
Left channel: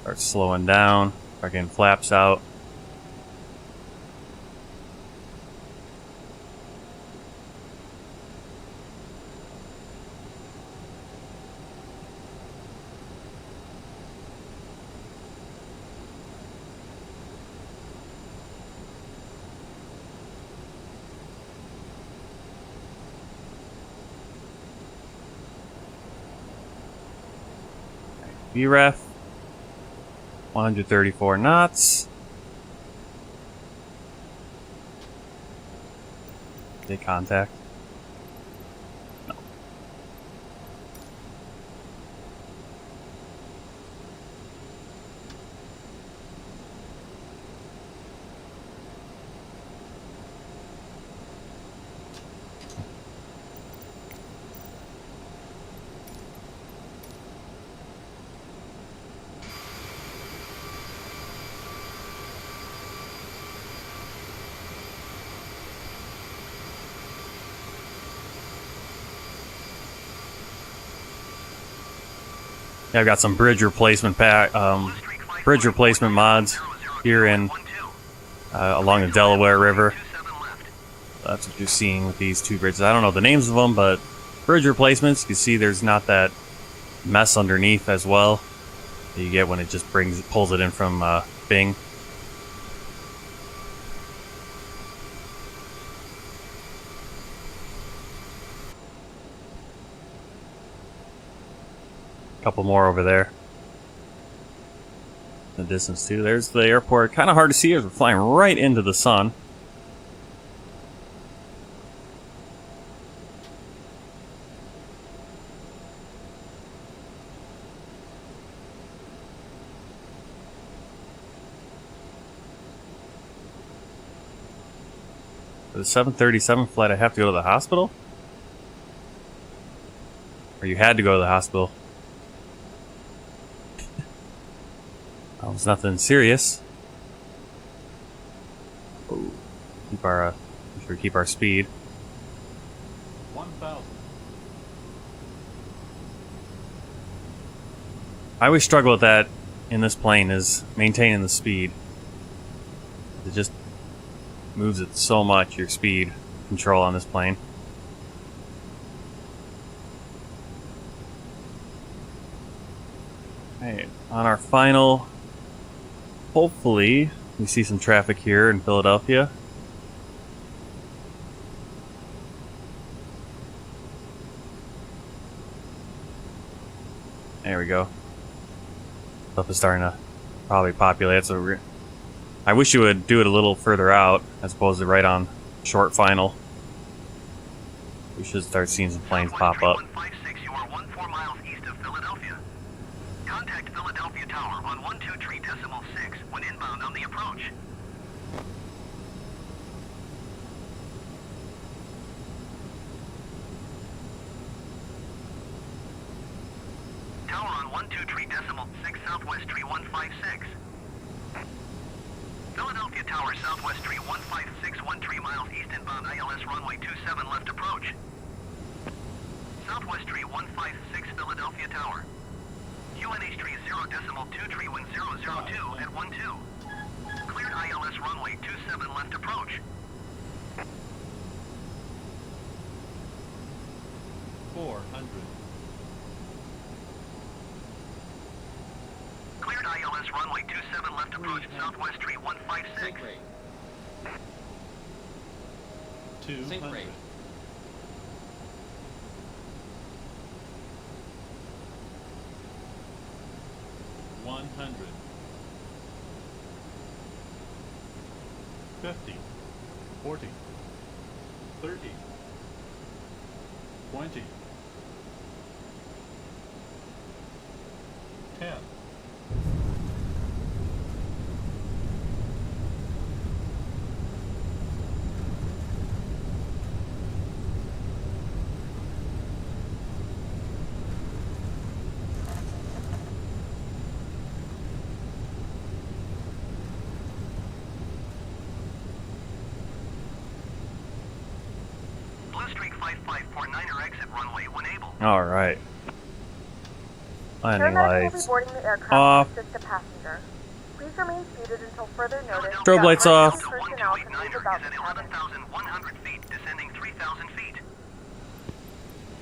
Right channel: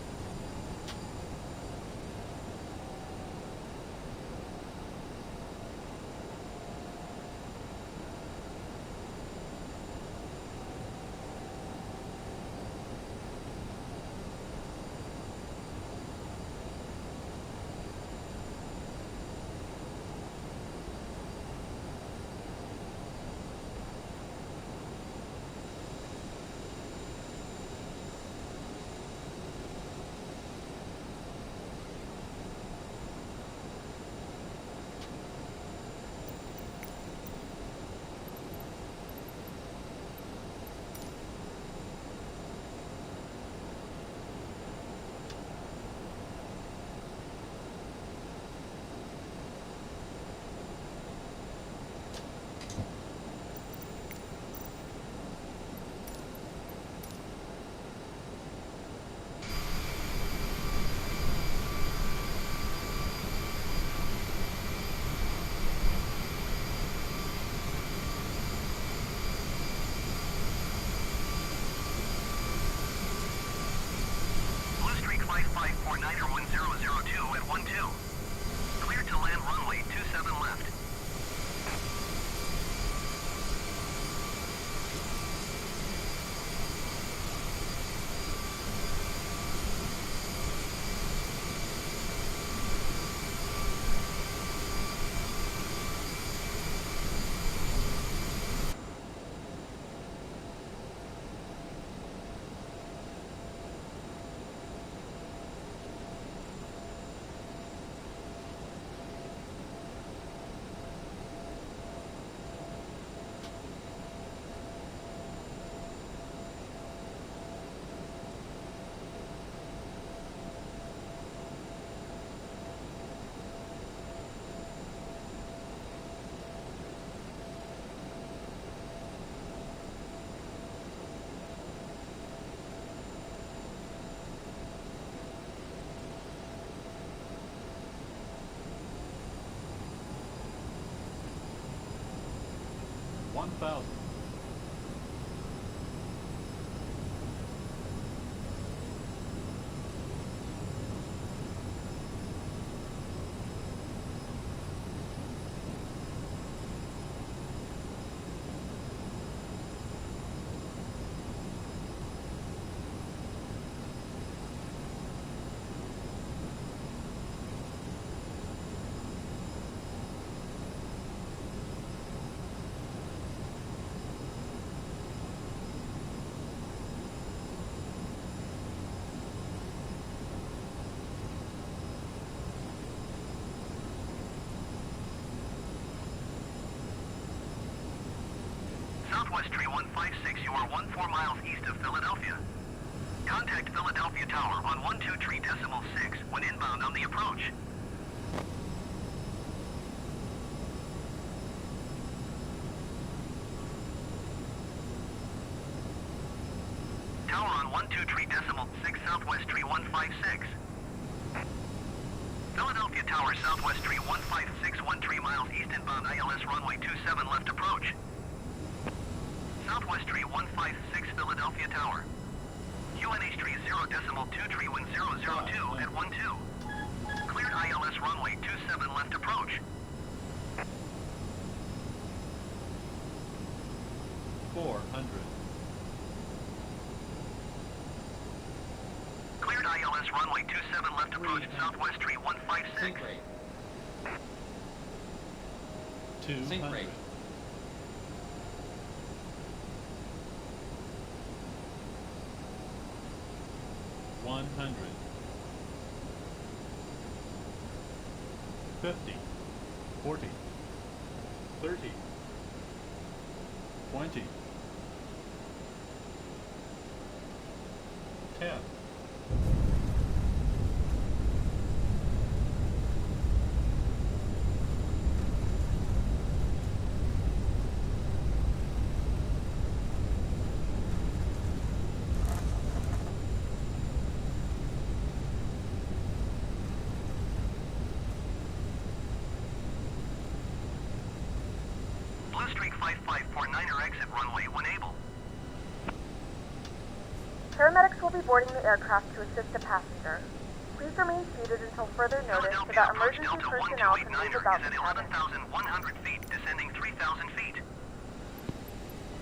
Start slowing down. Start getting flaps out. VREF, 134 knots. Take contact. No. Yeah, I've got some bridge replacement mods here in along the Delaware River. That's what you're seeing with these two bridges. I don't know the names of them, but bridge replacements. You see, there's not that mess underneath as well that you get when it just pulls it in from Bing. Couple more over there in the distance too. There's the airport. Kind of hard to see as we're flying right into the sun. For the 737 flight, I have to go to the hospital? Or you had to go to the hospital? It's nothing serious. Keep our speed. 1,000. I always struggle with that in this plane, is maintaining the speed. It just moves it so much, your speed control on this plane. Okay, on our final... Hopefully, we see some traffic here in Philadelphia. There we go. Stuff is starting to probably populate, so I wish you would do it a little further out as opposed to right on short final. We should start seeing some planes pop up. 156, you are 14 miles east of Philadelphia. Contact Philadelphia Tower on 123.6 when inbound on the approach. Tower on 123.6 Southwest Tree 156. Philadelphia Tower Southwest Tree 1561 miles east inbound ILS runway 27 left approach. Southwest Tree 156 Philadelphia Tower. QNH tree 0.2 tree wind 002 at 12. Cleared ILS runway 27 left approach. 400. Cleared ILS runway 27 left approach, southwest tree 156. Sink rate. 200. Sink rate. 100. 50. 40. 30. 20. 10. Blue Streak 5549er exit runway when able. All right. Paramedics will be boarding the aircraft off. to assist the passenger. Please remain seated until further notice. Strobe lights off. Delta Personnel can move 1289er about is the at cabin. 11,100 feet, descending 3,000 feet.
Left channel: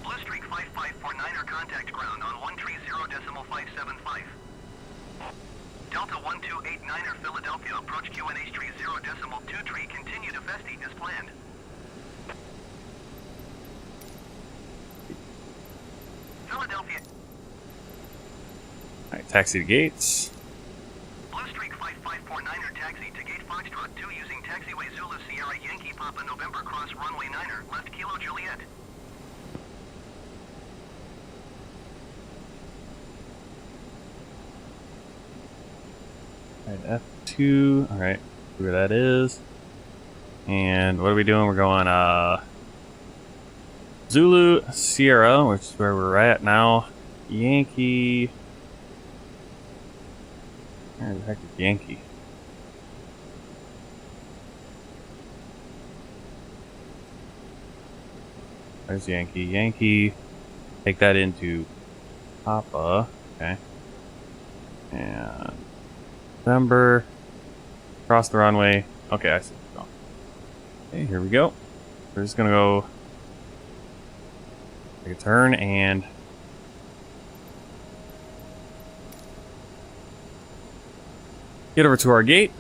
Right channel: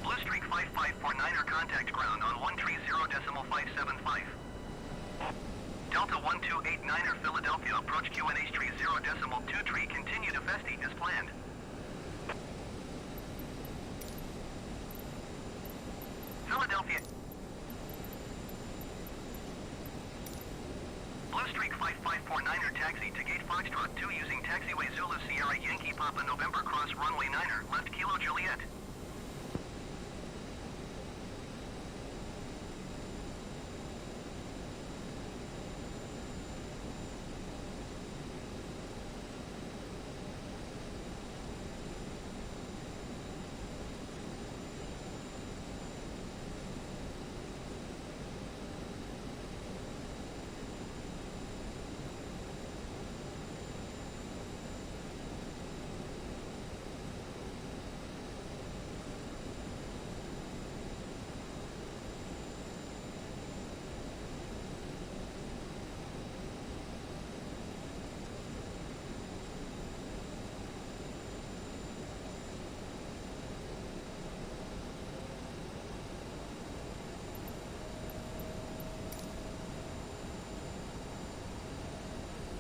Blue Streak 5549er contact ground on 130.575. Delta 1289er Philadelphia approach QNH tree 0.2 tree, continue to Festi as planned. Philadelphia. All right, taxi to gates. Blue Streak 5549er taxi to gate Foxtrot 2 using taxiway Zulu Sierra Yankee Papa November cross runway 9er left Kilo Juliet. All right, F2. All right, see where that is. And what are we doing? We're going Zulu Sierra, which is where we're at now. Yankee. Where the heck is Yankee? Where's Yankee? Yankee. Take that into Papa. Okay. And November. Cross the runway. Okay, I see. Oh. Okay, here we go. We're just gonna go take a turn and get over to our gate.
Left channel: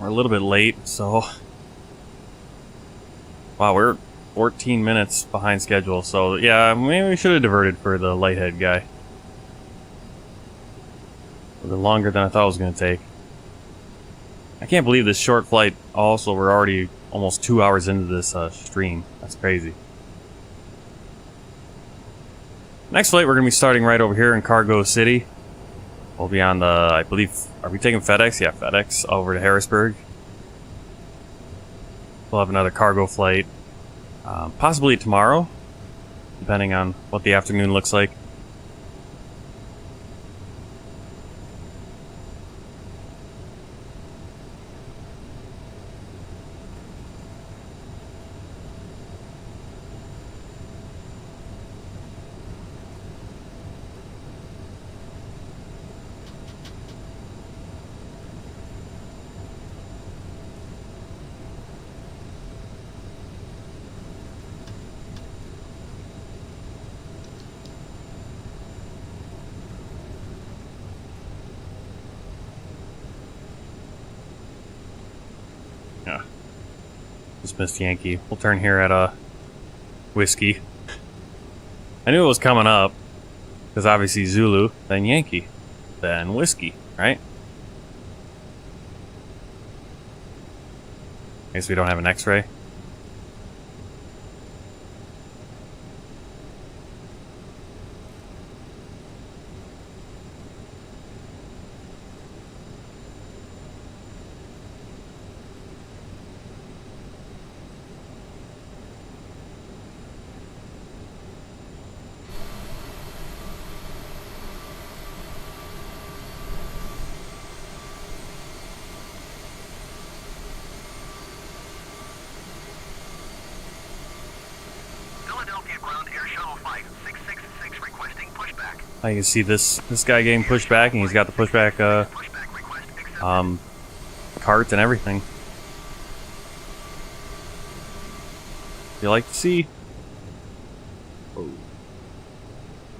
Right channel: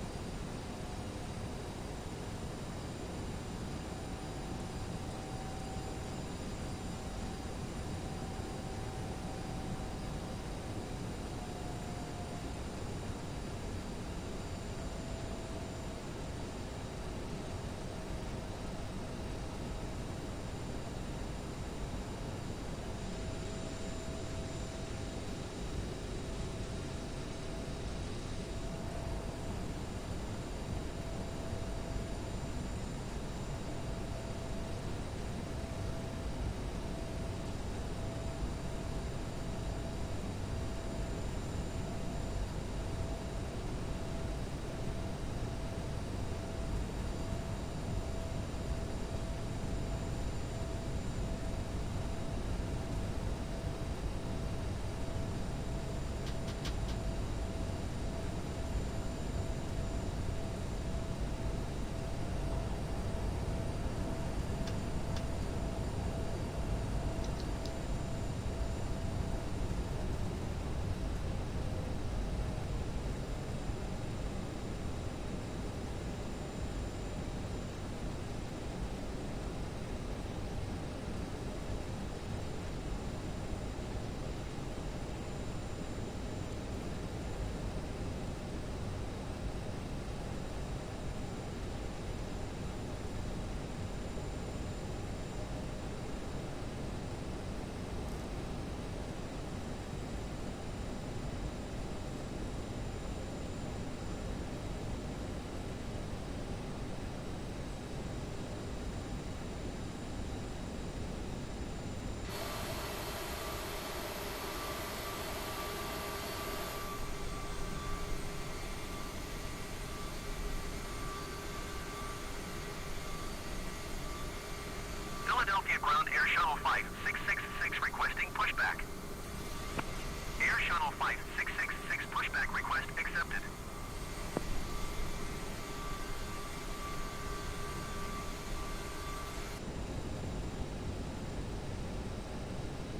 We're a little bit late, so wow, we're 14 minutes behind schedule. So yeah, maybe we should have diverted for the lighthead guy. A little longer than I thought it was going to take. I can't believe this short flight. Also, we're already almost 2 hours into this stream. That's crazy. Next flight, we're going to be starting right over here in Cargo City. We'll be on the, I believe, are we taking FedEx? Yeah, FedEx over to Harrisburg. We'll have another cargo flight, possibly tomorrow, depending on what the afternoon looks like. Missed Yankee. We'll turn here at a Whiskey. I knew it was coming up because obviously Zulu, then Yankee, then Whiskey, right? I guess we don't have an X-ray. You can see this guy getting pushed back, and he's got the pushback cart and everything. You like to see? Oh.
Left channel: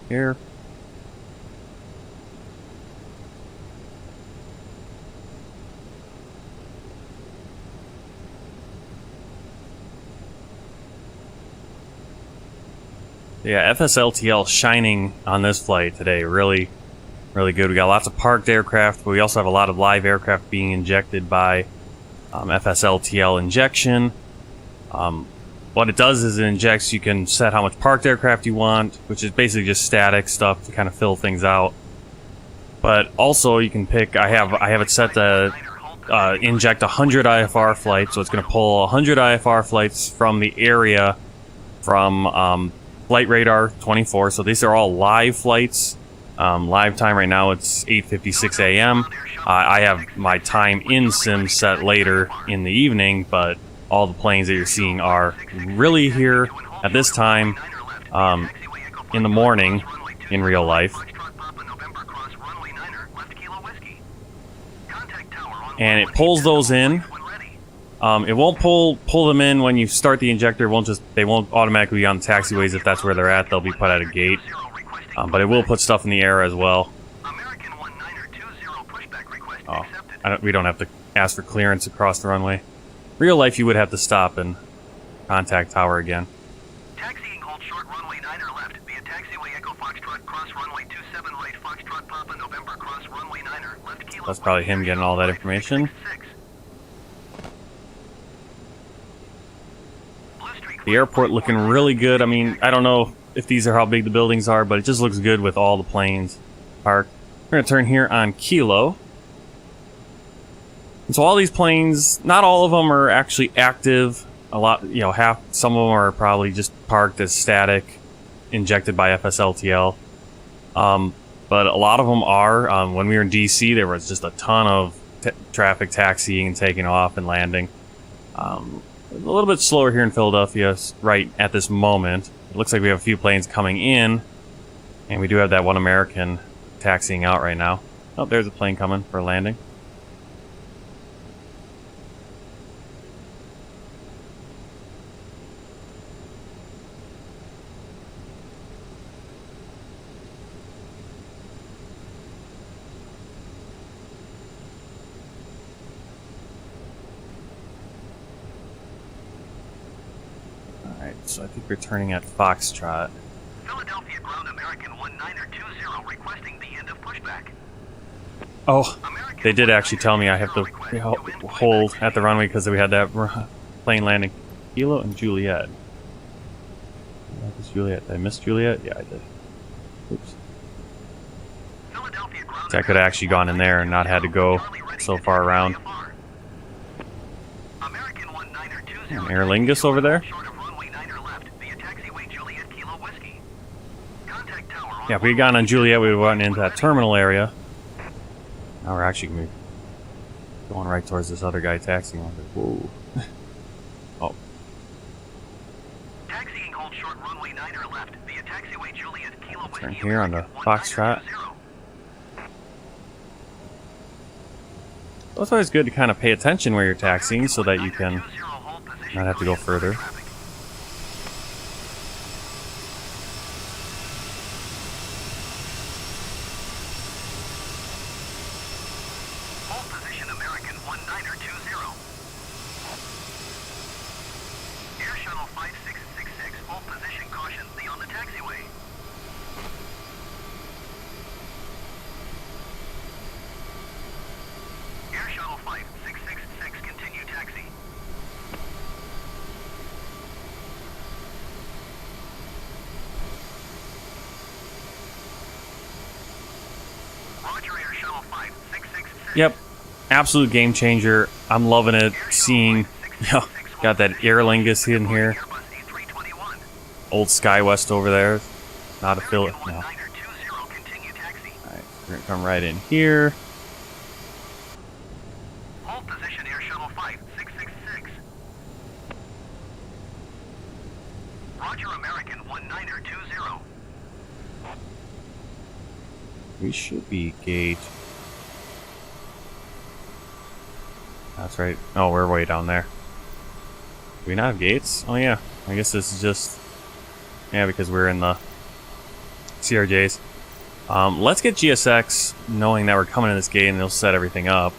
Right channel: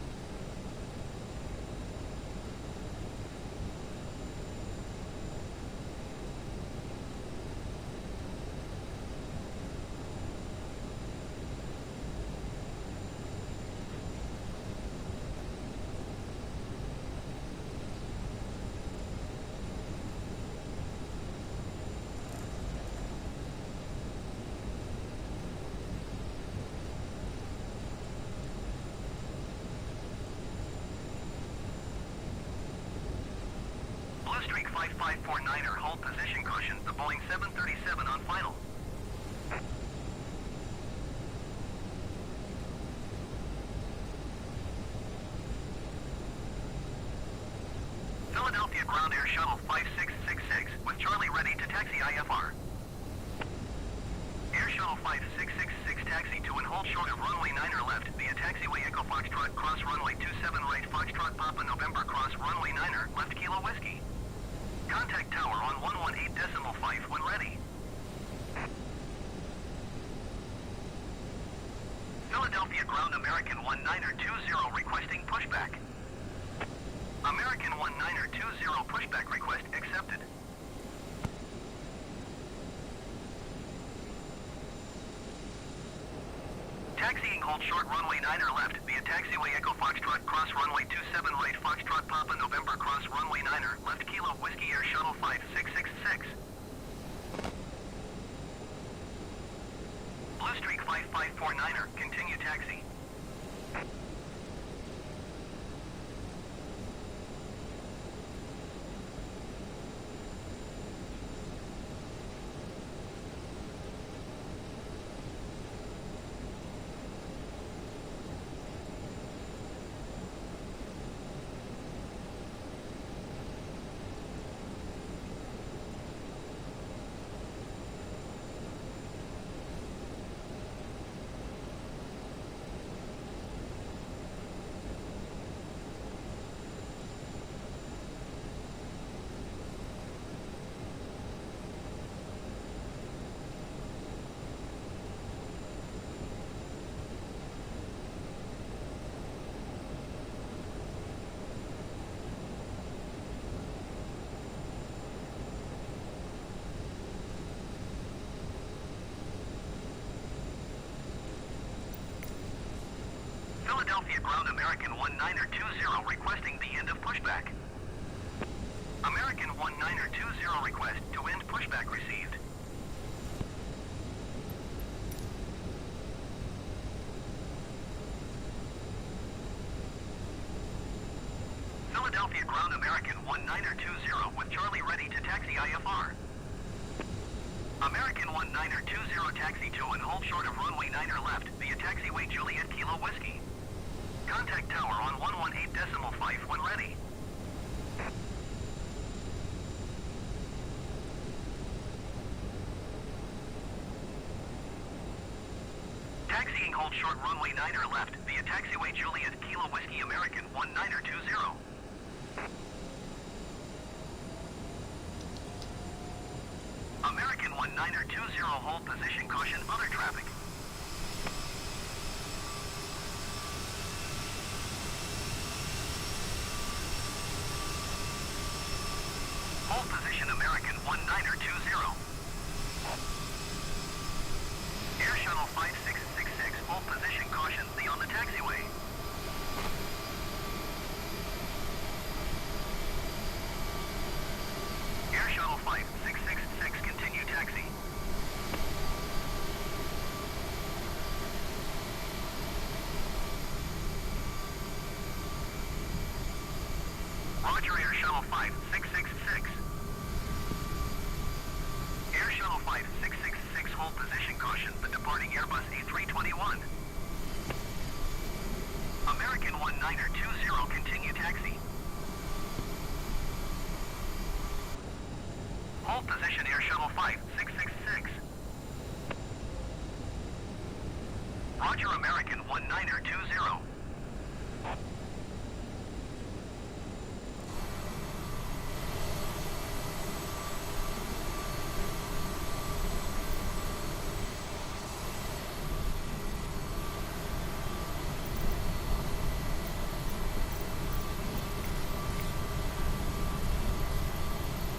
here. Yeah, FSLTL shining on this flight today. Really, really good. We got lots of parked aircraft, but we also have a lot of live aircraft being injected by FSLTL injection. What it does is it injects, you can set how much parked aircraft you want, which is basically just static stuff to kind of fill things out. But also you can pick, I have it set to inject 100 IFR flights, so it's going to pull 100 IFR flights from the area from Flight Radar 24. So these are all live flights. Live time right now, it's 8:56 a.m. I have my time in sim set later in the evening, but all the planes that you're seeing are really here at this time in the morning in real life. And it pulls those in. It won't pull them in when you start the injector. They won't automatically be on the taxiways if that's where they're at. They'll be put at a gate. But it will put stuff in the air as well. We don't have to ask for clearance across the runway. Real life, you would have to stop and contact tower again. Taxiing, hold short runway 9 or left via taxiway Echo Foxtrot, cross runway 27 right, Foxtrot Papa November, cross runway 9 or left kilo. That's probably him getting all that information. The airport looking really good. I mean, I don't know if these are how big the buildings are, but it just looks good with all the planes parked. We're going to turn here on Kilo. And so all these planes, not all of them are actually active. A lot, you know, some of them are probably just parked as static, injected by FSLTL. But a lot of them are. When we were in DC, there was just a ton of traffic taxiing and taking off and landing. A little bit slower here in Philadelphia right at this moment. It looks like we have a few planes coming in, and we do have that one American taxiing out right now. Oh, there's a plane coming for a landing. So I think we're turning at Foxtrot. Philadelphia ground American 1920 requesting the end of pushback. Oh, they did actually tell me I have to hold at the runway because we had that plane landing. Kilo and Juliet. Did I miss Juliet? Yeah, I did. Oops. So I could have actually gone in there and not had to go so far around. Aer Lingus over there? Yeah, if we had gone on Juliet, we would have went into that terminal area. Now we're actually going right towards this other guy taxiing. Whoa. Oh. Taxiing, hold short runway 9 or left via taxiway Juliet Kilo Whiskey. Turn here on the Foxtrot. Well, it's always good to kind of pay attention where you're taxiing so that you can not have to go further. Yep, absolute game changer. I'm loving it. Seeing, got that Aer Lingus in here. Old SkyWest over there. Not a Philly. No. Alright, we're gonna come right in here. Hold position Air Shuttle 5666. Roger, American 1920. We should be gate. That's right. Oh, we're way down there. Do we not have gates? Oh yeah. I guess this is just... Yeah, because we're in the CRJs. Let's get GSX, knowing that we're coming to this gate and they'll set everything up.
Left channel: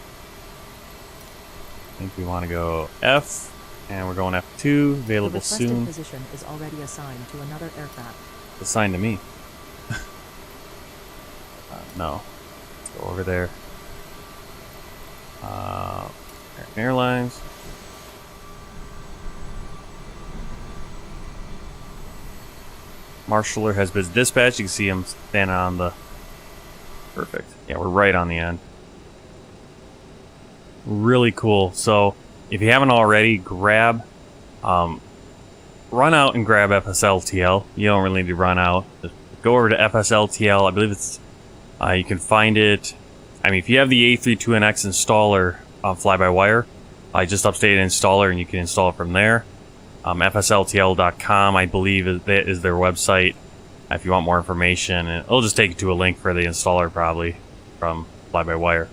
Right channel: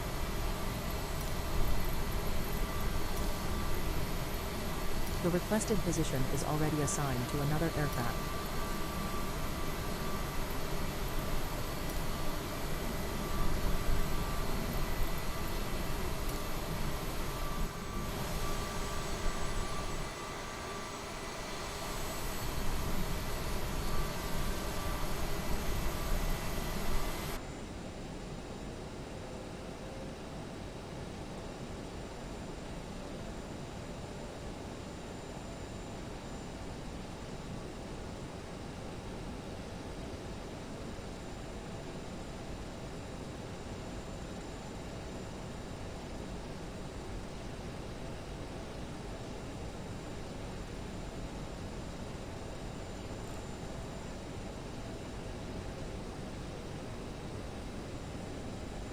I think we want to go F, and we're going F2, The available requested soon. position is already assigned to another aircraft. Assigned to me. No. Let's go over there. American Airlines. Marshaller has been dispatched. You can see him standing on the... Perfect. Yeah, we're right on the end. Really cool. So, if you haven't already, grab... run out and grab FSLTL. You don't really need to run out. Just go over to FSLTL. I believe it's... you can find it... I mean, if you have the A32NX installer fly-by-wire, I just updated installer and you can install it from there. FSLTL.com, I believe, is their website. If you want more information, and it'll just take you to a link for the installer, probably from fly-by-wire,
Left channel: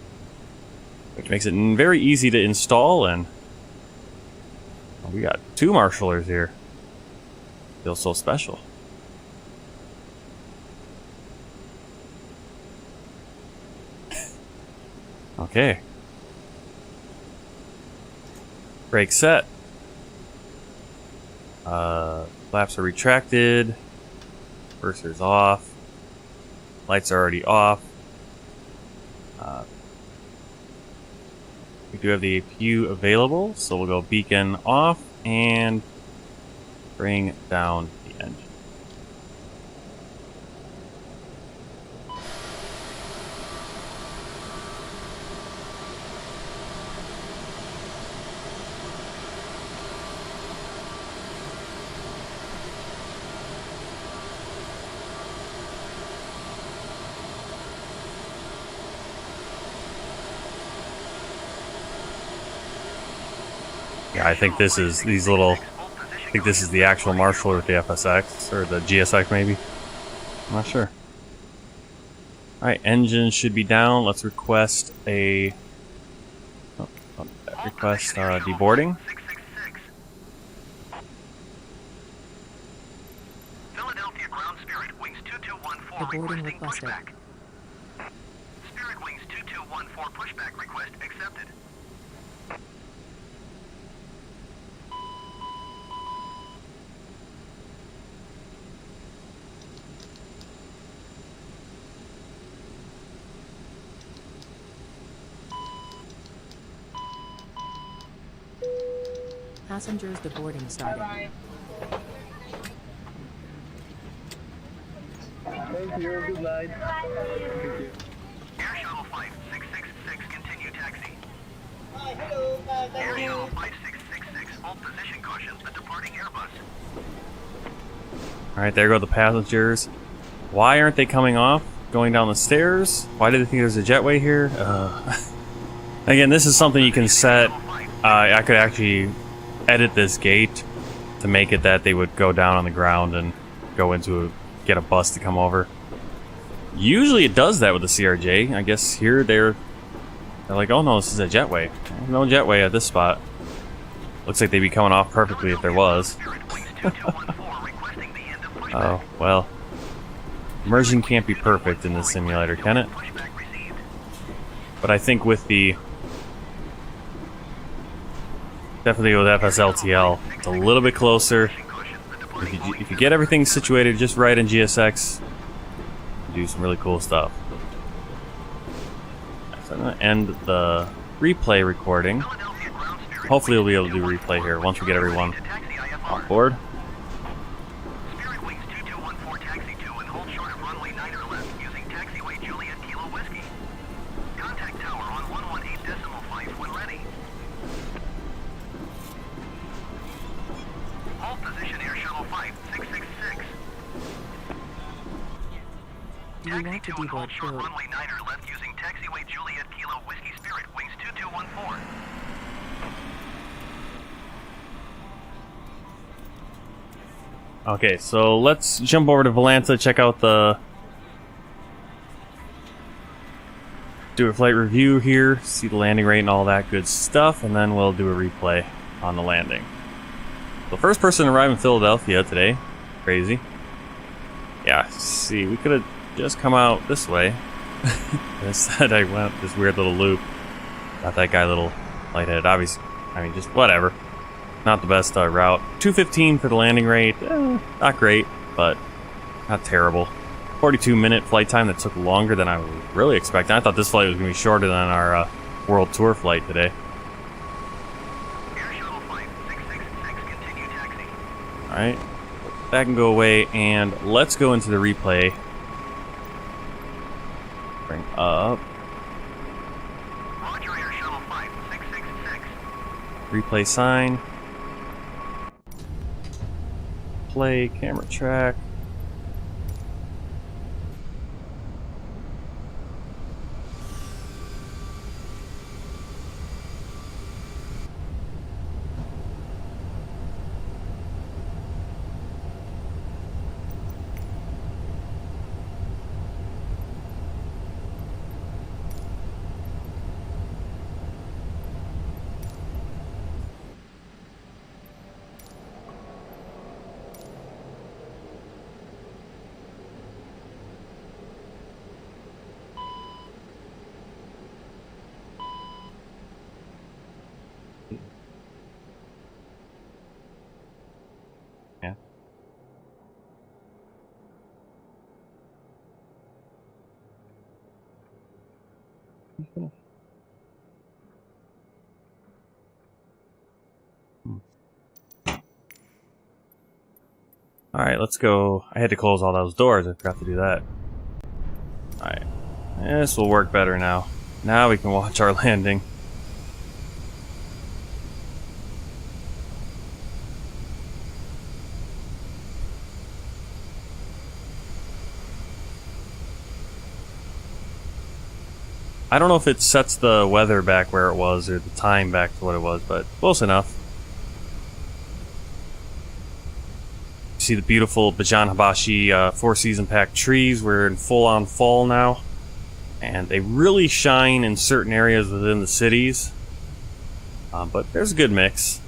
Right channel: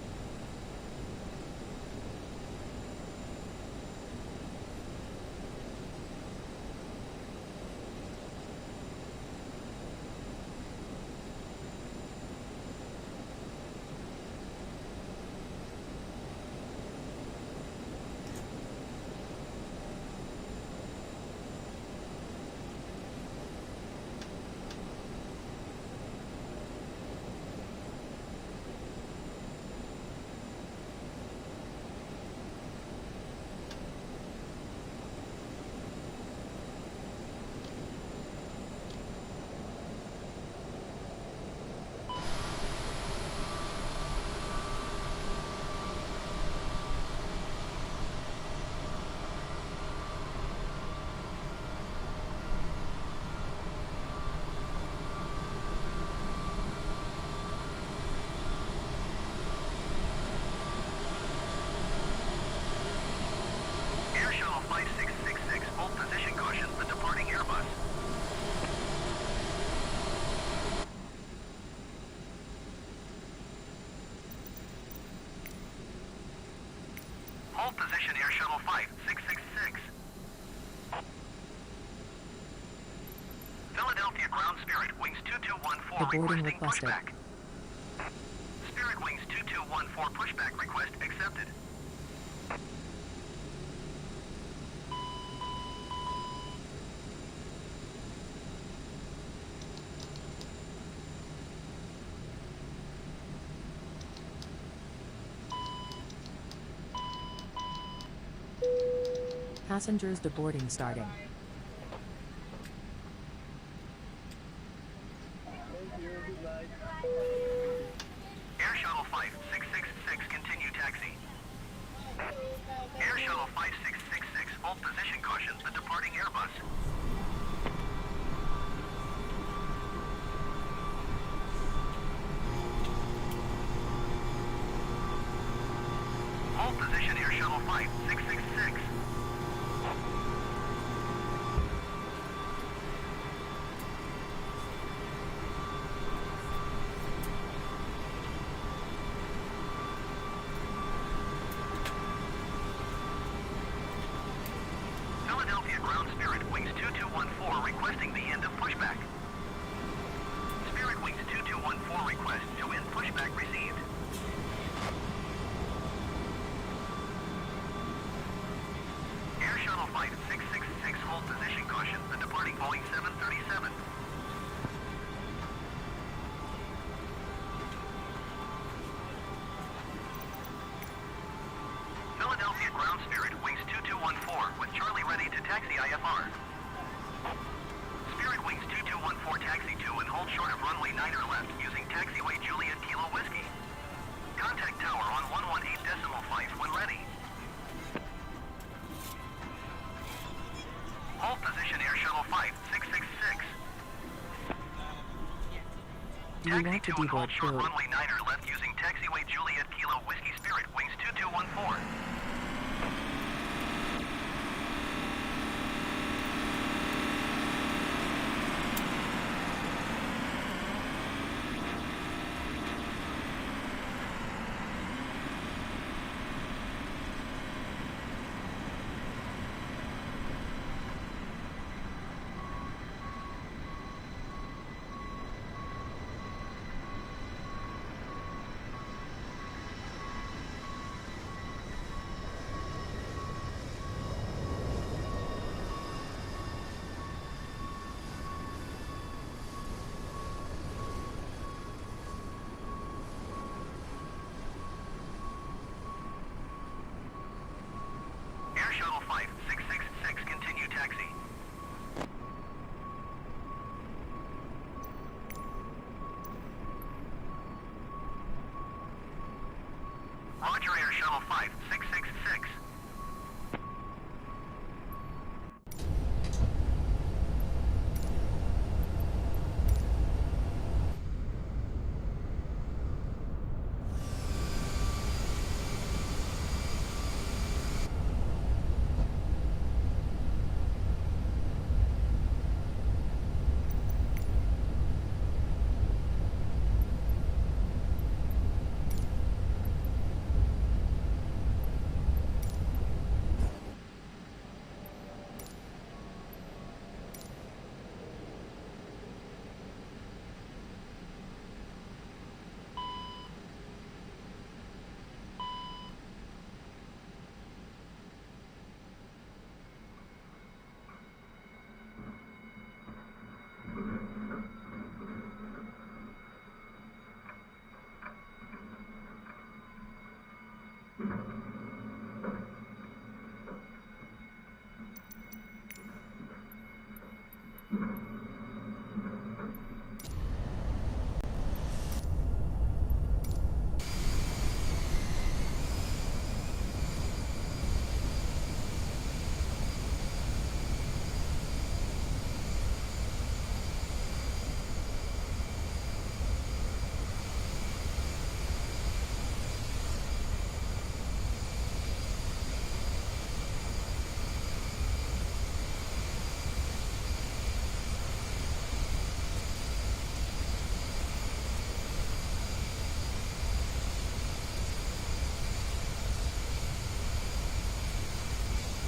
which makes it very easy to install. And we got 2 marshallers here. Feels so special. Okay. Brake set. Flaps are retracted. Burster's off. Lights are already off. We do have the APU available, so we'll go beacon off and bring down the engine. I think this is these little. I think this is the actual Marshall or the FSX or the GSX maybe. I'm not sure. All right, engine should be down. Let's request a deboarding. Philadelphia Ground Spirit Wings 2214 Deboarding requesting requested. pushback. Spirit Wings 2214 pushback request accepted. Passengers deboarding starting. Thank you. Good night. Air Shuttle 5666, continue taxi. Air Shuttle 5666, hold position caution, the departing Airbus. All right, there go the passengers. Why aren't they coming off? Going down the stairs? Why do they think there's a jetway here? Again, this is something you can set. I could actually edit this gate to make it that they would go down on the ground and go into get a bus to come over. Usually it does that with the CRJ. I guess here they're like, oh no, this is a jetway. No jetway at this spot. Looks like they'd be coming off perfectly if there was. Oh, well. Immersion can't be perfect in this simulator, can it? But I think with the... Definitely with FSLTL, it's a little bit closer. If you get everything situated just right in GSX, you do some really cool stuff. So I'm going to end the replay recording. Hopefully we'll be able to do a replay here once we get everyone on board. Spirit Wings 2214 taxi to and hold short of runway 9 or left using taxiway Juliet Kilo Whiskey. Contact tower on 118.5 when ready. Hold position Air Shuttle 5666. Do you want to deboard short crew? runway 9 or left using taxiway Juliet Kilo Whiskey Spirit Wings 2214. Okay, so let's jump over to Volanta, check out the... Do a flight review here, see the landing rate and all that good stuff, and then we'll do a replay on the landing. The first person to arrive in Philadelphia today. Crazy. Yeah, see, we could have just come out this way. Instead, I went this weird little loop. Got that guy a little lightheaded. Obviously, I mean, just whatever. Not the best route. 2:15 for the landing rate. Not great, but not terrible. 42-minute flight time that took longer than I was really expecting. I thought this flight was going to be shorter than our World Tour flight today. Air Shuttle Flight 666, continue taxi. Alright, that can go away, and let's go into the replay. Bring up. Roger, Air Shuttle Flight 666. Replay sign. Play, camera track. Yeah. Alright, let's go. I had to close all those doors. I forgot to do that. Alright. This will work better now. Now we can watch our landing. I don't know if it sets the weather back where it was or the time back to what it was, but close enough. See the beautiful Bajan Hibashi four-season pack trees. We're in full-on fall now, and they really shine in certain areas within the cities, but there's a good mix.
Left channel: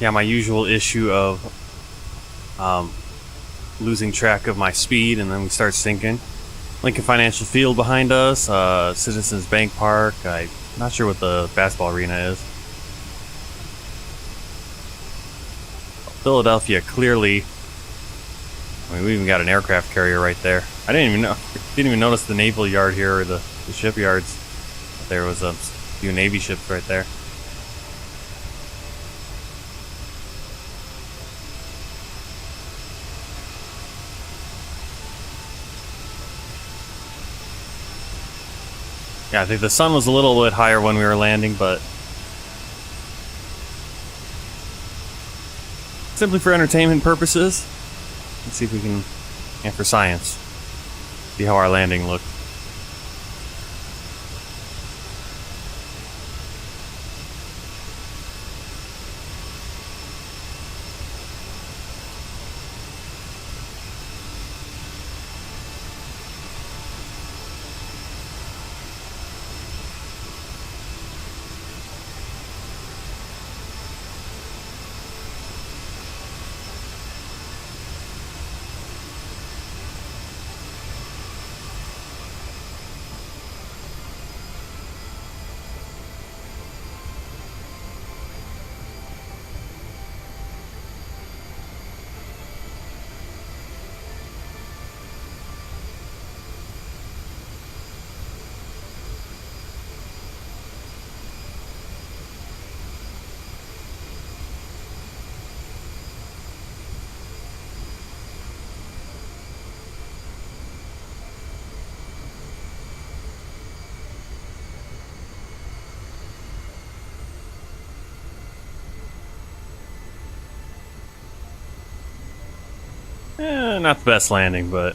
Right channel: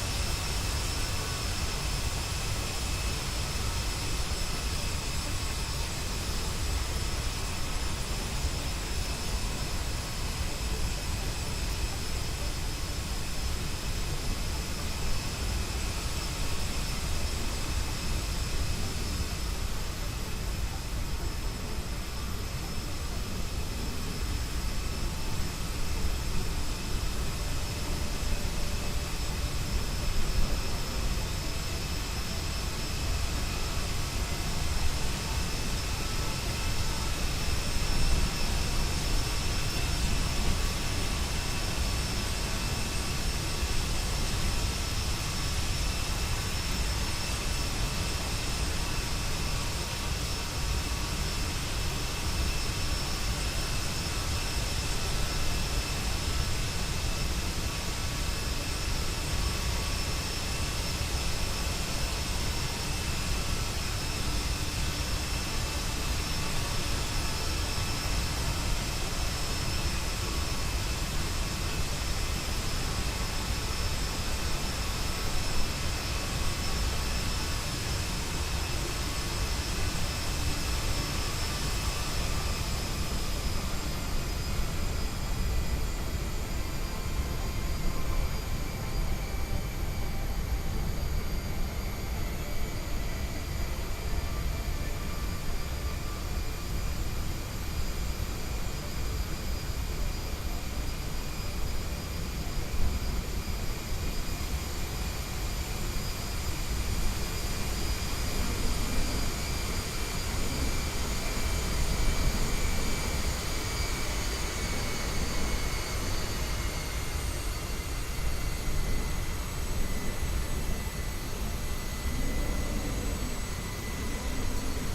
Yeah, my usual issue of losing track of my speed, and then we start sinking. Lincoln Financial Field behind us, Citizens Bank Park. I'm not sure what the basketball arena is. Philadelphia, clearly. I mean, we even got an aircraft carrier right there. I didn't even notice the naval yard here or the shipyards. There was a few Navy ships right there. Yeah, I think the sun was a little bit higher when we were landing, but simply for entertainment purposes. Let's see if we can, and for science, see how our landing looked. Not the best landing, but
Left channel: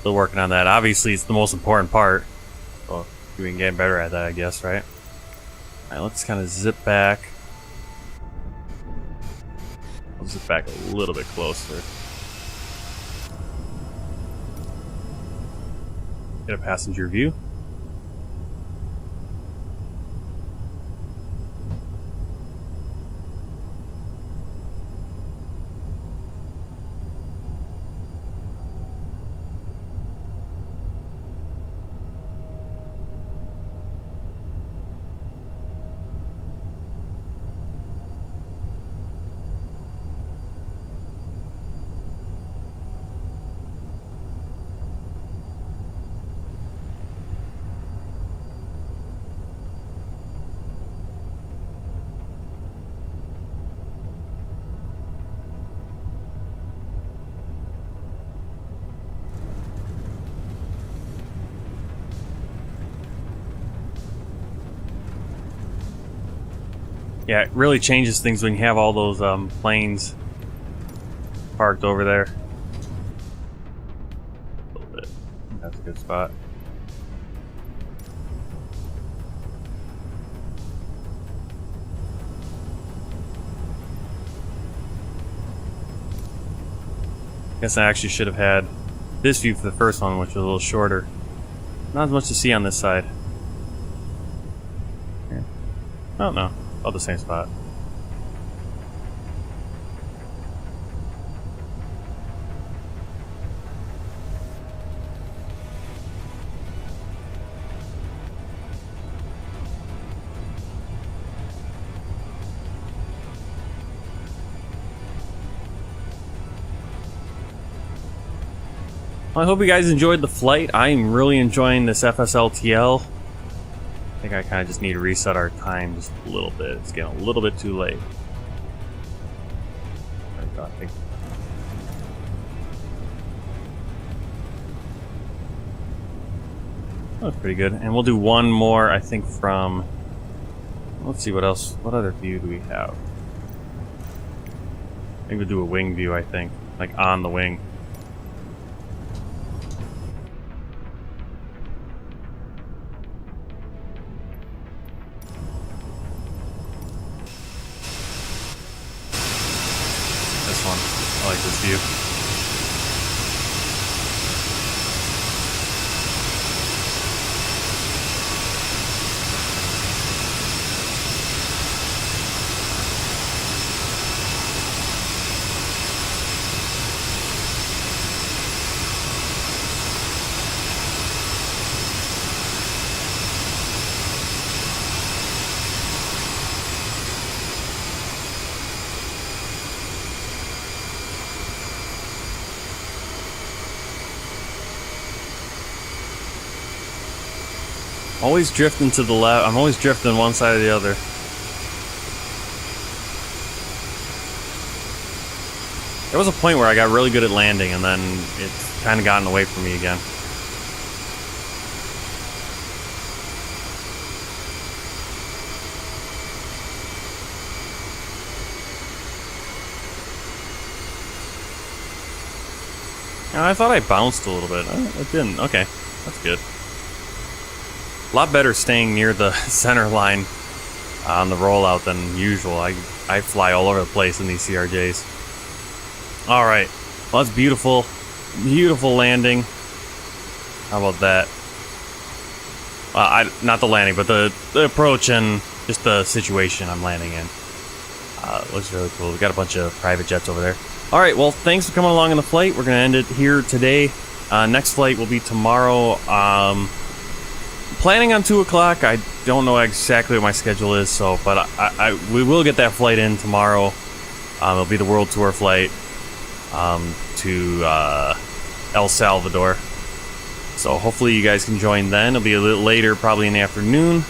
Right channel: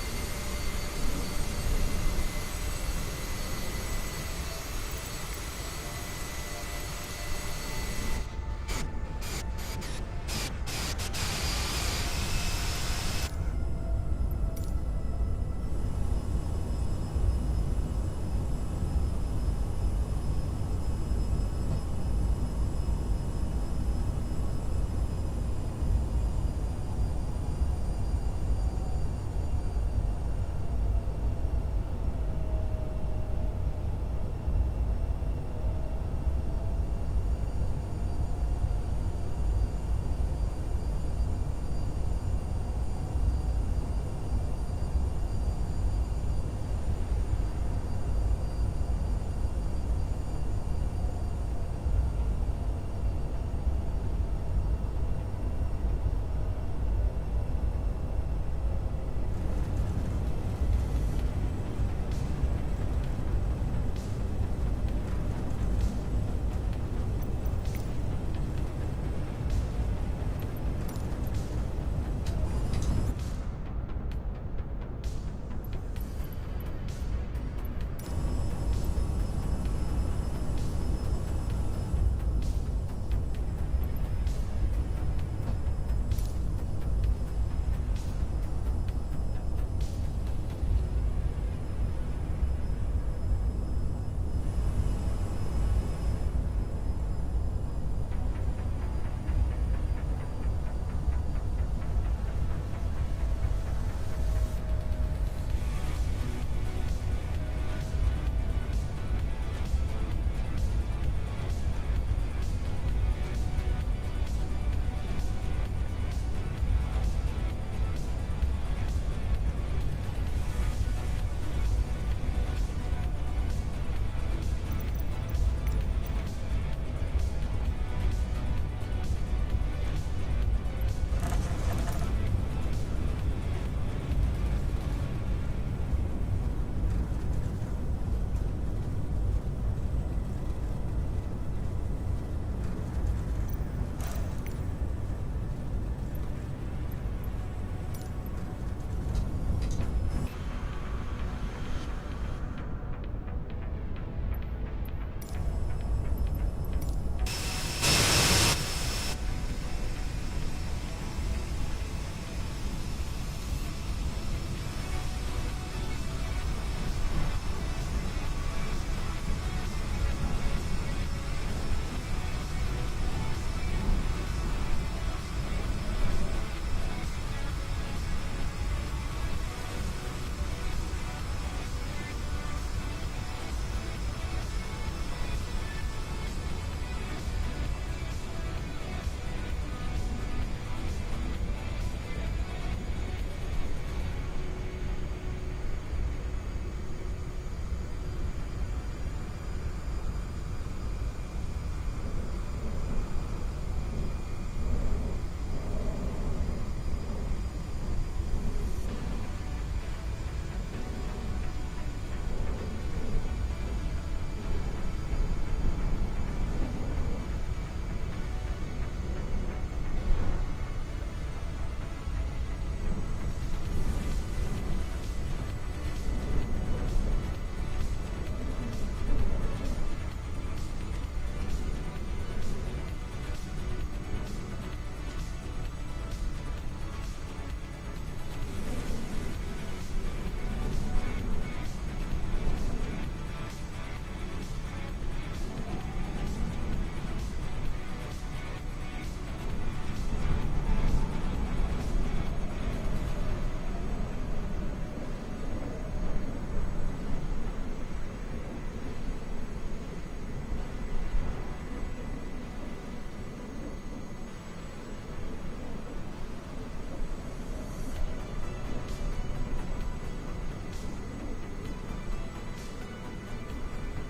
still working on that. Obviously, it's the most important part. Well, we can get better at that, I guess, right? All right, let's kind of zip back. Zip back a little bit closer. Get a passenger view. Yeah, it really changes things when you have all those planes parked over there. A little bit. That's a good spot. Guess I actually should have had this view for the first one, which was a little shorter. Not as much to see on this side. Oh no. Oh, the same spot. Well, I hope you guys enjoyed the flight. I am really enjoying this FSLTL. I think I kind of just need to reset our time just a little bit. It's getting a little bit too late. That was pretty good. And we'll do one more, I think, from... Let's see what else. What other view do we have? I think we'll do a wing view, I think. Like on the wing. I like this view. Always drifting to the left. I'm always drifting one side or the other. There was a point where I got really good at landing, and then it's kind of gotten away from me again. I thought I bounced a little bit. It didn't. Okay, that's good. A lot better staying near the center line on the rollout than usual. I fly all over the place in these CRJs. All right, well, that's beautiful, beautiful landing. How about that? Not the landing, but the approach and just the situation I'm landing in. Looks really cool. We got a bunch of private jets over there. All right, well, thanks for coming along on the flight. We're gonna end it here today. Next flight will be tomorrow. Planning on 2 o'clock. I don't know exactly what my schedule is, so but we will get that flight in tomorrow. It'll be the world tour flight to El Salvador. So hopefully you guys can join then. It'll be a little later, probably in the afternoon.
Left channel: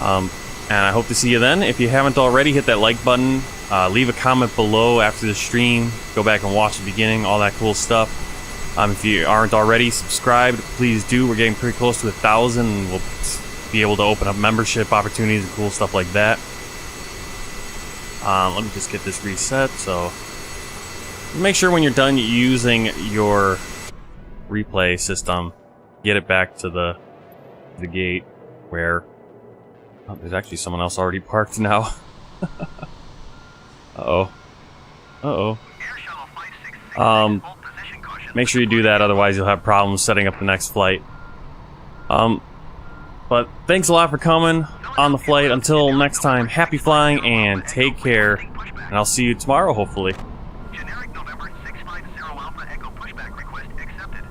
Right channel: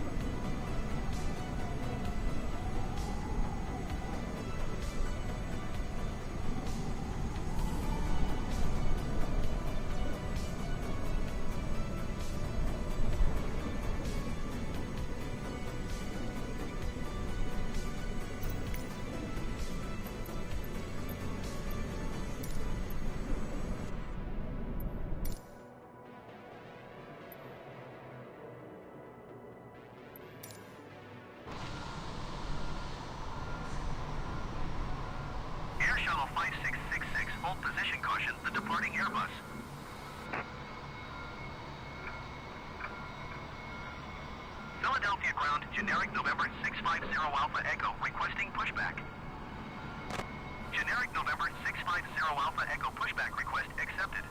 And I hope to see you then. If you haven't already, hit that like button. Leave a comment below after the stream. Go back and watch the beginning, all that cool stuff. If you aren't already subscribed, please do. We're getting pretty close to 1,000, and we'll be able to open up membership opportunities and cool stuff like that. Let me just get this reset. So make sure when you're done using your replay system, get it back to the gate where there's actually someone else already parked now. Make sure you do that, otherwise you'll have problems setting up the next flight. But thanks a lot for coming on the flight. Until next time, happy flying and take care. And I'll see you tomorrow, hopefully. Generic November 650 Alpha Echo pushback request accepted.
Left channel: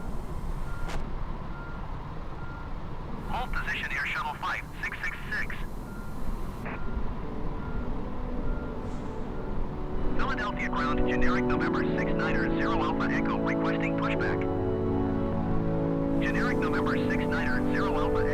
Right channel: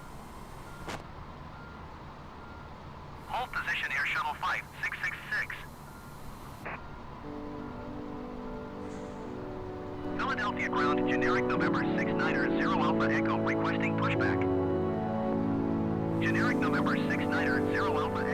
Hold position Air Shuttle 5666. Philadelphia ground generic November 690 Alpha Echo requesting pushback. Generic November 690 Alpha